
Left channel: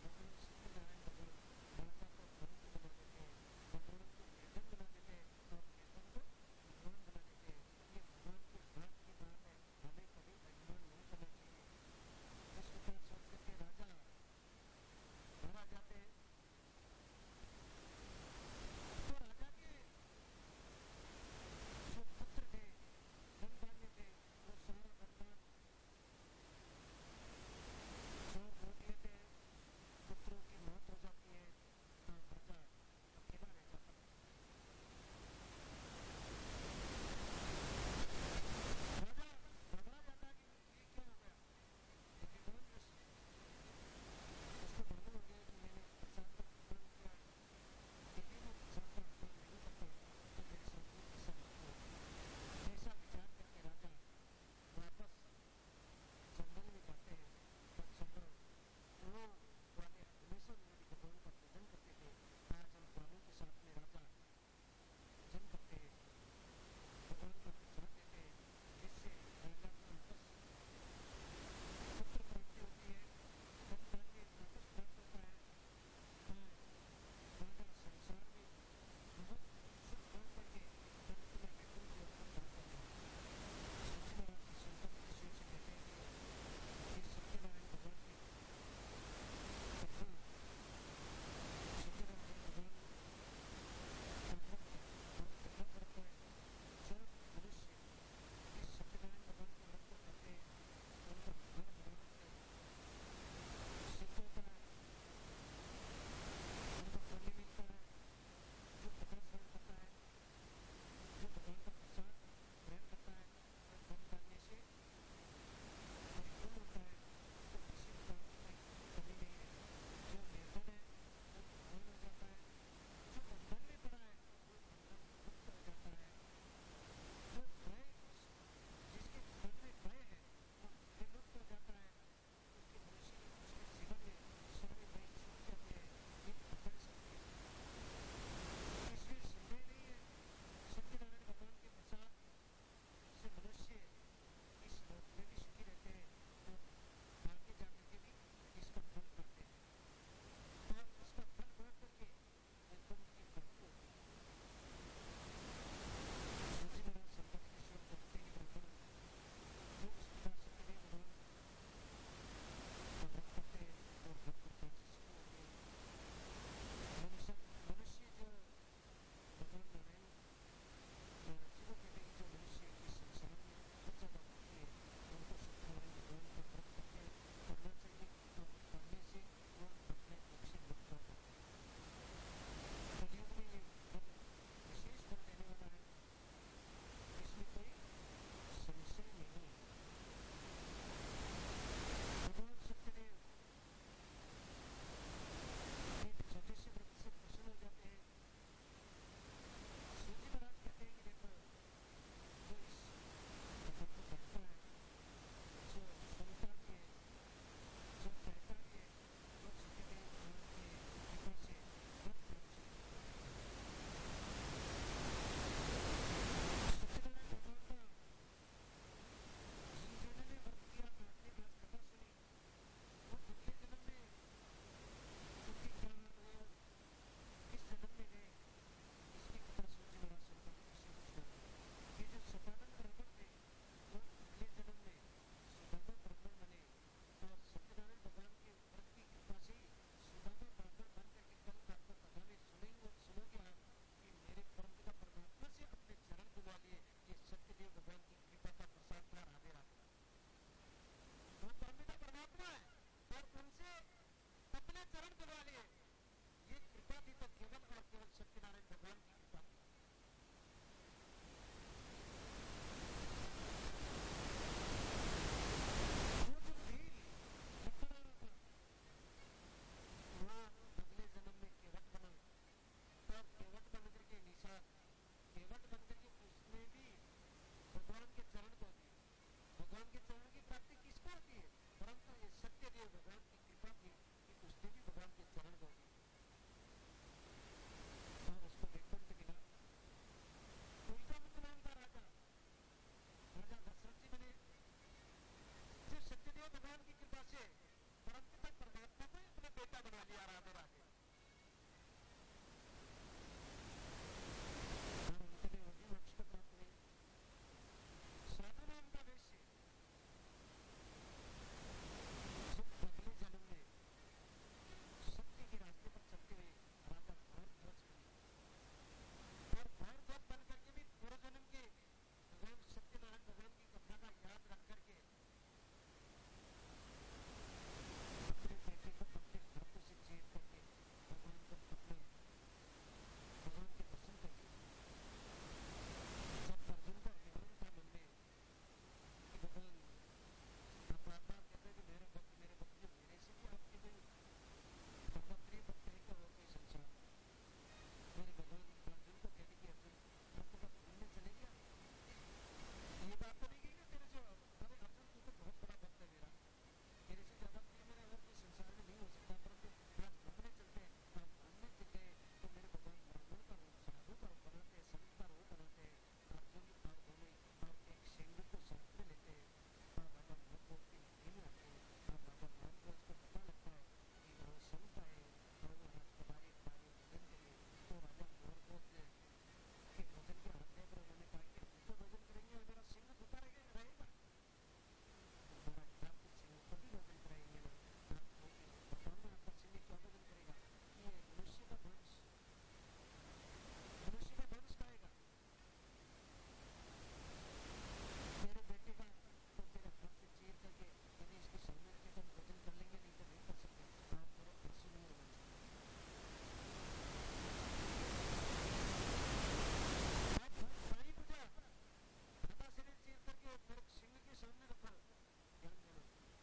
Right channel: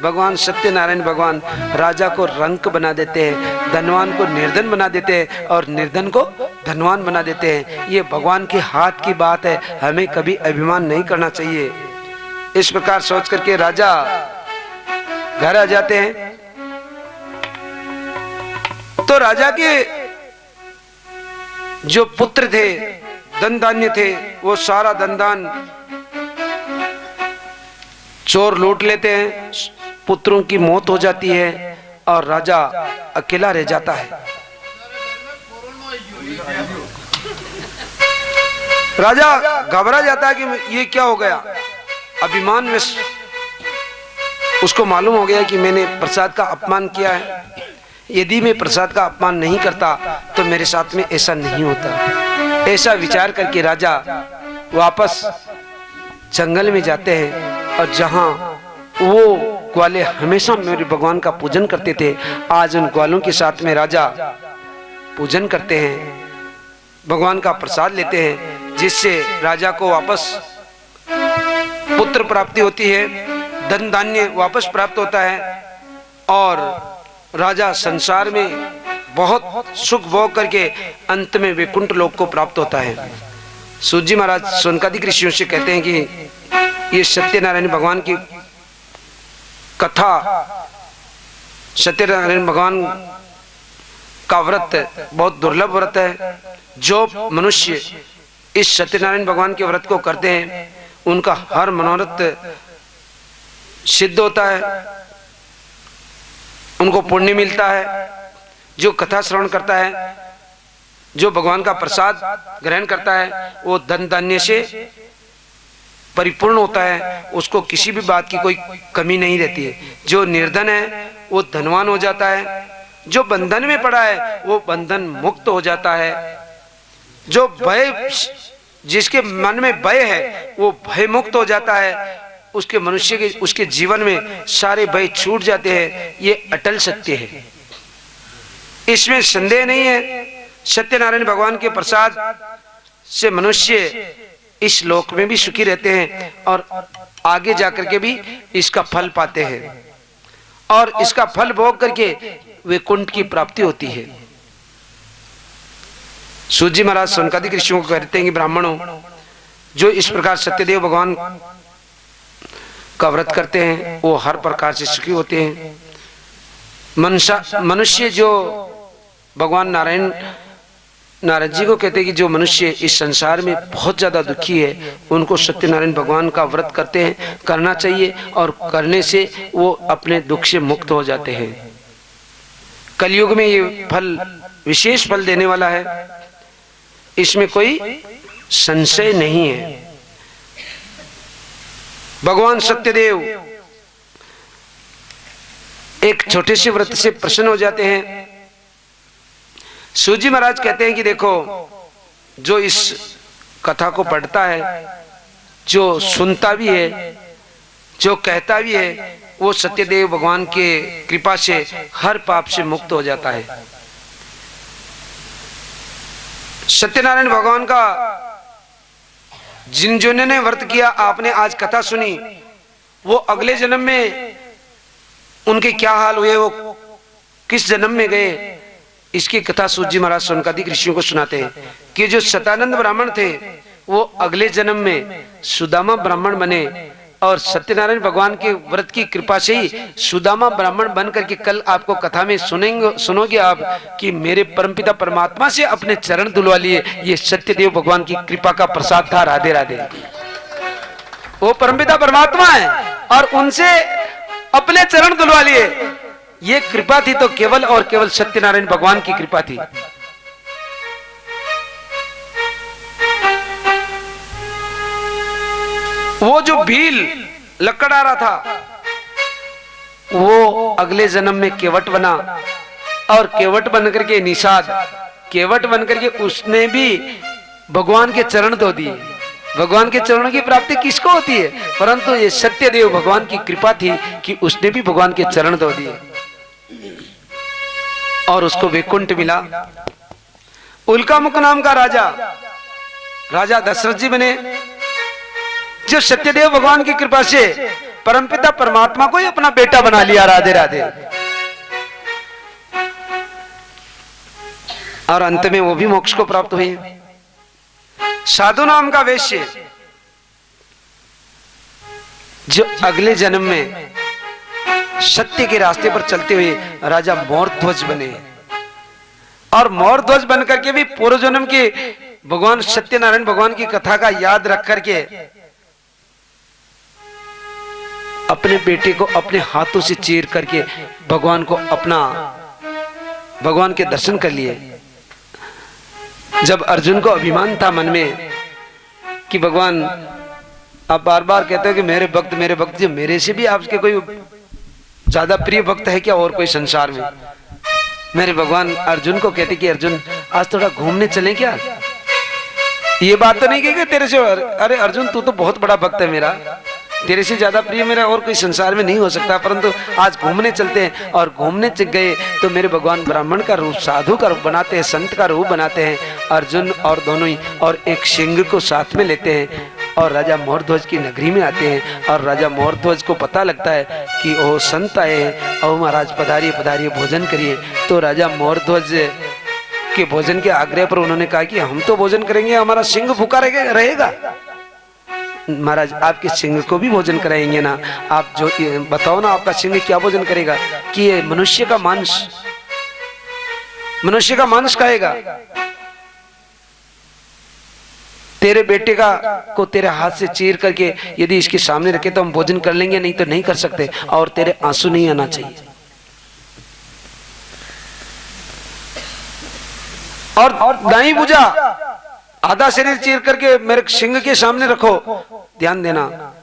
भगवान सत्यनारायण भगवान राजा को रंक बना देते हैं, धनवान को निर्धन बना देते हैं और निर्धन को धनवान बना देते हैं। ये भगवान के हाथ की बात है, हमें कभी अभिमान नहीं करना चाहिए। इस प्रकार सोच करके राजा घर आ जाते हैं। तो राजा के जो पुत्र थे, धन धान्य थे, वो सारा धन दान चोर लूट लेते हैं, पुत्रों की मौत हो जाती है और राजा अकेला रह जाता है। राजा घबरा जाता है कि ये क्या हो गया। अभिमान में उसको मालूम हो गया कि मैंने प्रसाद का अपमान किया है, यदि मैं प्रसाद का अपमान नहीं करता तो मेरे साथ में ऐसा नहीं होता। ऐसा विचार करके राजा वापस जंगल में जाते हैं और जहां वो ग्वाले हमेशा मेरे भगवान का पूजन करते थे, आज उन ग्वालों के साथ में राजा पूजन करते हैं, भगवान का प्रसाद लेते हैं, जिससे राजा को वापस पुत्र प्राप्ति होती है, धन धान्य वापस प्राप्त होता है और राजा संसार में बहुत सुख भोग करके अंत में वैकुंठ लोक को प्राप्त होता है। सूत जी महाराज सोनकादिक ऋषियों से कहते हैं कि ये सत्यनारायण भगवान की कथा, सत्यनारायण भगवान का व्रत बहुत दुर्लभ व्रत है। जो मनुष्य इस सत्यनारायण भगवान के व्रत को करते हैं उनका हर मनोरथ सिद्ध होता है, उनको पुण्य मिलता है। जो कथा श्रवण करता है, जो भगवान का प्रसाद ग्रहण करता है, वो धन धान्य से परिपूर्ण होता है, उसको किसी भी बात की कोई कमी नहीं रहती है। जो निर्धन है वो धनवान हो जाता है, जो बंधन में पड़ा है वो बंधन मुक्त हो जाता है, जो भय, जिसके मन में भय है वो भय मुक्त हो जाता है, उसके मनुष्य के उसके जीवन में सारे भय छूट जाते हैं। ये अटल सत्य है, इसमें संदेह नहीं है। सत्यनारायण भगवान के प्रसाद से मनुष्य इस लोक में भी सुखी रहते हैं और आगे जाकर के भी इसका फल पाते हैं और इसका फल भोग करके वैकुंठ की प्राप्ति होती है। सूत जी महाराज सोनकादिक ऋषियों को कहते हैं कि ब्राह्मणों, जो इस प्रकार सत्यदेव भगवान का व्रत करते हैं वो हर प्रकार से सुखी होते हैं। मनुष्य जो भगवान नारद जी को कहते हैं कि जो मनुष्य इस संसार में बहुत ज्यादा दुखी है उनको सत्यनारायण भगवान का व्रत करते हैं, करना चाहिए और करने से वो अपने दुख से मुक्त हो जाते हैं। कलयुग में ये फल विशेष फल देने वाला है, इसमें कोई संशय नहीं है। भगवान सत्यदेव एक छोटे से व्रत से प्रसन्न हो जाते हैं। सूजी महाराज कहते हैं कि देखो, जो इस कथा को पढ़ता है, जो सुनता भी है, जो कहता भी है, वो सत्यदेव भगवान के कृपा से हर पाप से मुक्त हो जाता है। सत्यनारायण भगवान का जिन ने व्रत किया, आपने आज कथा सुनी, वो अगले जन्म में उनके क्या हाल हुए, वो किस जन्म में गए, इसकी कथा सूत जी महाराज सोनकादिक ऋषियों को सुनाते हैं कि जो सतानंद ब्राह्मण थे वो अगले जन्म में सुदामा ब्राह्मण बने और सत्यनारायण भगवान के व्रत की कृपा से ही सुदामा ब्राह्मण बन करके कल आपको कथा में सुनोगे आप कि मेरे परमपिता परमात्मा से अपने चरण धुलवा लिए। ये सत्यदेव भगवान की कृपा का प्रसाद था। राधे राधे। वो परमपिता परमात्मा है और उनसे अपने चरण धुलवा लिए। ये कृपा थी तो केवल और केवल सत्यनारायण भगवान की कृपा थी। वो जो भील लकड़ आ रहा था वो अगले जन्म में केवट बना और केवट बन करके निषाद, केवट बन करके उसने भी भगवान के चरण धो दिए। भगवान के चरणों की प्राप्ति किसको होती है? परंतु ये सत्यदेव भगवान की कृपा थी कि उसने भी भगवान के चरण धो दिए और उसको वैकुंठ मिला। उल्कामुख नाम का राजा दशरथ जी बने, जो सत्यदेव भगवान की कृपा से परमपिता परमात्मा को ही अपना बेटा बना लिया। राधे राधे। और अंत में वो भी मोक्ष को प्राप्त हुए। साधु नाम का वैश्य जो अगले जन्म में सत्य के रास्ते पर चलते हुए राजा मोरध्वज बने और मोरध्वज बन करके भी पूर्व जन्म के भगवान सत्यनारायण भगवान की कथा का याद रख करके अपने बेटे को अपने हाथों से चीर करके भगवान के दर्शन कर लिए। जब अर्जुन को अभिमान था मन में कि भगवान आप बार बार कहते हो कि मेरे भक्त जो मेरे से भी आपके कोई ज्यादा प्रिय भक्त है क्या और कोई संसार में? मेरे भगवान अर्जुन को कहते कि अर्जुन आज थोड़ा घूमने चलें क्या? ये बात तो नहीं कही तेरे से, अरे अर्जुन तू तो बहुत बड़ा भक्त है मेरा, तेरे से ज्यादा प्रिय मेरा और कोई संसार में नहीं हो सकता, परंतु आज घूमने चलते हैं। और घूमने गए तो मेरे भगवान ब्राह्मण का रूप, साधु का रूप बनाते हैं, संत का रूप बनाते हैं अर्जुन और दोनों ही, और एक सिंह को साथ में लेते हैं और राजा मोरध्वज की नगरी में आते हैं। और राजा मोरध्वज को पता लगता है कि वो संत आए हैं और महाराज पधारिए पधारिए भोजन करिए। तो राजा मोरध्वज के भोजन के आग्रह पर उन्होंने कहा कि हम तो भोजन करेंगे, हमारा सिंह भूखा रहेगा। महाराज आपके सिंह को भी भोजन कराएंगे ना, आप जो बताओ ना आपका सिंह क्या भोजन करेगा? कि ये मनुष्य का मांस खाएगा। तेरे बेटे को तेरे हाथ से चीर करके यदि इसके सामने रखे तो हम भोजन कर लेंगे, नहीं तो नहीं कर सकते, और तेरे आंसू नहीं आना चाहिए। और दाई भुजा आधा शरीर चीर करके मेरे सिंह के सामने रखो। ध्यान देना,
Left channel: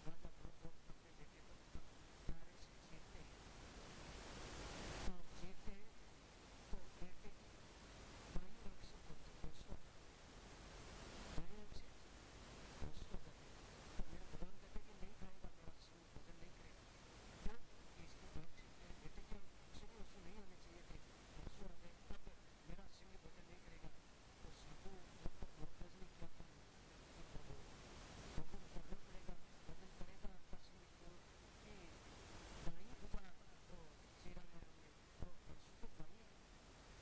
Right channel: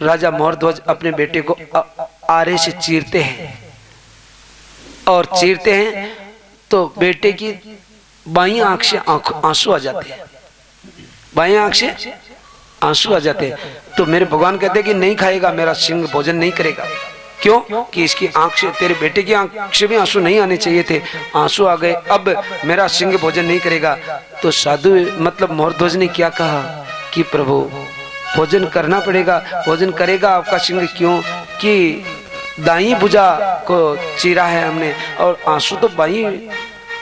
राजा मोरध्वज अपने बेटे को आरे से चीरते हैं और चीरते हैं तो बेटे की बाईं आंख से आंसू आ जाते हैं, बाईं आंख से आंसू आ जाते हैं। तो मेरे भगवान कहते हैं कि नहीं खाएगा मेरा सिंह, भोजन नहीं करेगा। क्यों? कि इसकी आंख से, तेरे बेटे की आंख से भी आंसू नहीं आने चाहिए थे, आंसू आ गए, अब मेरा सिंह भोजन नहीं करेगा। तो साधु मतलब मोरध्वज ने क्या कहा कि प्रभु भोजन करना पड़ेगा, भोजन करेगा आपका सिंह। क्यों? कि दाई भुजा को चीरा है हमने और आंसू तो बाईं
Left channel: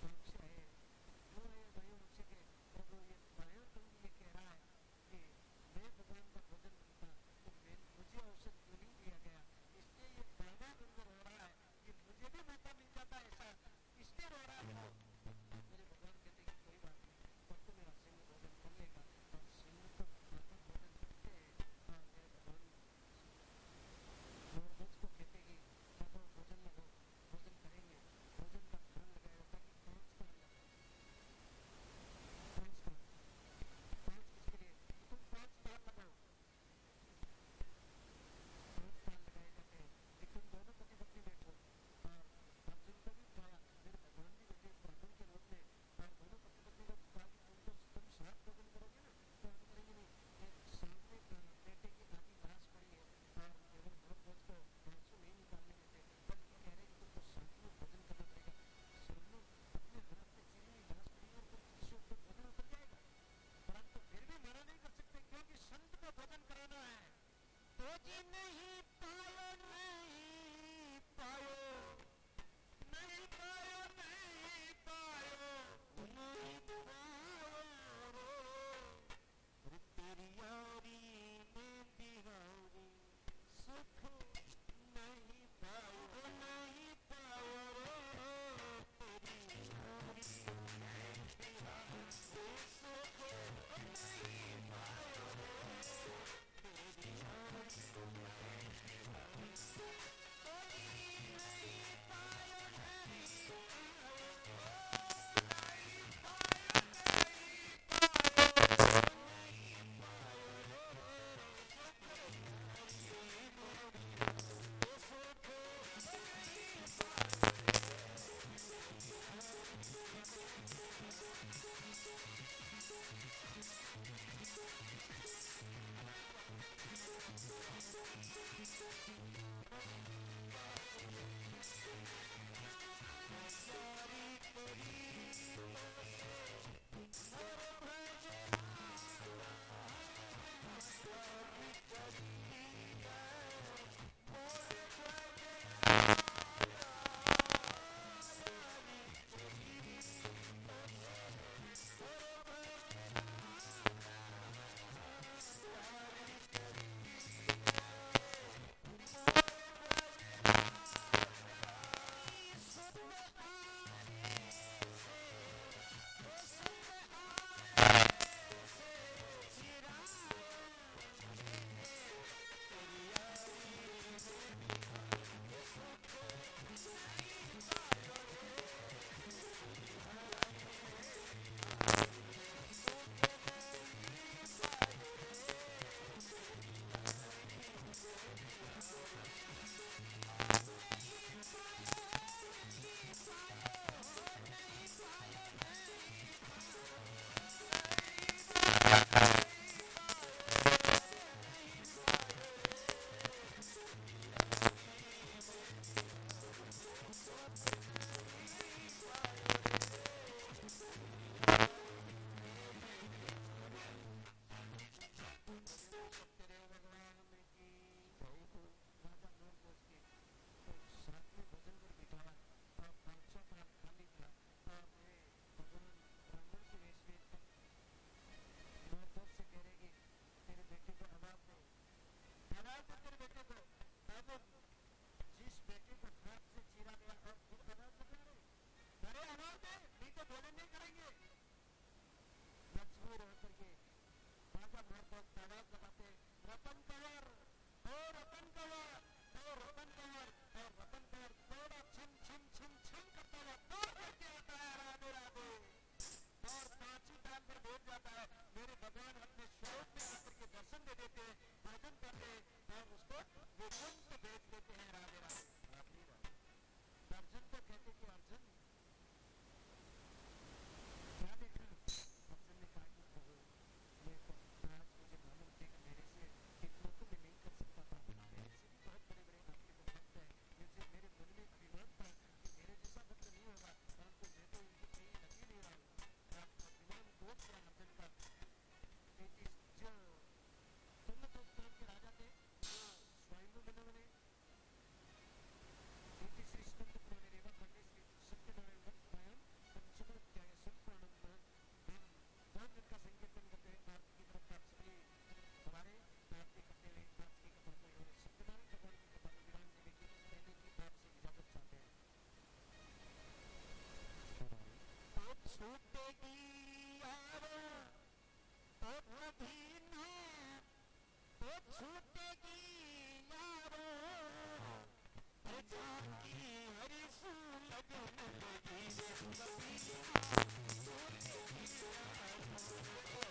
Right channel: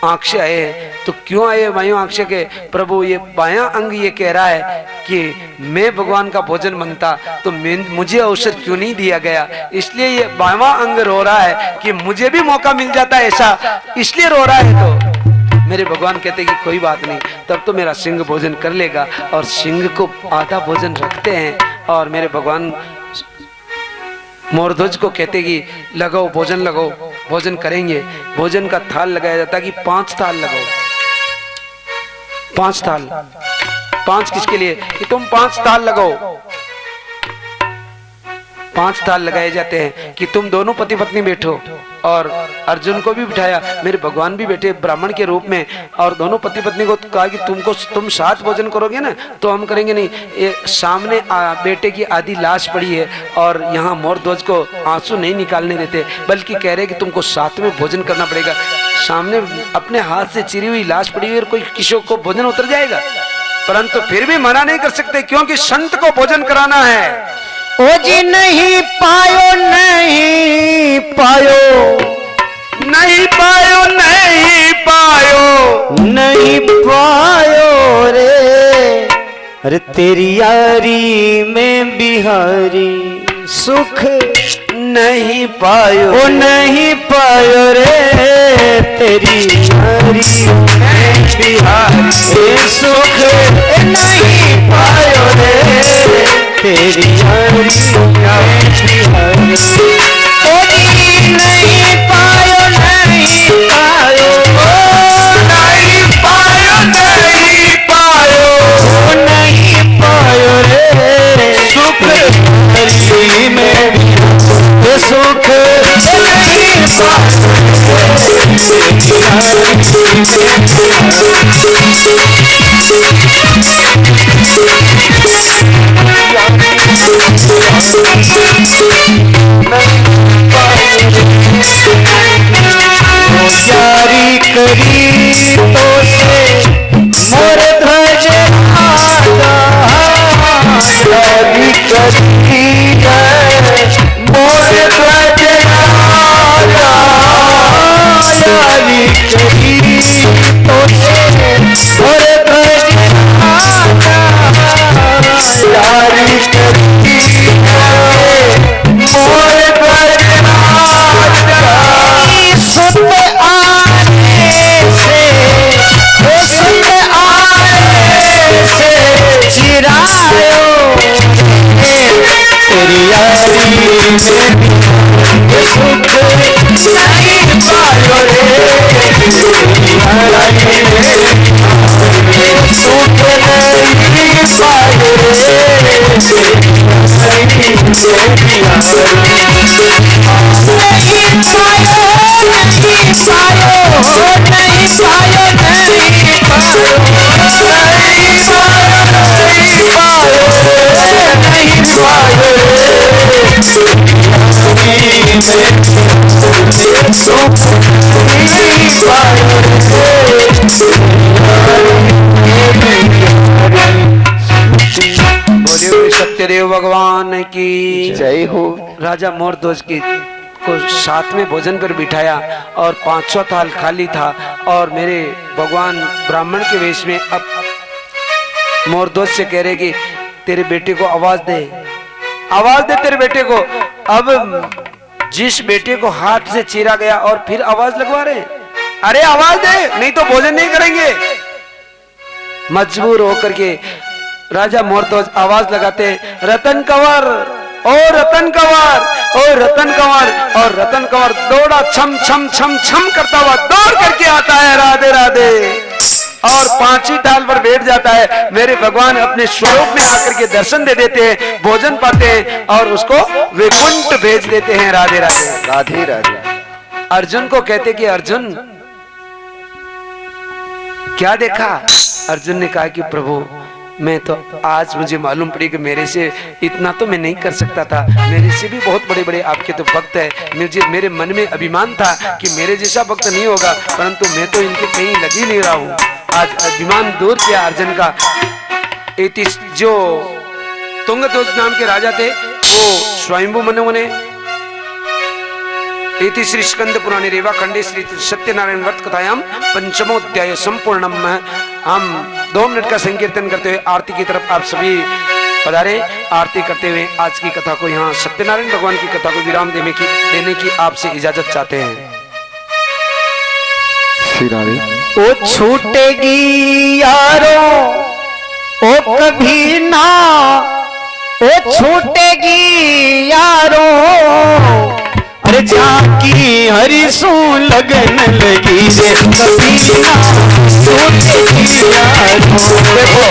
आंख से आए हैं। तो क्यों आए बाईं आंख से? के प्रभु ये बायां अंग ये कह रहा है कि मैं भगवान का भोजन मांगता तो मुझे अवसर क्यों नहीं दिया गया, इसलिए ये बायां अंग रो रहा है कि मुझे भी मौका मिल जाता है ऐसा, इसलिए रो रहा है। तो मेरे भगवान कहते कि कोई बात नहीं, तब तो मेरा सिंह भोजन कर लेगा। और सिंह को आधा भोजन रखते हैं और मेरे भगवान मोरध्वज को कहते कि लगाओ भोजन, लगाओ भोजन करेंगे। भोजन का थाल लगाया जाता कि 5 थाल लगाओ, 5 थाल। 5 किसके लिए? कि तुम 5 थाल लगाओ। 5 थाल लगाए जाते हैं कि तुम दोनों पति पत्नी बैठो, और अर्जुन को भी बिठाया, मेरे भगवान भी बैठे ब्राह्मण के रूप में, और दोनों पति पत्नी को कहा कि तुम साथ भोजन करोगे ना तो हम करेंगे नहीं। ये सामने बेटे की आधी लाश पड़ी है और यहाँ मोरध्वज को आंसू नहीं निकालने देते, बल्कि कह रहे कि तुमको साथ में भोजन करना पड़ेगा। सामने अपने हाथ से चिरी हुई लाश पड़ी हुई और कोई किसी को भोजन उतर जाएगा, परंतु फिर भी मना नहीं कर सकते क्योंकि संत को भोजन कराना है। ओ जी नहीं पायो नहीं पायो नहीं पायो नहीं पायो नहीं पायो रे, अरे तेरी यारी में बिहारी सुख नहीं पायो, ओ नहीं पायो रे, तेरी यारी में बिहारी सुख नहीं पायो रे, तेरी यारी में बिहारी। ओ जी नहीं पायो नहीं पायो, ओ नहीं पायो नहीं पायो, ओ नहीं पायो रे, सुख हरी में भी सुख नहीं पायो, तेरी यारी यारी करी तो से मोर ध्वज आगा, यारी करी मोर ध्वज आगा, यारी करी तो से मोर ध्वज आगा, यारी करी मोर ध्वज आगा। सुत आने से, ओ सुत आने से चिरायो तेरी यारी में भी सुख नहीं पायो रे, तेरी यारी में सुख नहीं पायो रे, तेरी यारी नहीं पायो नहीं पायो नहीं पायो नहीं पायो नहीं पायो नहीं पायो नहीं सुख नहीं पायो। बोलिए सत्यदेव भगवान की जय हो। राजा मोरध्वज की को साथ में भोजन पर बिठाया और 500 थाल खाली था, और मेरे भगवान ब्राह्मण के वेश में अब मोरध्वज से कह रहे कि तेरे बेटे को आवाज दे, आवाज दे तेरे बेटे को। अब जिस बेटे को हाथ से चीरा गया और फिर आवाज लगवा रहे, अरे आवाज दे नहीं तो भोजन नहीं करेंगे। मजबूर होकर के राजा मोरध्वज आवाज लगाते, रतन कंवर ओ रतन कंवर ओ रतन कंवर, और रतन कंवर दौड़ा छम छम छम छम करता हुआ दौड़ करके आता है, राधे राधे, और 5ही थाल पर बैठ जाता है। मेरे भगवान अपने स्वरूप में आकर के दर्शन दे देते हैं, भोजन पाते हैं और उसको वैकुंठ भेज देते हैं। राधे राधे राधे राधे। अर्जुन को कहते कि अर्जुन क्या देखा? अर्जुन ने कहा कि प्रभु मैं तो आज मुझे मालूम पड़ी कि मेरे से इतना तो मैं नहीं कर सकता था, मेरे से भी बहुत बड़े बड़े आपके तो भक्त है। मेरे मन में अभिमान था कि मेरे जैसा भक्त नहीं होगा, परंतु मैं तो इनके कहीं लग ही नहीं रहा हूँ। आज अभिमान दूर किया अर्जुन का। जो तुंगध्वज नाम के राजा थे वो स्वयंभू मनु ने इति श्री स्कंद पुराणे रेवा खंडे श्री सत्यनारायण व्रत कथायाम पंचमोध्याय संपूर्णम। हम 2 मिनट का संकीर्तन करते हुए आरती की तरफ आप सभी पधारे। आरती करते हुए आज की कथा को यहाँ सत्यनारायण भगवान की कथा को विराम देने की आपसे इजाजत चाहते हैं। ओ छूटेगी यारो ओ कभी ना, ओ छूटेगी यारो, अरे जाकी हरिसू लगन लगी रे कभी ना छूटेगी यारो,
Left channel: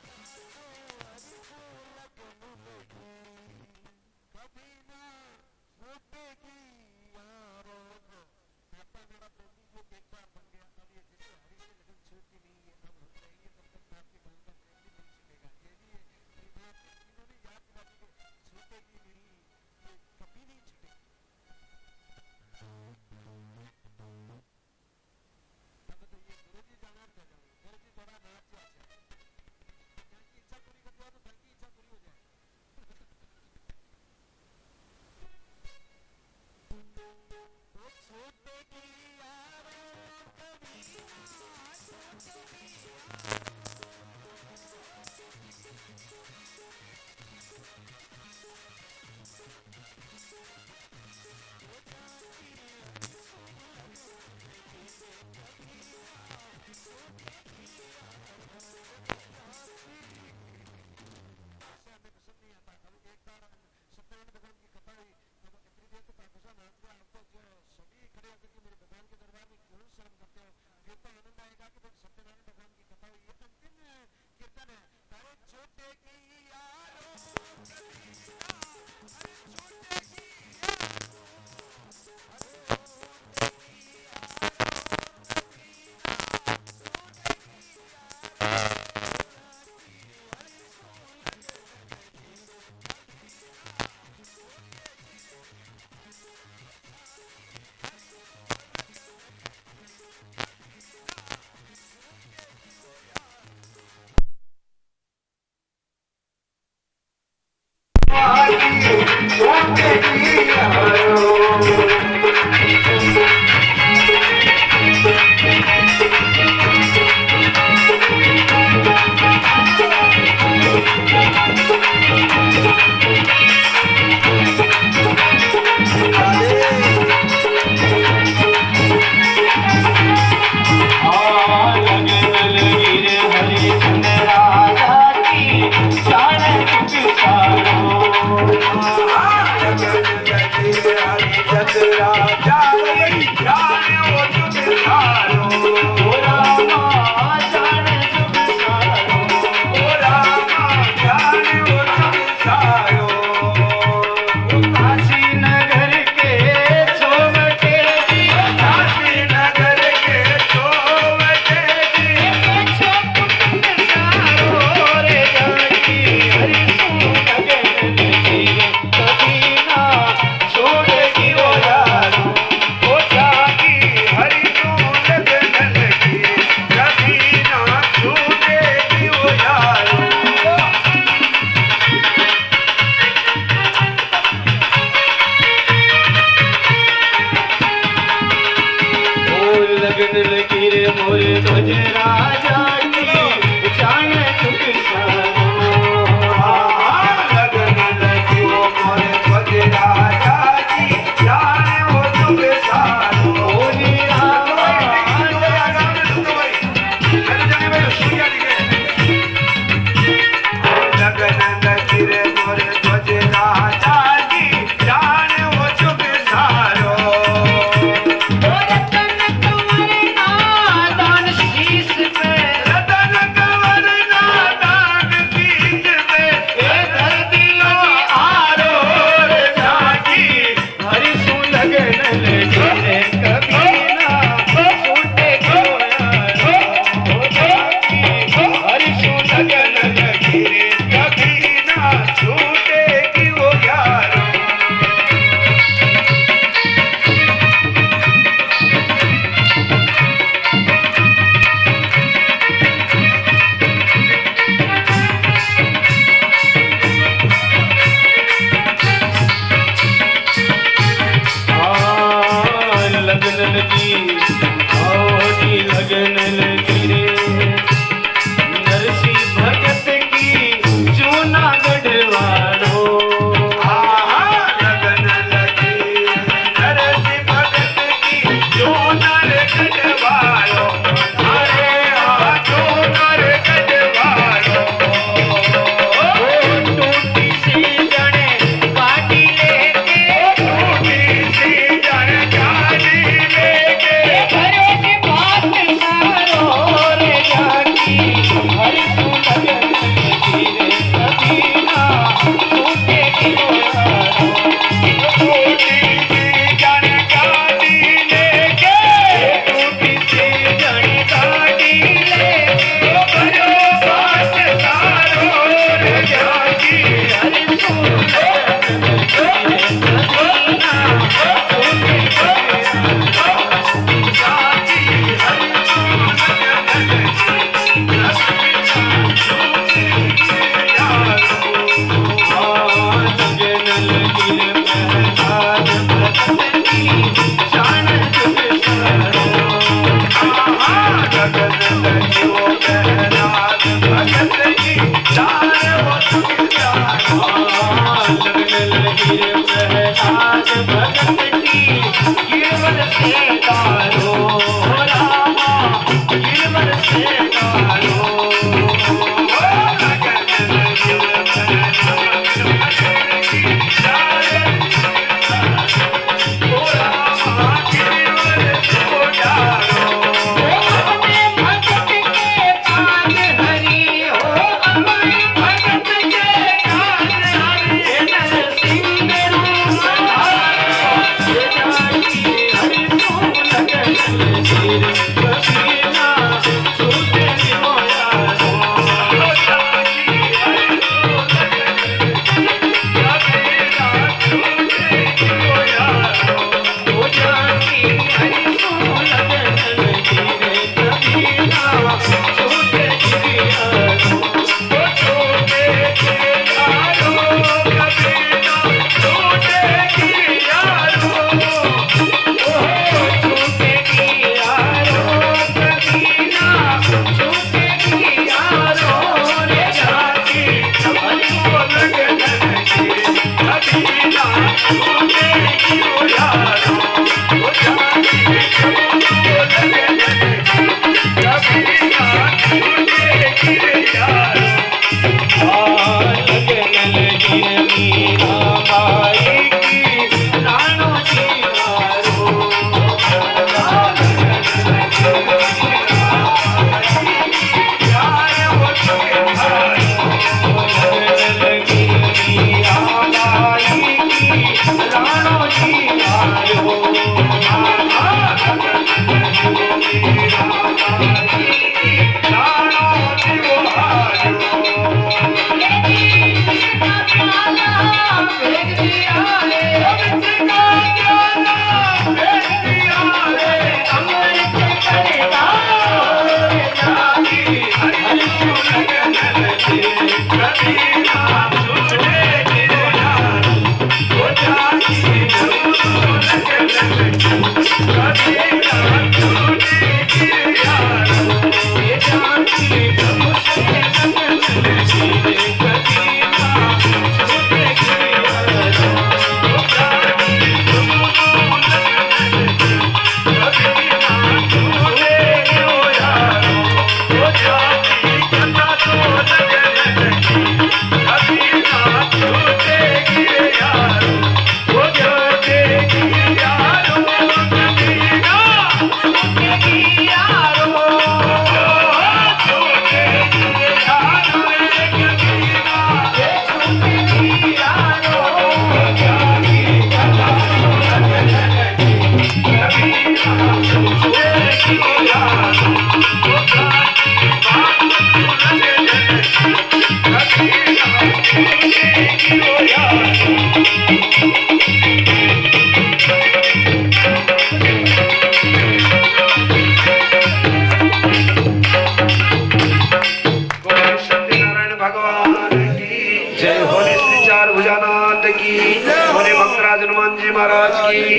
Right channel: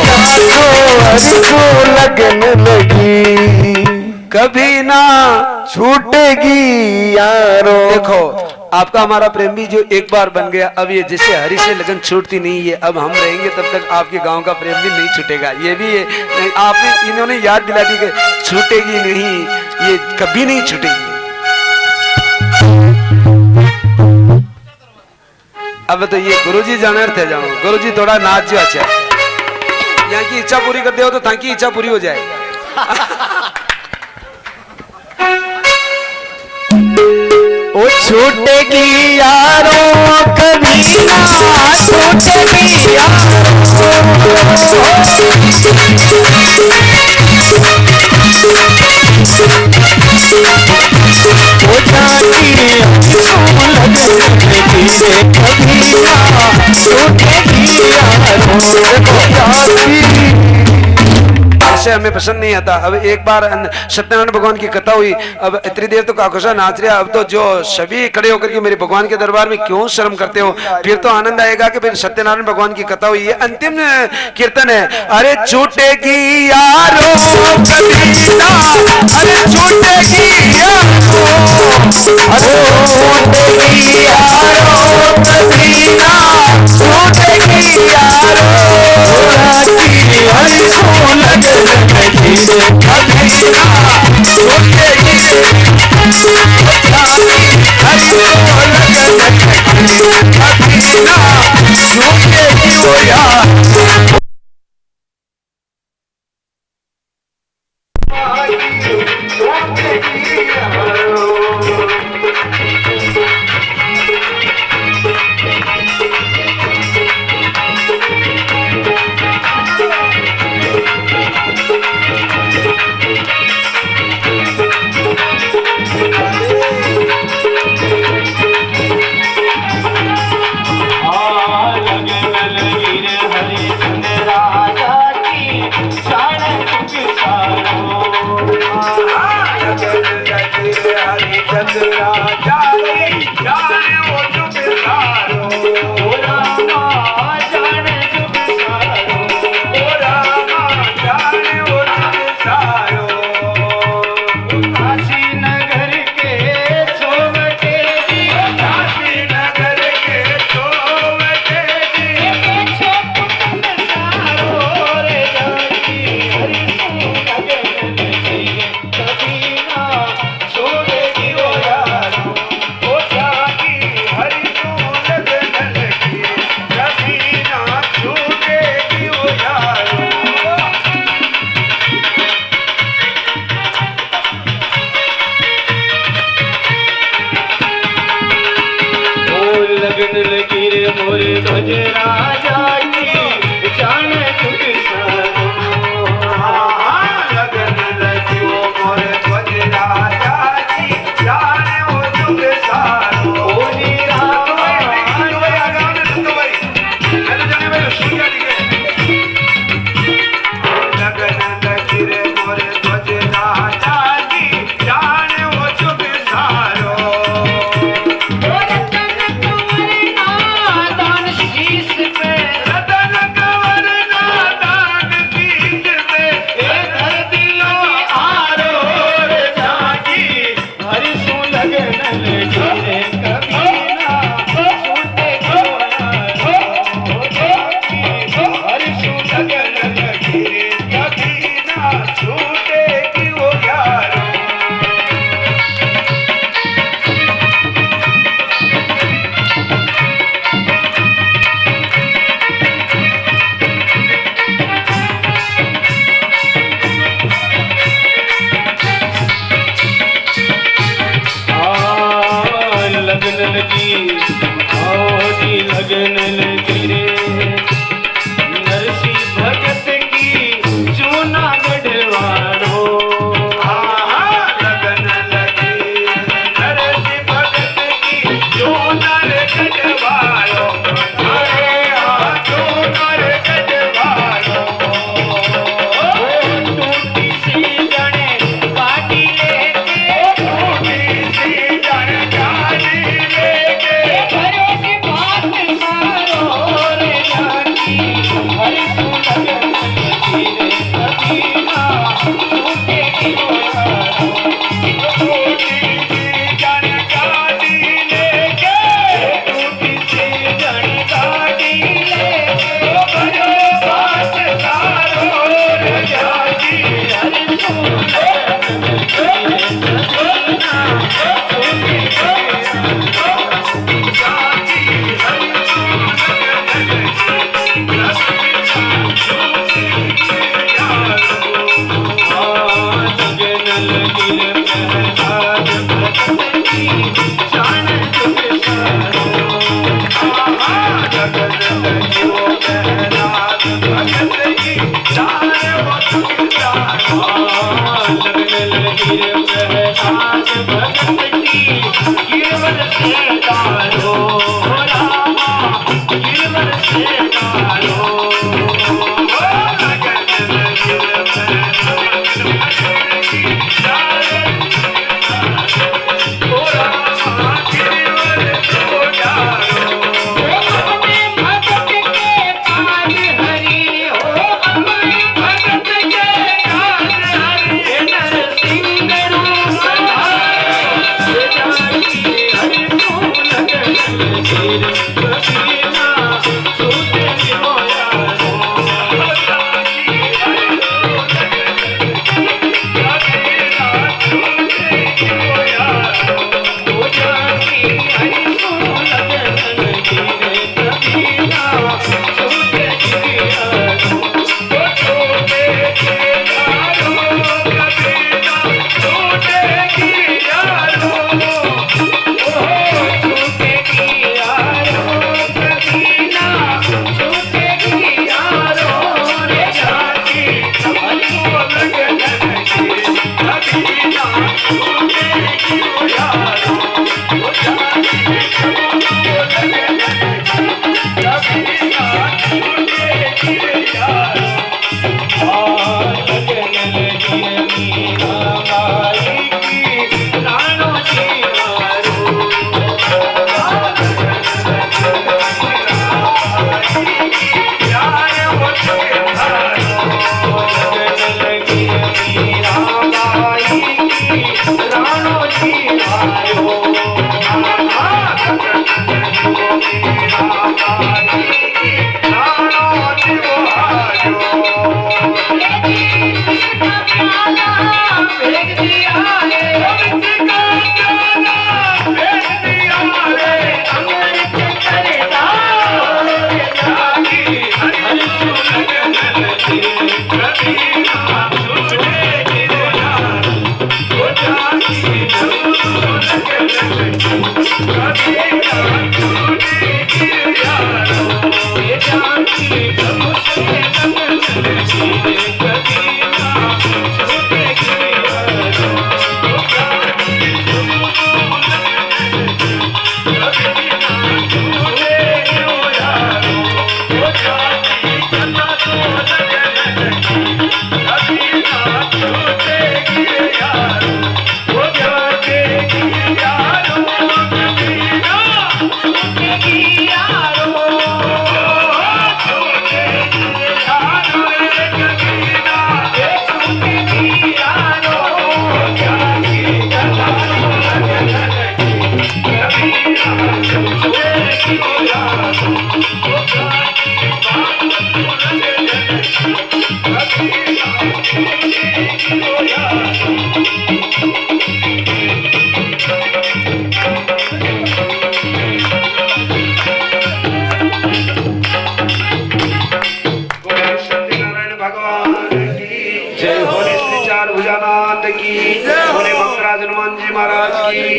जाको हरिसू लगन लगी। कभी ना छूटेगी यारो। देखो आपका हमारा प्रेम भी जो एक बार बन गया, अब ये जैसे हरी से लगन छूटती नहीं है, अब हम रहेंगे तब तक आपके गांव का प्रेम भी नहीं छूटेगा। ये भी है, आपने इन्होंने याद दिला दी कि छूटेगी नहीं, ये कभी नहीं छूटेगी। अब तो ये गुरुजी जाने थे जानो, गुरुजी थोड़ा नाच जो अच्छा, यहाँ की इच्छा पूरी कर दे हो तो ताकि इच्छा पूरी हो जाए। ओ छूटेगी यारों कभी ना छूटेगी यारों। ओ जानी लगेगी रे कभी ना छूटेगी यारों। ऐसे हमें पसंद नहीं आता। अब एक बार सत्यनारायण भगवान की कथा हुई, अब इतनी देर तो काकोसा नाच रहा, अब तो जो सभी खड़े होकर के मेरे भगवान के दरबार में क्यों शर्म करते हो, फिर तो आनंद आएगा कि फिर सत्यनारायण भगवान की कथा हुई। ये अंतिम कीर्तन है। अरे छूटेगी यारो कभी ना, अरे छूटेगी यारो, अरे छूटेगी यारो कभी ना, छूटेगी यारो।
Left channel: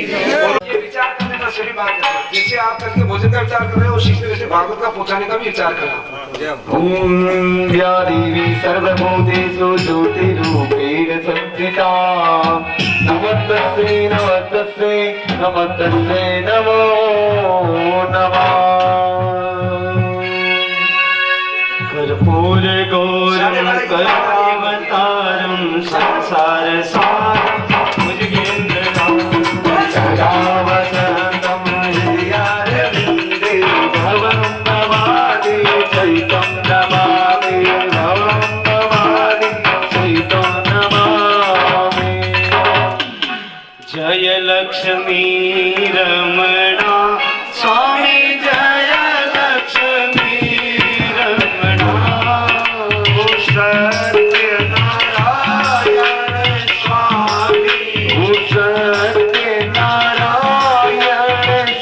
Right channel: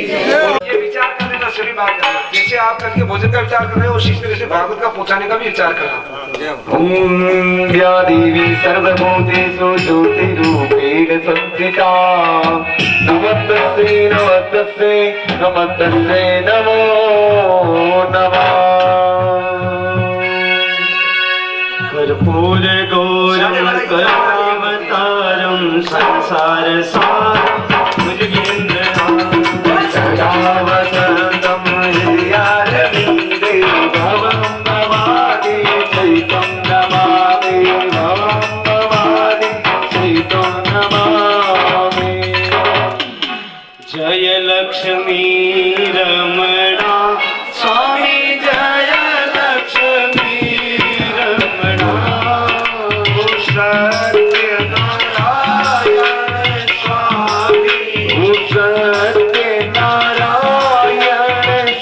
ये विचार करने का सभी बात करना, जैसे आप करके भोजन का विचार कर रहे हो उसी तरह से भागवत का पहुंचाने का भी विचार करना। ओम या देवी सर्वभूतेषु ज्योतिरूपेण संस्थिता नमस्तस्यै नमस्तस्यै नमस्तस्यै नमो नमः कर्पूर गौरं करुणावतारं संसार सारं भुजगेन्द्रनाथं सदा वसन्तं हृदयारविन्दे भवं भवानि चैतं नमामि भवं भवानि चैतं नमामि जय लक्ष्मी रमणा स्वामी जय लक्ष्मी रमणा ओ सत्यनारायण स्वामी ओ सत्यनारायण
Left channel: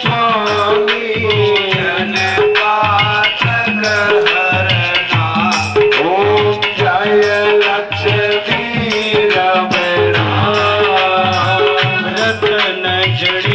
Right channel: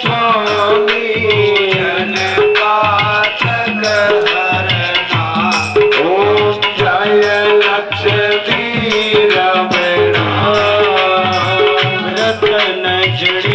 स्वामी जनपाठक हरना ओम जय लक्ष्मी रमणा रतन जड़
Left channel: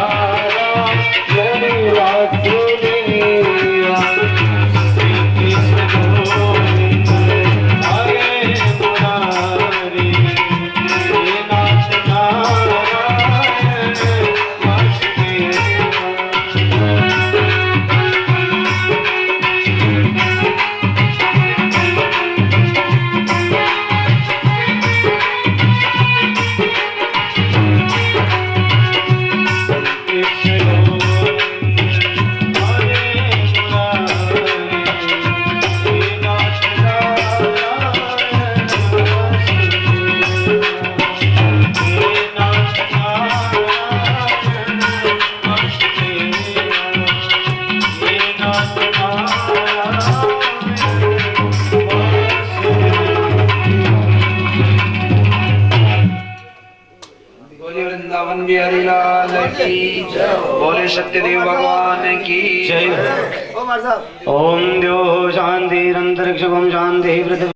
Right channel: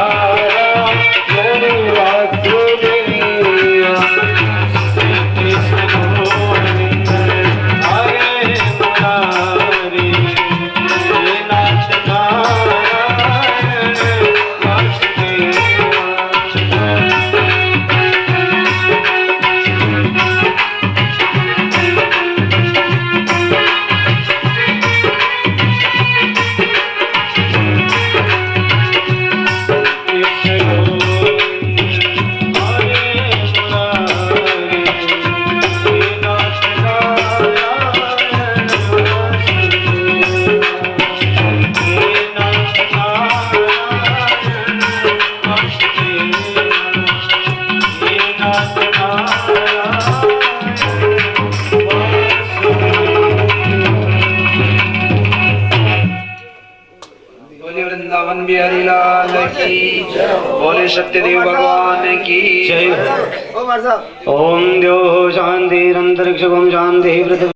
नारायण वासुदेव श्री कृष्ण गोविंद हरे मुरारी हे नाथ नारायण वासुदेव बोले वृंदावन बिहारी लाल की जय। बोले सत्यदेव भगवान की जय। ओ मार साहब ओम द्यो शांति अंतरिक्ष शांति पृथ्वी